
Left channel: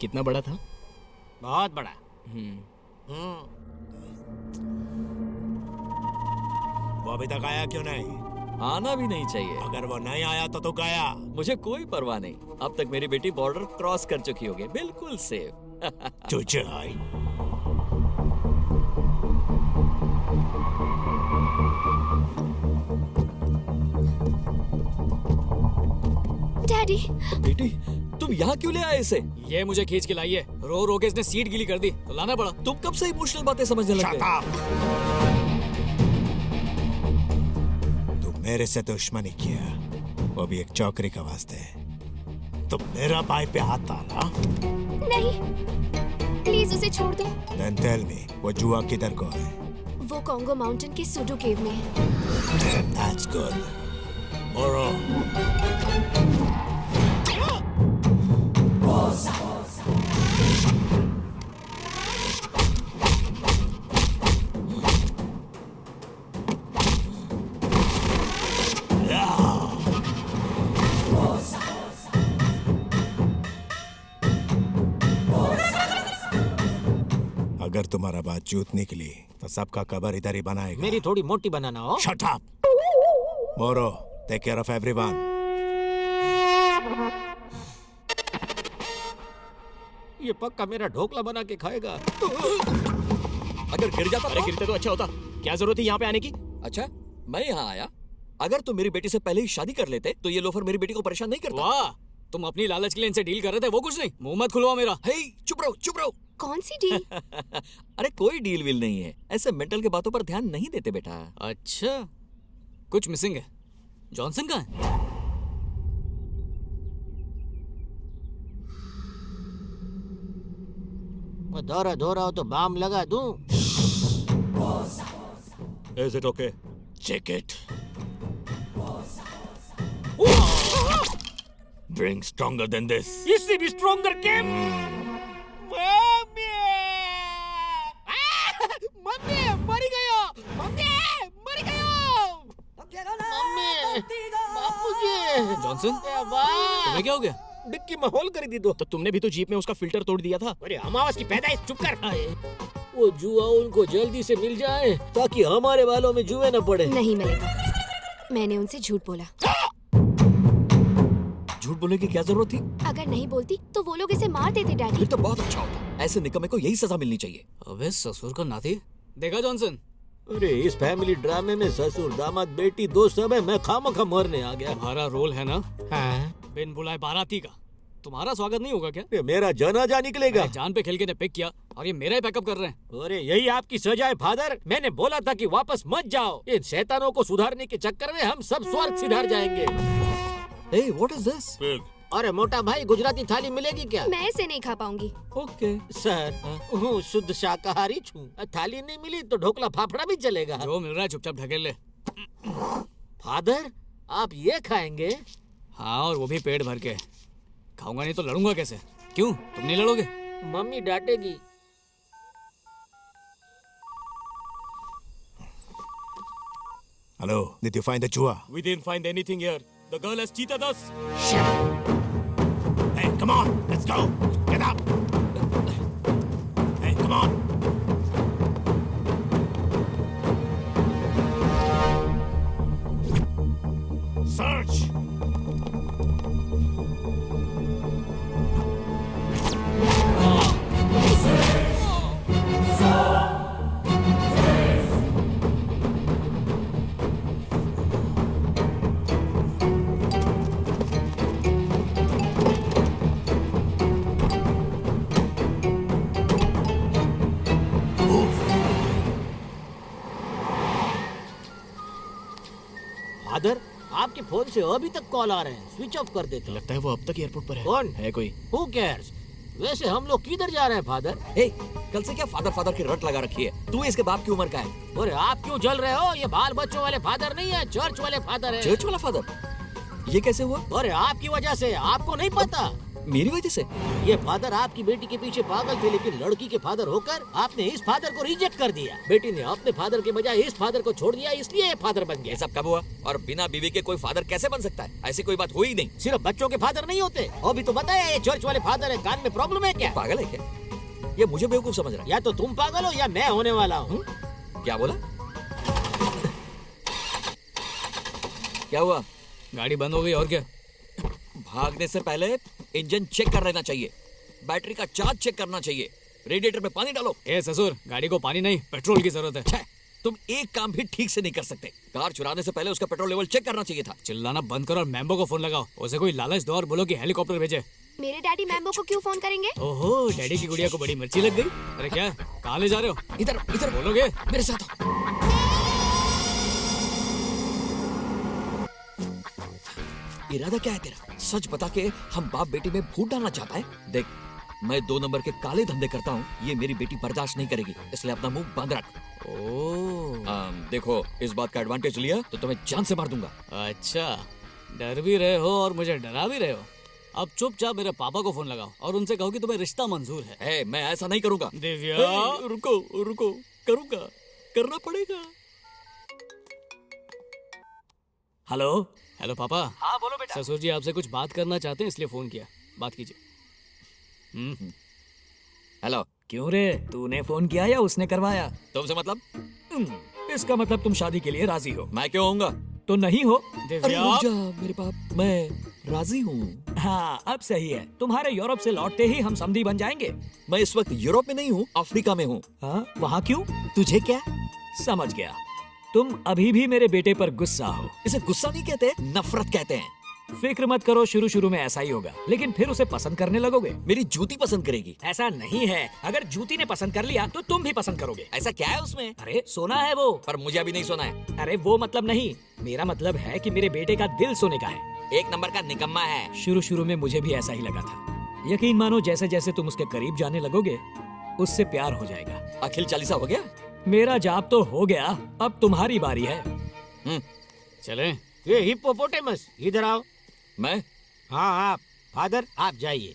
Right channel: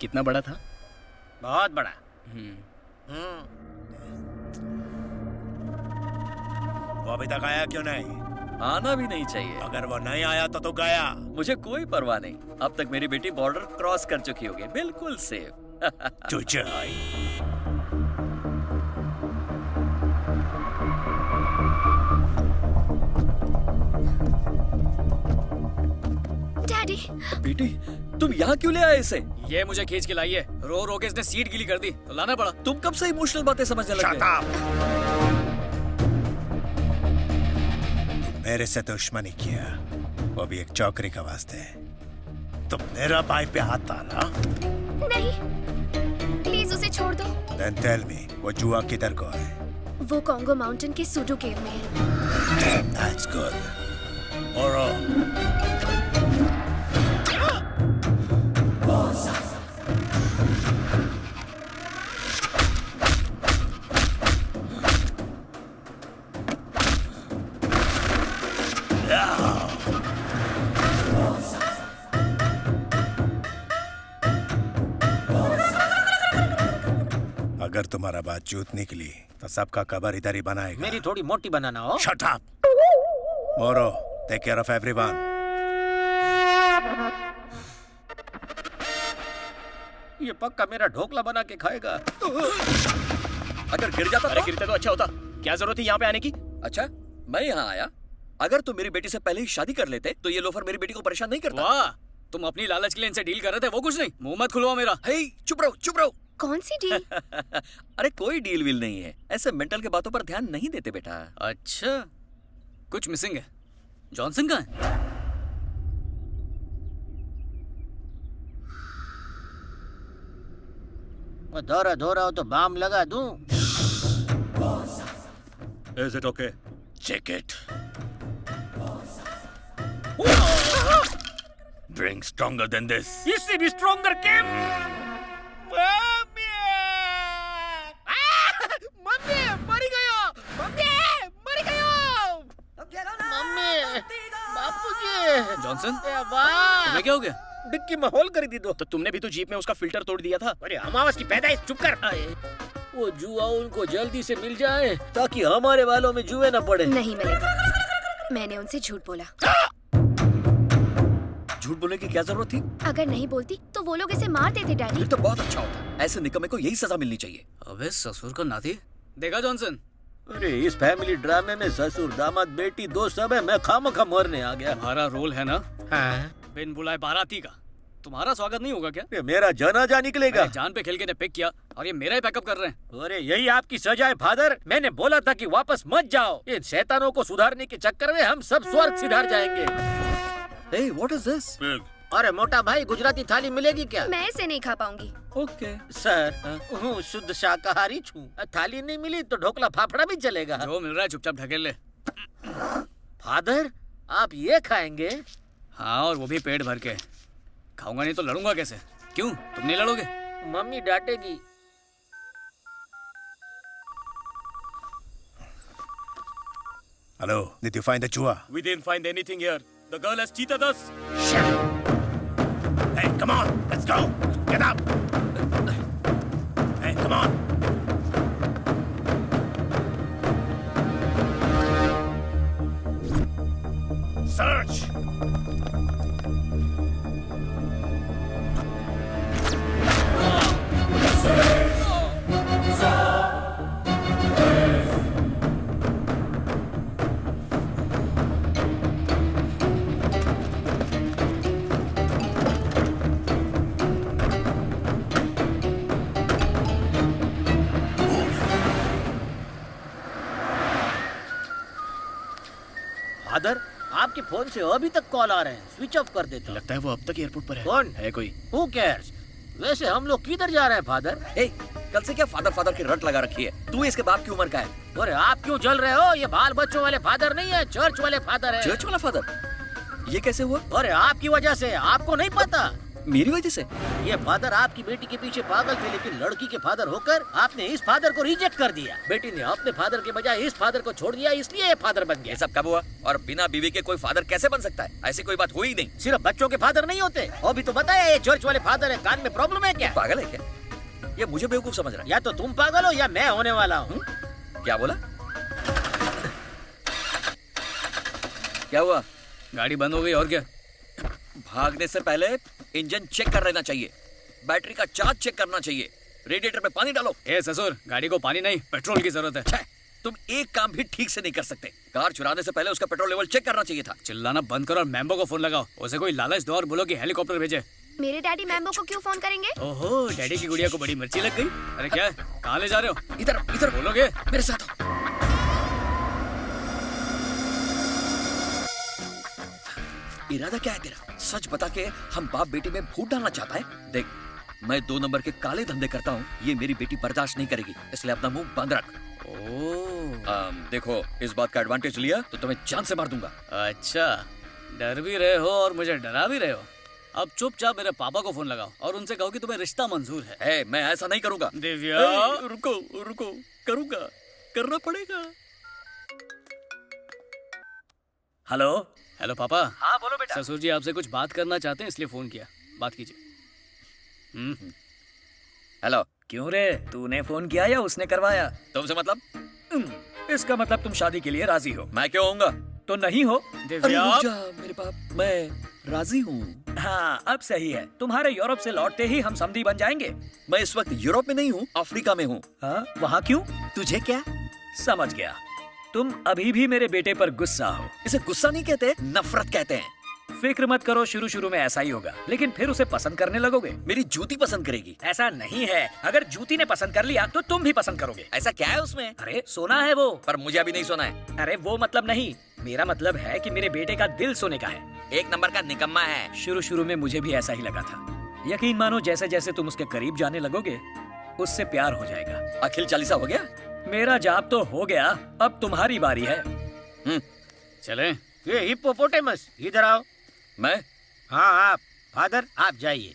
कितना बड़ा था? बहुत बड़ा। वो अभी तक आया क्यों नहीं? आना भी नहीं चाहिए। अगर वो नहीं आया तो तू गया। मुझे कोई परवाह नहीं। अब तक मेरी बेटी बॉर्डर क्रॉस कर चुकी होगी, बिल्कुल सेफ। तुझे आई। डैडी, बेटी तुम यहाँ क्यों ले आए इसे? ये मुझे खींच के लाई है। रो रो के इसने सीट गीली कर दी तो लाना पड़ा। तुम कब से इमोशनल बातें समझने लग गए? तू मेरे से दुश्मनी किया, वो भी एक चौकरी का वास्ते। तुम मेरा भाई पे हाथ डाला? नहीं, प्लीज उसे छोड़ दो। Then tell me, वो जुआ किधर को है? वो कॉन्गो माउंटेन के सुडू केव में है। That's good. Moro. अगर तुम्हारा बात जूत निकली तो सबका कबर इधर ही बनाएगा। मेरी थोड़ी मोटी बनाना हो। Shut up. Moro, take care of everyone. ये पक्का मेरा ढोकला बना के खाएगा। अगर गिर जाता अरे गिरते तो अच्छा होता। क्या जरूरत है यहाँ पे आने की? अच्छा, मैं यहाँ आया। अगर तुम मेरी बेटी से पहले ही शादी कर लेते तो ये लोफर मेरी बेटी को परेशान नहीं करता। वाह, तुम अपनी लालच के लिए इनसे डील कर रहे थे, वो कुछ नहीं। मुंह मत खुलवा मेरा। हे, चुप रहो, चुप रहो। कौन सी डील? अरे कोई डील विल नहीं है। ऐसे मेंटल के बातों पर ध्यान नहीं देते बेटा। अच्छा, कुछ मिसिंग है। जॉनसन कहाँ है? धोरा धोरा हो तो बाम लगा दूं। Is it okay? Check it. Drink stronger than this. इससे भी स्ट्रॉन्गर केम मम्मी मरी गयो, मम्मी मरी गयो, मम्मी बापूजी। जॉनसन वाह, तुम्हें क्या हो गया? डिक्की में होल कर दी दो। तो तुमने भी तो जीप में उसका फिल्टर तोड़ दिया था। अरे अमावस की पैदाइश, चुप कर। वो जुआ उनको जल्दी से मिल जाए ताकि हमारे बालों में जुए न पड़े। नहीं मिलेगा, मैंने उनसे झूठ बोला। झूठ बोलने की क्या जरूरत थी? अगर नहीं बोलती तो वो लोग इसे मार देते डैडी। फिर तो बहुत अच्छा होता। ऐसे निकम्मे को यही सजा मिलनी चाहिए। अबे ससुर का नाती देखा जॉनसन? अरे इस फैमिली ड्रामे में ससुर दामाद बेटी दो सब है, मैं खामखा मरने आ गया। तुम्हारा रोल है ना हाँ? बिन बुलाए बाराती का। तुम्हारा स्वागत नहीं होगा क्या? ये मेरा जनाजा निकलेगा। जान पे खेल के ने पिक किया और ये मेरा ही पैकअप कर रहे हैं। अरे यही आपकी सजा है फादर। मैंने बोला था कि वापस मत जाओ। इन शैतानों को सुधारने के चक्कर में हम सब स्वर्ग सिधार जाएंगे। Hey, what is this? अरे मोटा भाई, गुजराती थाली मिलेगी क्या? मैं इसे नहीं खा पाऊंगी। ओके सर, हूँ शुद्ध शाकाहारी छूं। थाली नहीं मिली तो ढोकला फाफड़ा भी चलेगा। जो मिल रहा है चुपचाप ढकेल ले। फादर, आप ये खाएंगे? हाँ, और वो भी पेट भर के। खाऊंगा नहीं तो लड़ूंगा कैसे? क्यों, तुम नहीं लड़ोगे? Mummy डांटेगी। Hello, did you find the chua? We didn't find anything here. The girl has cheated us. Hey, come on, let's go. Get up. Hey, come on. Search. Father, आपके फोन से अभी तक कॉल आ रहे हैं, स्विच ऑफ कर देते। लगता है वो अब तक एयरपोर्ट पर है। कौन है कोई? Who cares? वैसे हम लोग किधर जा रहे हैं फादर? Hey, कल से क्या फादर फादर की रट लगा रखी है? तू इसके बाप की उम्र का है। अरे आप क्यों जल रहे हो? ये बाल बच्चों वाले फादर नहीं है, चर्च वाले फादर है। चर्च वाला फादर? ये कैसे हुआ? अरे आपकी वजह से, आपको नहीं पता? मेरी वजह से? ये फादर आपकी बेटी के पीछे पागल थे, लेकिन लड़की के फादर होकर आपने इस फादर को रिजेक्ट कर दिया। बेटी ने अपने फादर के बजाय इस फादर को छोड़ दिया, इसलिए ये फादर बन गया। ये सब कब हुआ? और बिना बीवी के कोई फादर कैसे बन सकता है? ऐसी कोई बात हुई नहीं। सिर्फ बच्चों के फादर नहीं होते। अभी तो बताया ये चर्च वाले फादर है। कान में प्रॉब्लम है क्या? पागल है क्या? ये मुझे बेवकूफ समझ रहा है। या तो तुम पागल हो या मैं होने वाला हूँ। क्या बोला? क्या हुआ? गाड़ी बंद हो गई और क्या? भागने से पहले इंजन चेक कर लेना चाहिए, बैटरी का चार्ज चेक करना चाहिए, रेडिएटर में पानी डालो। ए ससुर, गाड़ी को पानी नहीं पेट्रोल की जरूरत है। तुम एक काम भी ठीक से नहीं कर सकते। कार चुराने से पहले उसका पेट्रोल लेवल चेक करना चाहिए था। चिल्लाना बंद करो और मैम्बो को फोन लगाओ। उसे कोई लालच दो और बोलो कि हेलीकॉप्टर भेजे। मेरे डैडी मैम्बो को क्यों फोन करेंगे? ओहो, डैडी की गुड़िया को बड़ी मिर्ची लग गई। अरे क्या है? कहाँ ले जा रहे हो? इधर इधर बोलोगे? मेरे साथ आओ। इरादा क्या है तेरा? सच बता के हम बाप बेटी में फूट डालना चाहता है? देख, मैं 2 नंबर के काले धंधे करता हूँ, ये मेरी बेटी बर्दाश्त नहीं करेगी, इसलिए अपना मुंह बंद रख। देखो, इस बात का एडवांटेज लिया तो तुम्हें जान से मार दूंगा। अच्छा, डर भी रहे हो और मुझे डरा भी रहे हो। अब चुपचाप मेरे पापा को फोन लगाओ और उनसे कहो कि तुम्हें रिश्ता मंजूर है। मैं ऐसा नहीं करूंगा। दिव्या, रुको रुको, करूंगा, करना पड़ेगा। हेलो हेलो पापा। हाँ बोलो बेटा। ससुर जी आपसे कुछ बात करना चाहते हैं, इसलिए फोन किया। बात कीजिए। हेलो। क्यों रे, तूने फोन किया या उसने करवाया? तुमसे मतलब? इसका मतलब तुम शादी के लिए राजी हो। मैं क्यों होऊंगा? तो नहीं हो? अरे रुक जा मेरे बाप, मैं राजी हूँ। हाँ, अब सही है। तुम्हारे यूरोप से लौटते ही हम समधी बन जाएंगे। मैं इस वक्त यूरोप में नहीं हूँ, अफ्रीका में हूँ। हाँ, वहाँ क्यों? तुझे क्या? समझ गया, तुम अभी भी मेरे बेटे पर गुस्सा हो। इसे गुस्सा नहीं कहते, नफरत कहते हैं। फिक्र मत करो, शुरू शुरू में ऐसा ही होगा, लेकिन फिर उसे पसंद करने लगोगे। मेरी जूती पसंद करेगी। ऐसा नहीं है, अगर जूती ने पसंद कर लिया तो तुम भी पसंद करोगे। ऐसा क्या है उसमें? अरे सोना है वो। पर मुझे अभी नहीं सोना है। अरे वो मतलब नहीं, मेरा मतलब है कि मेरे बेटे का दिल सोने का है। 1 नंबर का निकम्मा है। शुरू शुरू में मुझे भी ऐसा ही लगा था। यकीन मानो, जैसे जैसे तुम उसके करीब जाने लगोगे उससे प्यार हो जाएगा। अखिल चालीसा हो गया? मेरा जाप तो हो गया, अब तुम्हारी बारी है। चले। ये हिप्पोपोटेमस इधर आओ। मैं? हाँ आप। फादर आप जाइए।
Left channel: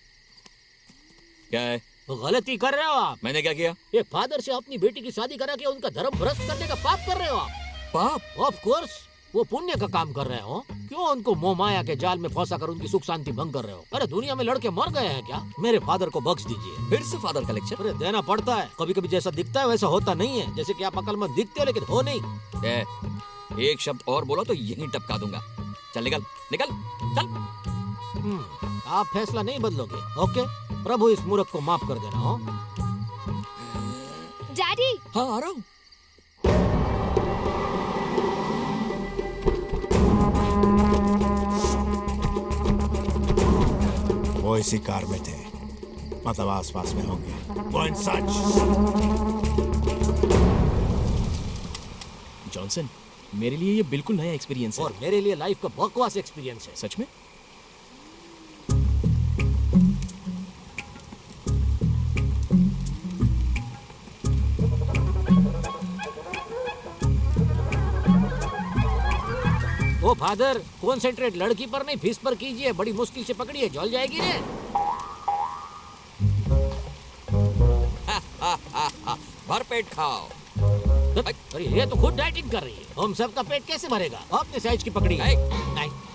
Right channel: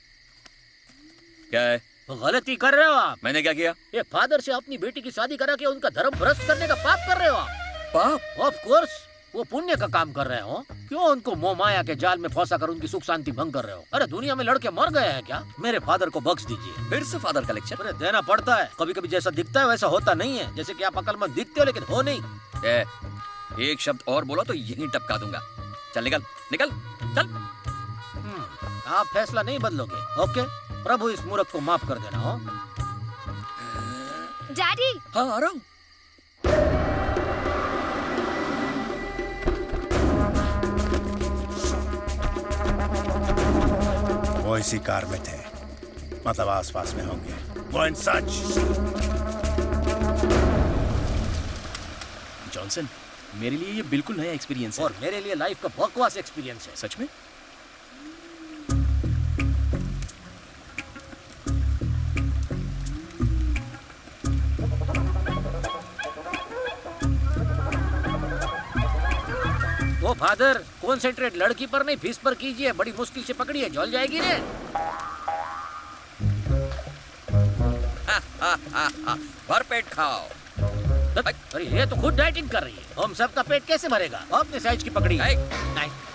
क्या है? गलती कर रहे हो आप। मैंने क्या किया? ये फादर से अपनी बेटी की शादी करा के उनका धर्म भ्रष्ट करने का पाप कर रहे हो आप। पाप? ऑफ कोर्स वो पुण्य का काम कर रहे हो। क्यों उनको मोह माया के जाल में फंसा कर उनकी सुख शांति भंग कर रहे हो? अरे दुनिया में लड़के मर गए हैं क्या? मेरे फादर को बख्श दीजिए। फिर से फादर का लेक्चर? अरे देना पड़ता है, कभी कभी जैसा दिखता है वैसा होता नहीं है। जैसे कि आप अकलमंद दिखते हो लेकिन हो नहीं। एक शब्द और बोलो तो यहीं टपका दूंगा। चल निकल निकल चल। आप फैसला नहीं बदलोगे? ओके, प्रभु इस मूर्ख को माफ कर देना। हो डैडी। हाँ आ रहा हूँ। वो इसी कार में थे, मतलब आसपास में होंगे। वो इन सच। जॉनसन, मेरे लिए ये बिल्कुल नया एक्सपीरियंस है। और मेरे लिए लाइफ का बकवास एक्सपीरियंस है। सच में? ओ फादर, कॉन्सेंट्रेट लड़की पर नहीं फीस पर कीजिए। बड़ी मुश्किल से पकड़िए, जल जाएगी रे। भरपेट खाओ। अरे ये तो खुद डाइटिंग कर रही है, हम सबका पेट कैसे भरेगा? अपने साइज की पकड़ी।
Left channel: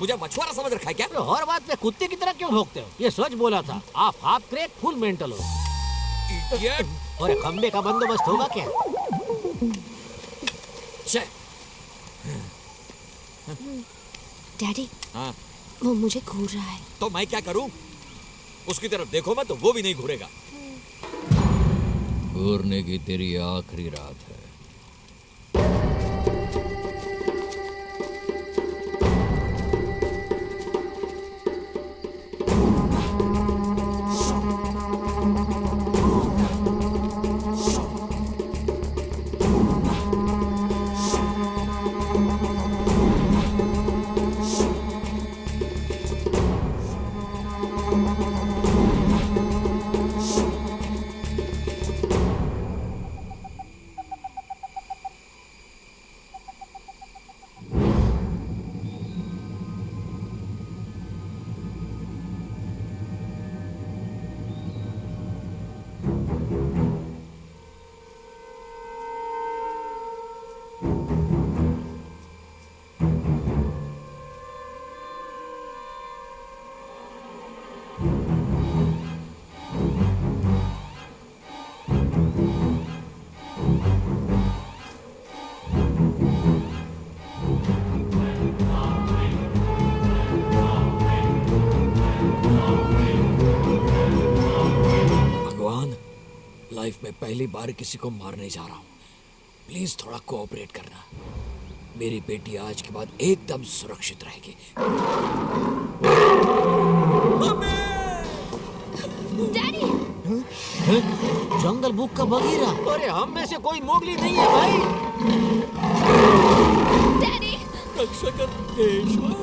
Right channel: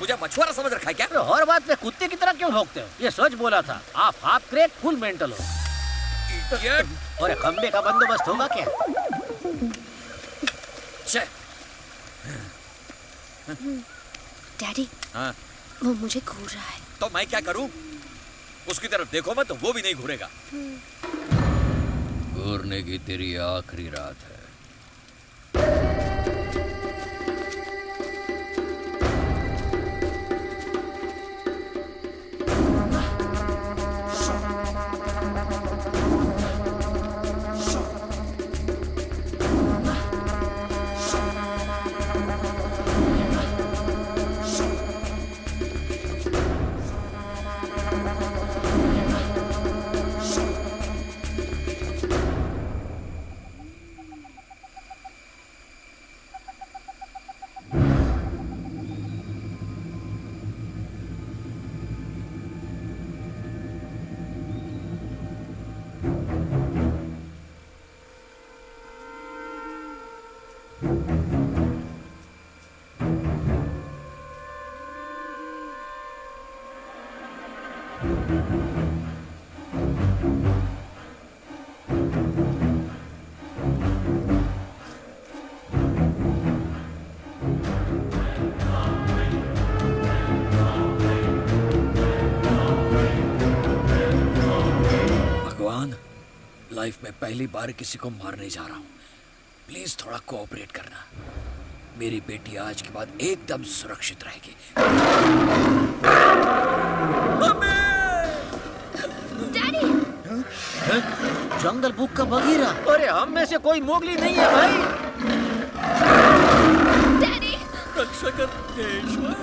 मुझे मछुआरा समझ रखा है क्या? अरे हर बात पे कुत्ते की तरह क्यों भौंकते हो? ये सच बोला था। आप हाफ क्रैक फुल मेंटल हो। और खंबे का बंदोबस्त होगा क्या? डैडी। हाँ? वो मुझे घूर रहा है। तो मैं क्या करूं? उसकी तरफ देखो मत तो वो भी नहीं घूरेगा। घूरने की तेरी आखिरी रात है। लाइफ में पहली बार किसी को मारने जा रहा हूँ। प्लीज थोड़ा कोऑपरेट करना। मेरी बेटी आज के बाद एकदम सुरक्षित रहेगी। डैडी। जंगल बुक का बगीरा। अरे हम में से कोई मोगली नहीं है भाई। डैडी। रक्षा कर ईश्वर।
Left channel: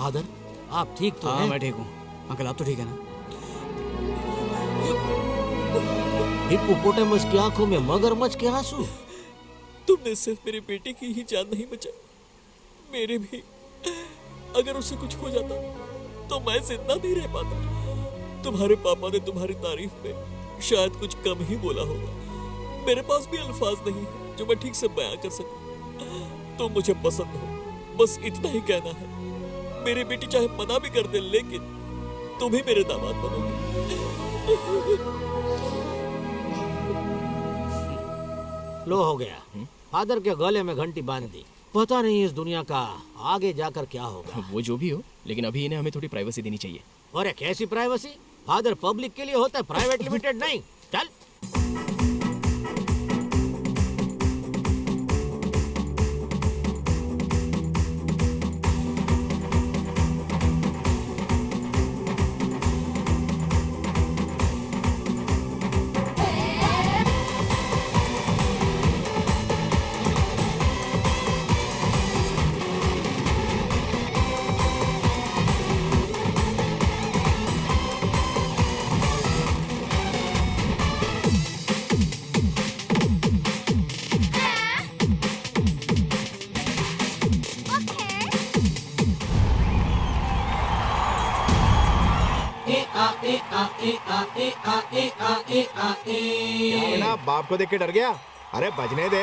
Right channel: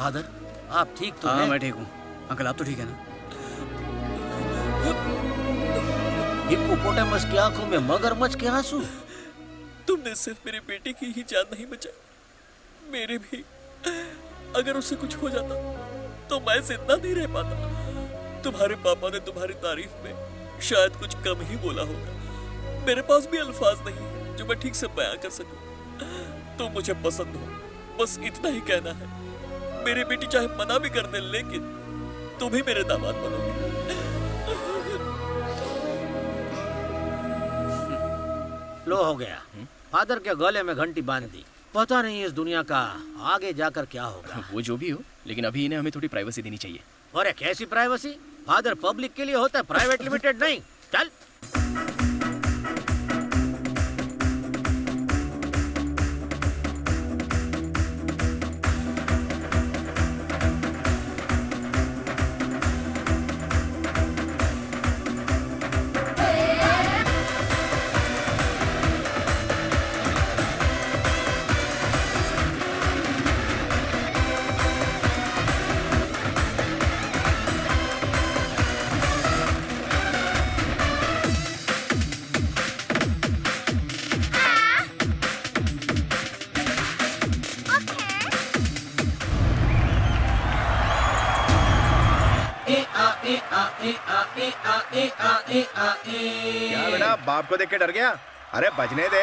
फादर, आप ठीक तो हाँ हैं? मैं ठीक हूँ। अंकल आप तो ठीक है ना? हिप्पोपोटामस की आंखों में मगरमच्छ के आंसू। तुमने सिर्फ मेरी बेटी की ही जान नहीं बचाई, मेरे भी। अगर उसे कुछ हो जाता तो मैं जिंदा नहीं रह पाता। तुम्हारे पापा ने तुम्हारी तारीफ में शायद कुछ कम ही बोला होगा। मेरे पास भी अल्फाज नहीं है जो मैं ठीक से बयां कर सकूं। तुम मुझे पसंद हो, बस इतना ही कहना है। मेरी बेटी चाहे मना भी कर दे, लेकिन तुम ही मेरे दामाद बनोगे। लो हो गया। फादर के गले में घंटी बांध दी। पता नहीं इस दुनिया का आगे जाकर क्या होगा। वो जो भी हो, लेकिन अभी इन्हें हमें थोड़ी प्राइवेसी देनी चाहिए। अरे कैसी प्राइवेसी? फादर पब्लिक के लिए होता है, प्राइवेट लिमिटेड नहीं। चल। क्या बेटा, बाप को देख के डर गया? अरे बजने दे।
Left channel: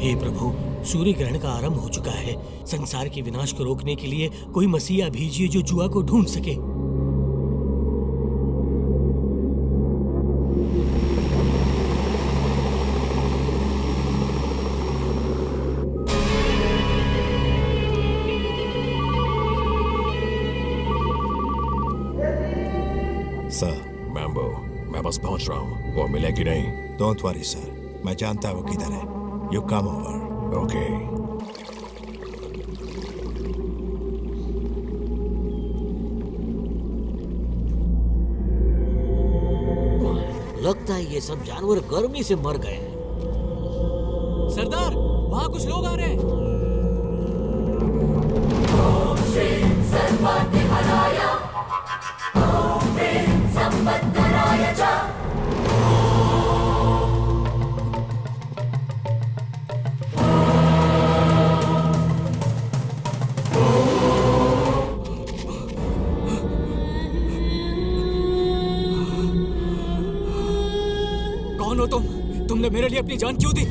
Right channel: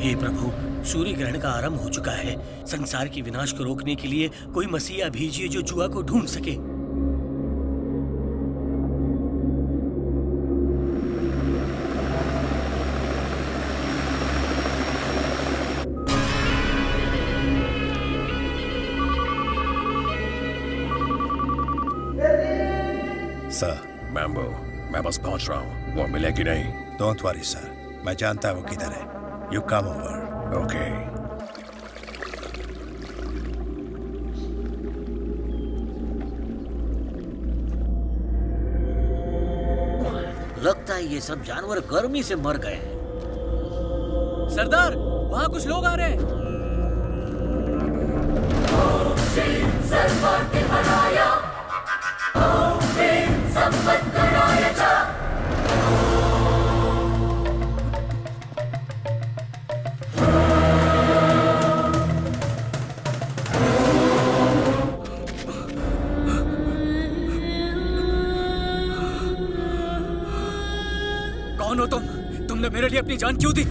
हे प्रभु, सूर्य ग्रहण का आरंभ हो चुका है। संसार के विनाश को रोकने के लिए कोई मसीहा भेजिए जो जुआ को ढूंढ सके। सर, मैम्बो, मैं बस पहुंच रहा हूँ। वो मिले कि नहीं? डोंट वरी सर, मैं जानता हूँ वो किधर है। You come over. ओके। लगता है ये सब जानवर गर्मी से मर गए हैं। सरदार, वहाँ कुछ लोग आ रहे हैं। कौन हो तुम? तुमने मेरे लिए अपनी जान क्यों दी?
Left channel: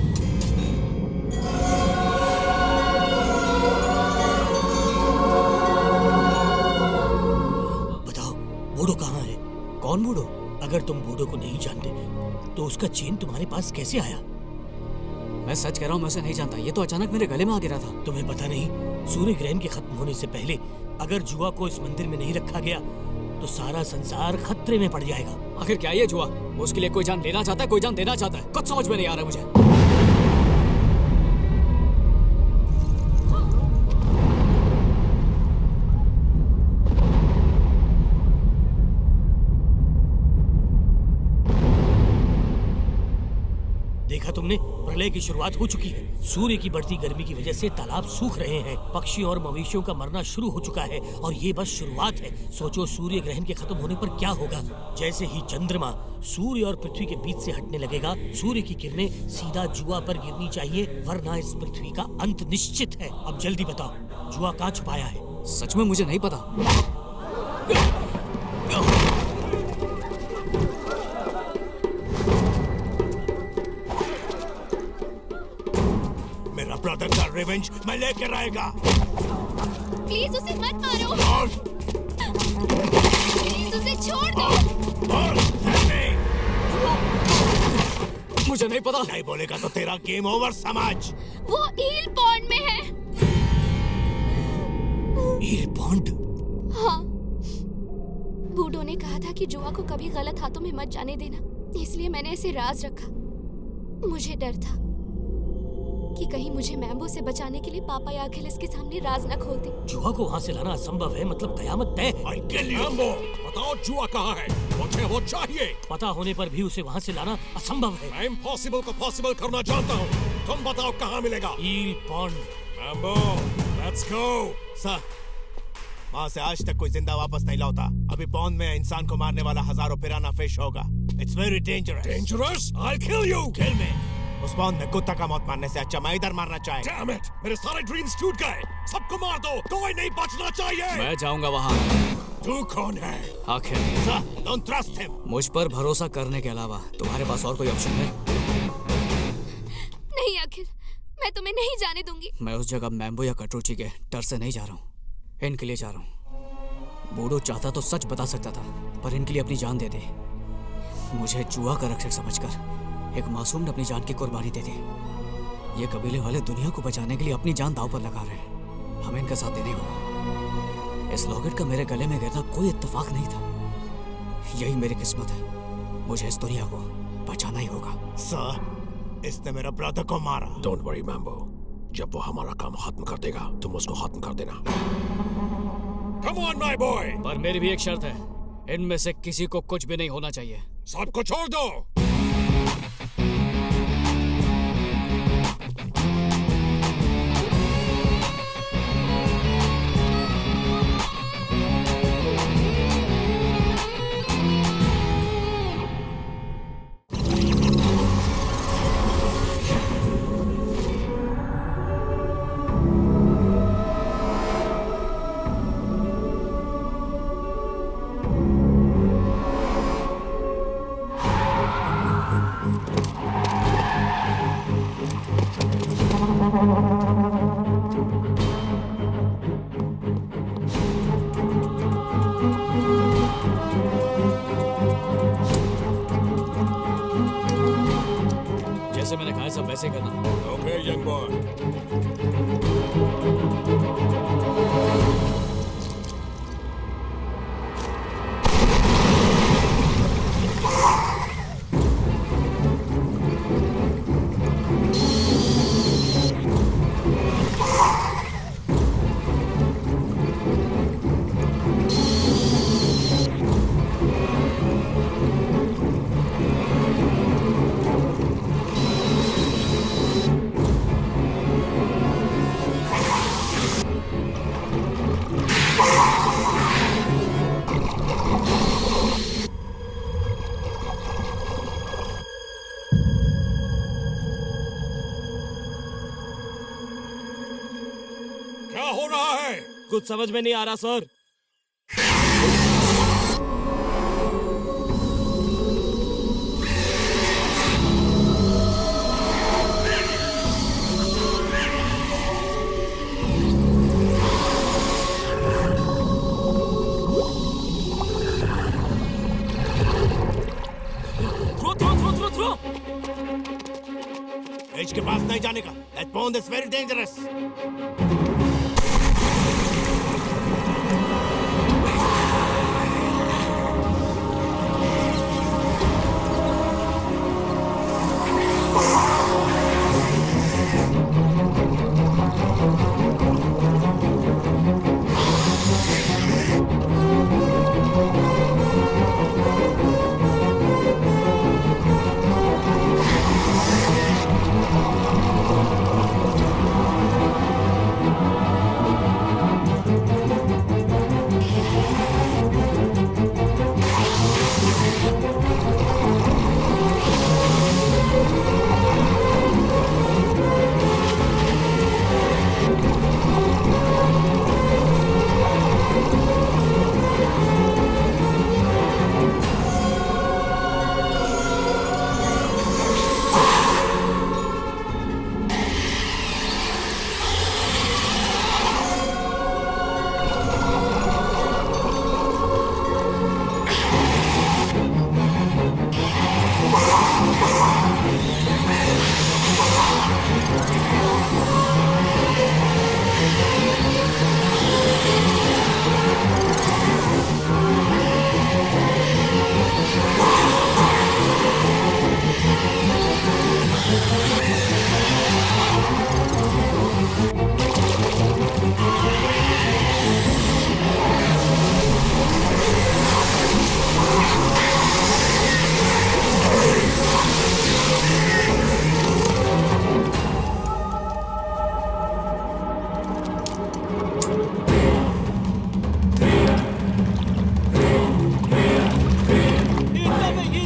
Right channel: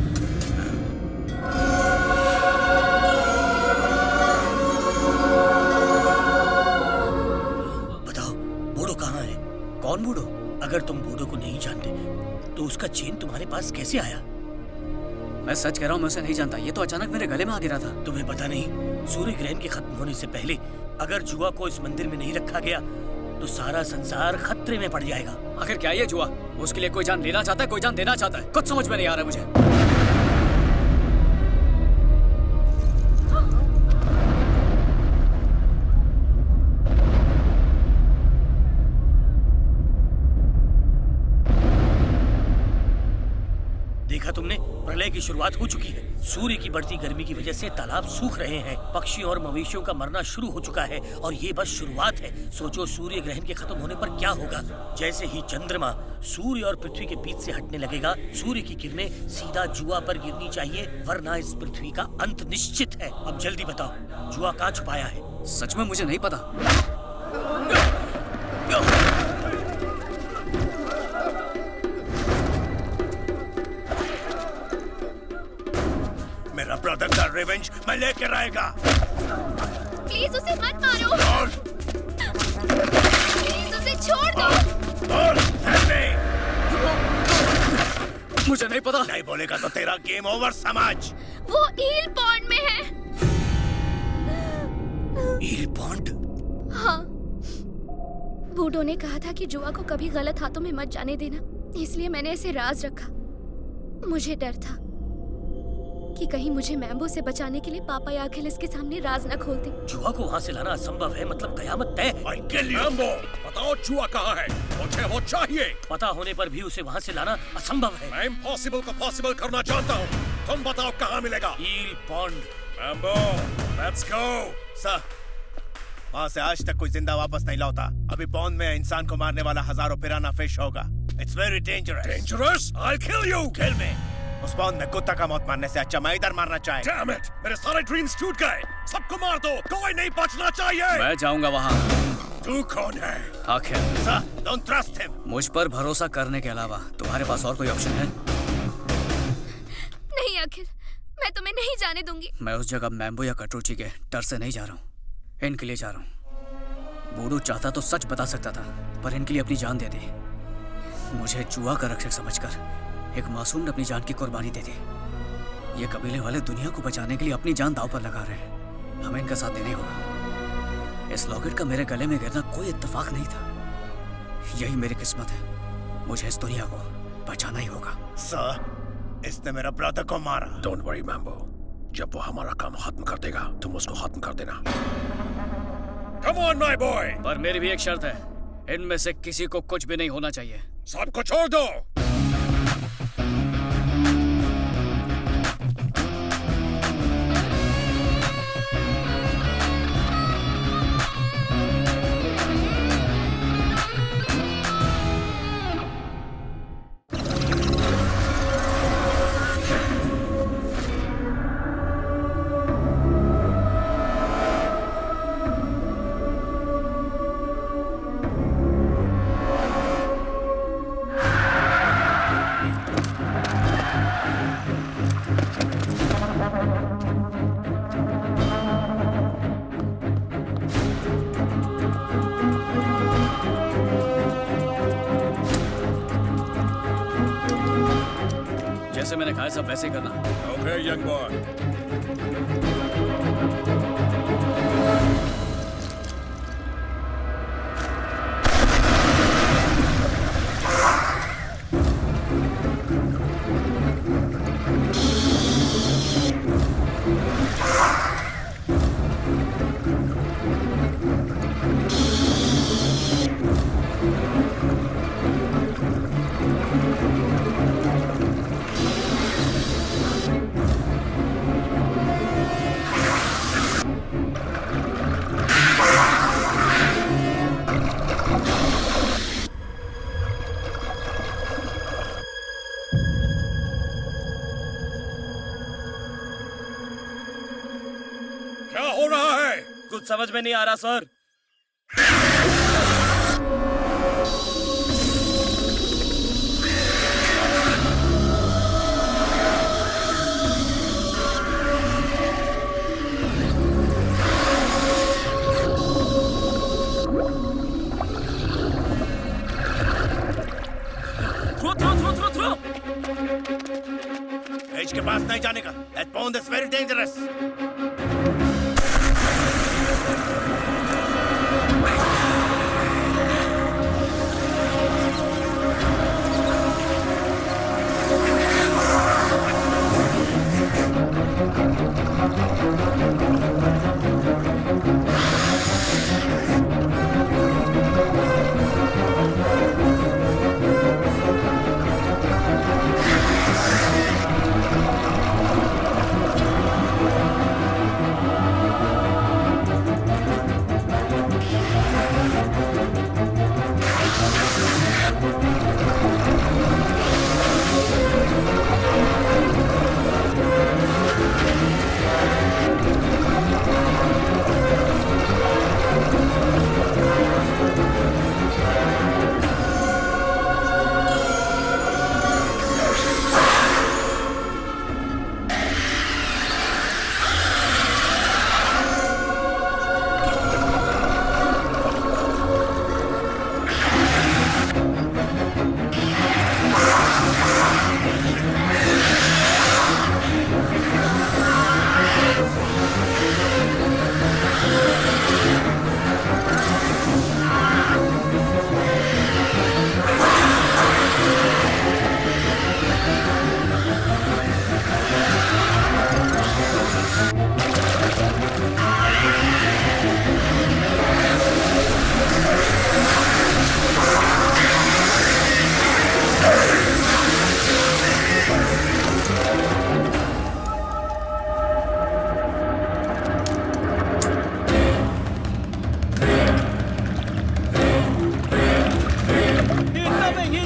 बताओ, बूढ़ो कहाँ है? कौन बूढ़ो? अगर तुम बूढ़ो को नहीं जानते तो उसका चेन तुम्हारे पास कैसे आया? मैं सच कह रहा हूँ, मैं उसे नहीं जानता। ये तो अचानक मेरे गले में आ गिरा था। तुम्हें पता नहीं, सूर्य ग्रहण के खत्म होने से पहले अगर जुआ को इस मंदिर में नहीं रखा गया तो सारा संसार खतरे में पड़ जाएगा। आखिर क्या ये जुआ? उसके लिए कोई जान लेना चाहता है, कोई जान देना चाहता है। कुछ समझ में नहीं आ रहा मुझे। देखा तुमने, प्रलय की शुरुआत हो चुकी है। सूर्य की बढ़ती गर्मी की वजह से तालाब सूख रहे हैं, पक्षियों और मवेशियों का मरना शुरू हो चुका है, और ये बस शुरुआत है। सोचो सूर्य ग्रहण के खत्म होने पर क्या होगा। जैसे ही चंद्रमा सूर्य और पृथ्वी के बीच से हटने लगेगा, सूर्य की किरणें सीधा जुआ पर गिरनी चाहिए, वरना इस पृथ्वी का अंत निश्चित है। अब जल्दी बताओ, जुआ कहाँ छुपाया है? सच में मुझे नहीं पता। मेरा ब्रदर का रिवेंज मैं लेकर आएगा। प्लीज उसे मत मारो। प्लीज उसे छोड़ दो। मुझे नहीं पता। नहीं बोलेगा तो तेरा गेम ओवर समझ। वो ईल पॉन्ड में है। ईल पॉन्ड? हाँ, बूढ़ों ने कहा था कि जुआ को कभी गलत हाथों में मत जाने देना, इसलिए मैंने इसे राज रखा। मुझे डर था। कि कहीं मुझे मैम्बो से बचाने के लिए पापा या अखिलेश के सामने राज न खोल दे। जुआ को वहाँ से लाना असंभव है, मतलब कयामत तय है। मैम्बो, बताओ जुआ कहाँ है? मुझे वो चाहिए। पता होने पर भी उसे वहाँ से लाना असंभव है। मैं इम्पॉसिबल को पॉसिबल करना जानता हूँ। तुम बताओ कहाँ मिलेगा? Eel pond. Mambo, let's go. Sir, वहाँ से आज तक कोई जिंदा वापस नहीं लौटा। अभी पॉन्ड में इंसान को मारने वाला हजारों पिराना फिश होगा। It's very dangerous. Dangerous? I'll kill you. किल मी। उस पॉन्ड में कुत्ता का मौत मारने से अच्छा मैं इधर मारना चाहता। Damn it! मेरे सारे ड्रीम्स टूट गए। सबको मार दो, कोई नहीं बचना चाहिए। मैं जाऊंगा वहाँ। तू कौन है? आखिर सर, डोंट ट्रस्ट हिम। मुझ पर भरोसा करने के अलावा तुम्हारे पास और कोई ऑप्शन है? नहीं आखिर, मैं तुम्हें नहीं जाने दूंगी। मैं उस जगह मैम्बो या कटरुची के डर से नहीं जा रहा हूँ, इनके लिए जा रहा हूँ। बूढ़ू चाहता तो सच बता सकता था, पर इनके लिए अपनी जान दे दी। मुझे जुआ का रक्षक समझकर एक मासूम ने अपनी जान की कुर्बानी दे दी। ये कबीले वाले दुनिया को बचाने के लिए अपनी जान दांव पर लगा रहे हैं। हमें इनका साथ देने होगा। इस लॉकेट का मेरे गले में गिरना कोई इत्तेफाक नहीं था। यही मेरी किस्मत है। मुझे इस दुनिया को बचाना ही होगा। सर, इसने मेरा ब्रदर को मारा। डोंट वरी मैम्बो, जब वो हमारा काम खत्म कर देगा तुम उसको खत्म कर देना। Come on, my boy! पर मेरी भी एक शर्त है, इनमें से किसी को कुछ भी नहीं होना चाहिए। सबको छोड़ दो। जैसे मैंने कहा सब वैसे ही करना। Okay, young boy. क्या हो रहा है? कुछ समझ में नहीं आ रहा सर। थ्रो। एज के पास नहीं जाने का। That pond is very dangerous.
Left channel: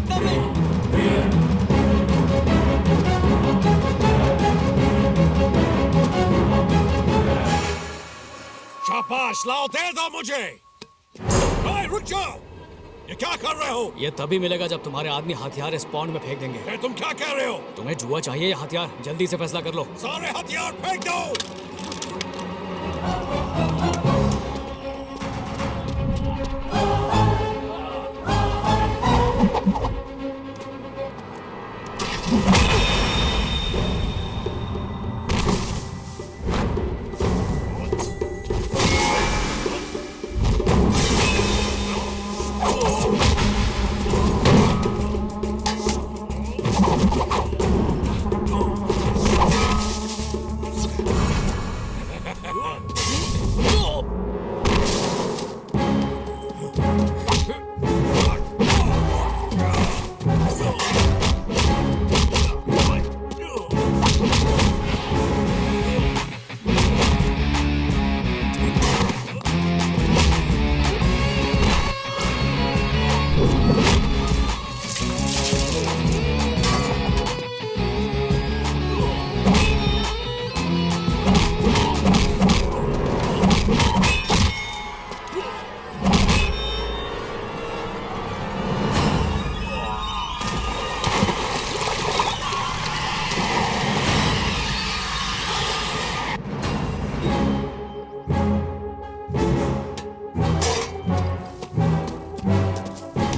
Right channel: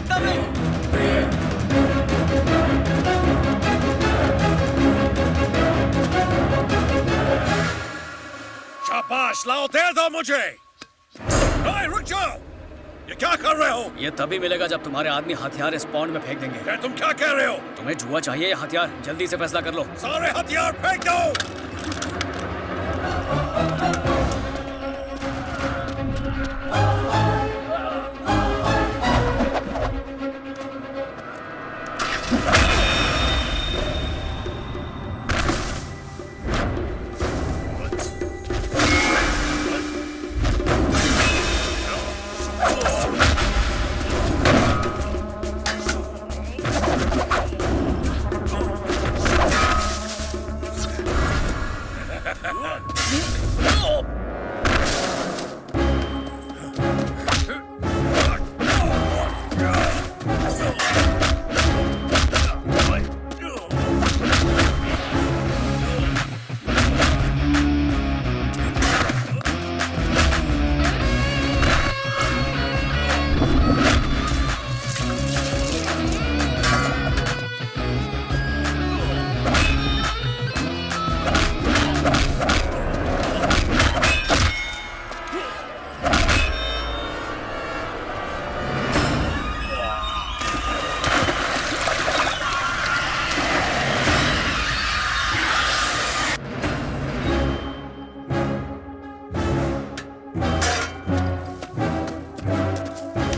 इतना भी शाबाश, लाओ दे दो मुझे। ओए, रुक जाओ, ये क्या कर रहे हो? ये तभी मिलेगा जब तुम्हारे आदमी हथियार इस पॉन्ड में फेंक देंगे। तुम क्या कह रहे हो? तुम्हें जुआ चाहिए या हथियार? जल्दी से फैसला कर लो। सारे हथियार फेंक दो।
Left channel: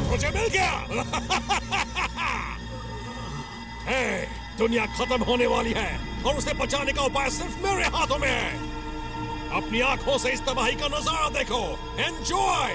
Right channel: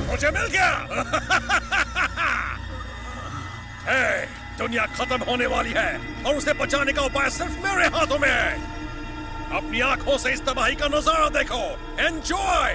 मुझे मिल गया। हे, दुनिया खत्म होने वाली है और उसे बचाने का उपाय सिर्फ मेरे हाथों में है। अपनी आंखों से इस तबाही का नजारा देखो। एंजॉय।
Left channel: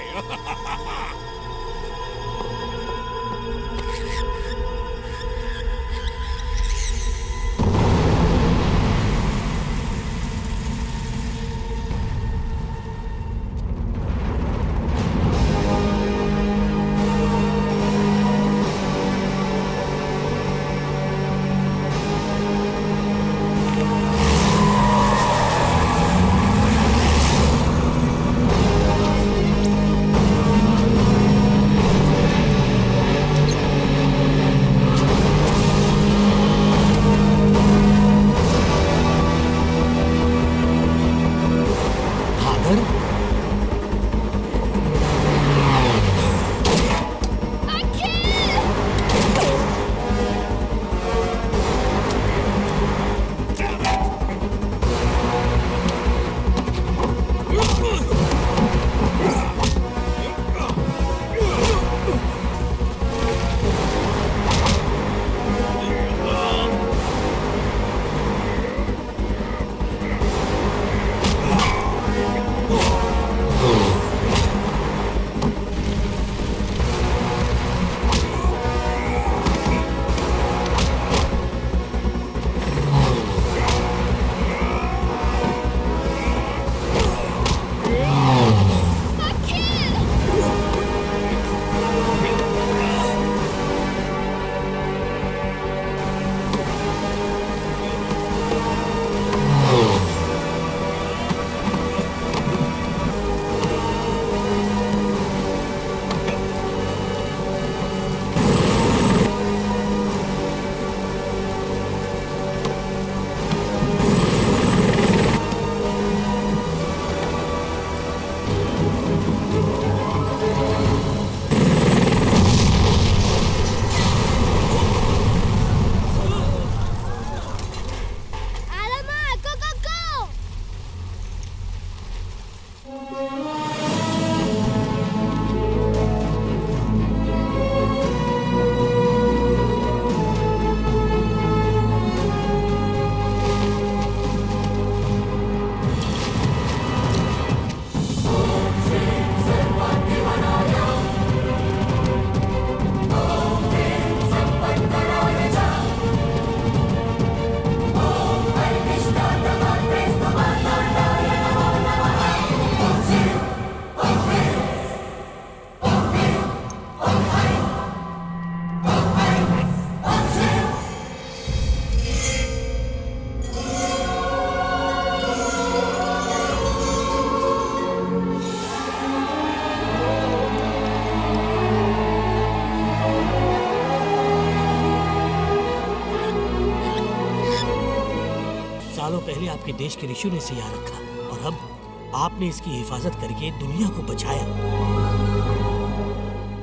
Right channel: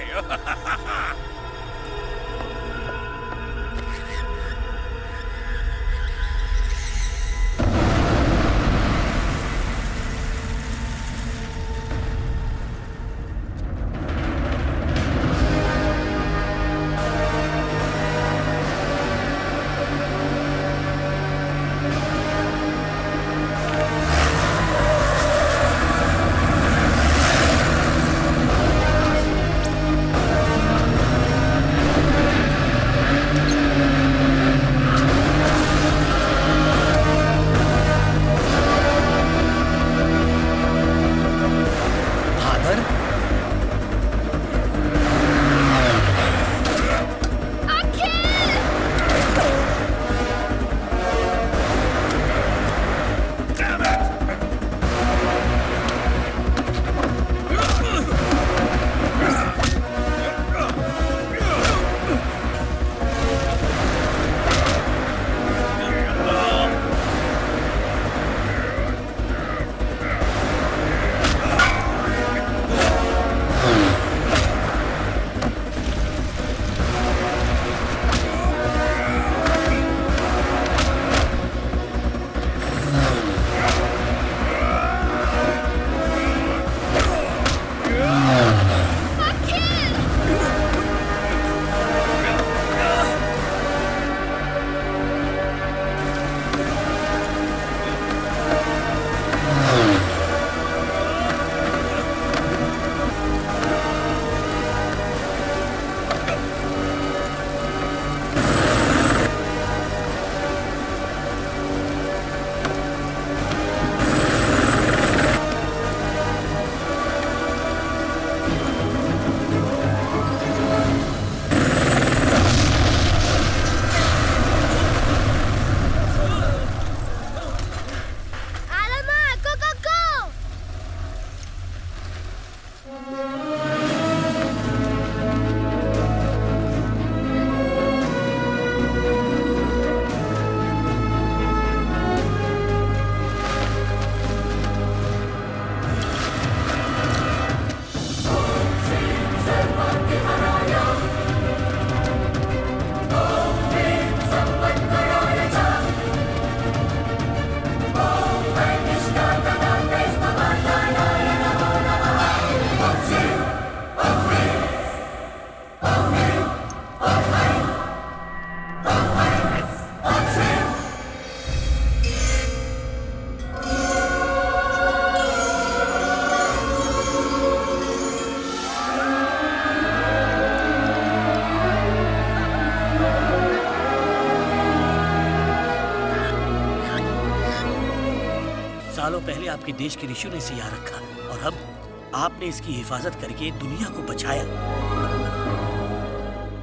सालों पहले आपके देश के ऋषियों ने इसे यहाँ रखा और अब आपने इसकी हिफाजत करके दुनिया को बचाया।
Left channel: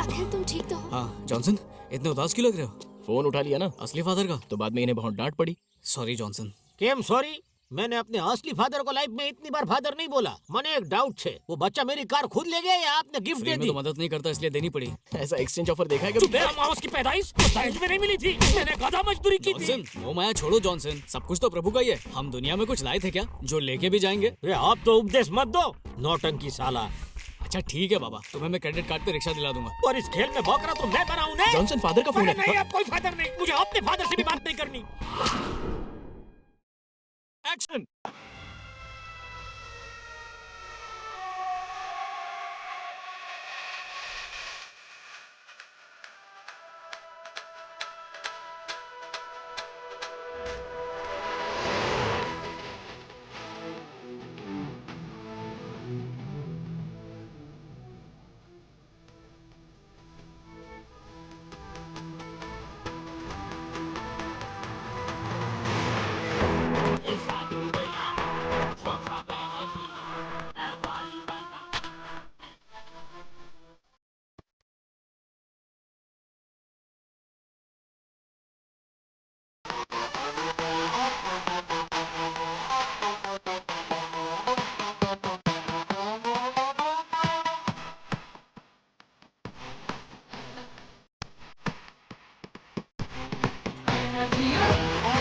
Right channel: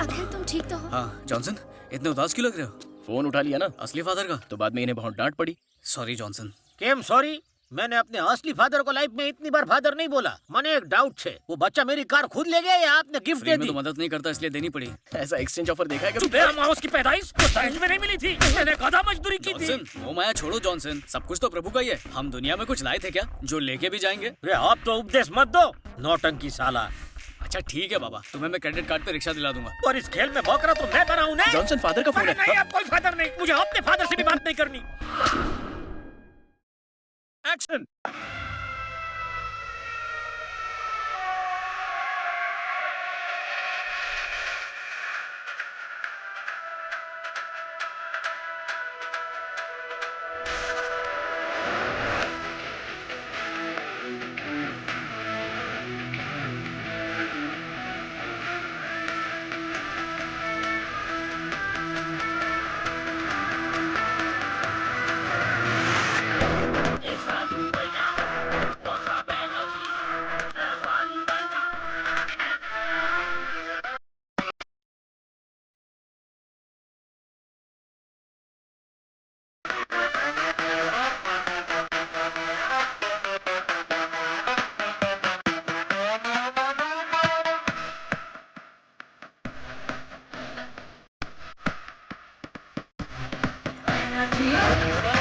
अखिल तुम ठीक तो हो? हाँ जॉनसन, इतने उदास क्यों लग रहे हो? फोन उठा लिया ना असली फादर का? तो बाद में इन्हें बहुत डांट पड़ी। Sorry Johnson. केम सॉरी? मैंने अपने असली फादर को लाइफ में इतनी बार फादर नहीं बोला। मैंने एक डाउट छे, वो बच्चा मेरी कार खुद ले गया या आपने गिफ्ट दे दी? तो मदद नहीं करता इसलिए देनी पड़ी। ऐसा एक्सचेंज ऑफर देखा है कभी? मेरा माउस की पैदाइश तो दहेज में नहीं मिली थी, मैंने गधा मजदूरी की थी। जॉनसन, वो माया छोड़ो जॉनसन, सब कुछ तो प्रभु का ही है। हम दुनिया में कुछ लाए थे क्या जो लेके भी जाएंगे? आप तो उपदेश मत दो, नौटंकी साला। अच्छा ठीक है बाबा, तुम्हें मैं क्रेडिट कार्ड पे रिक्शा दिला दूंगा। और इस खेल में बकरा तो मैं बनाऊं ना? जॉनसन फादर का फोन है। नहीं, अब कोई फादर नहीं, मुझे अपने फादर से भी बात नहीं करनी। एक्शन। Yeah.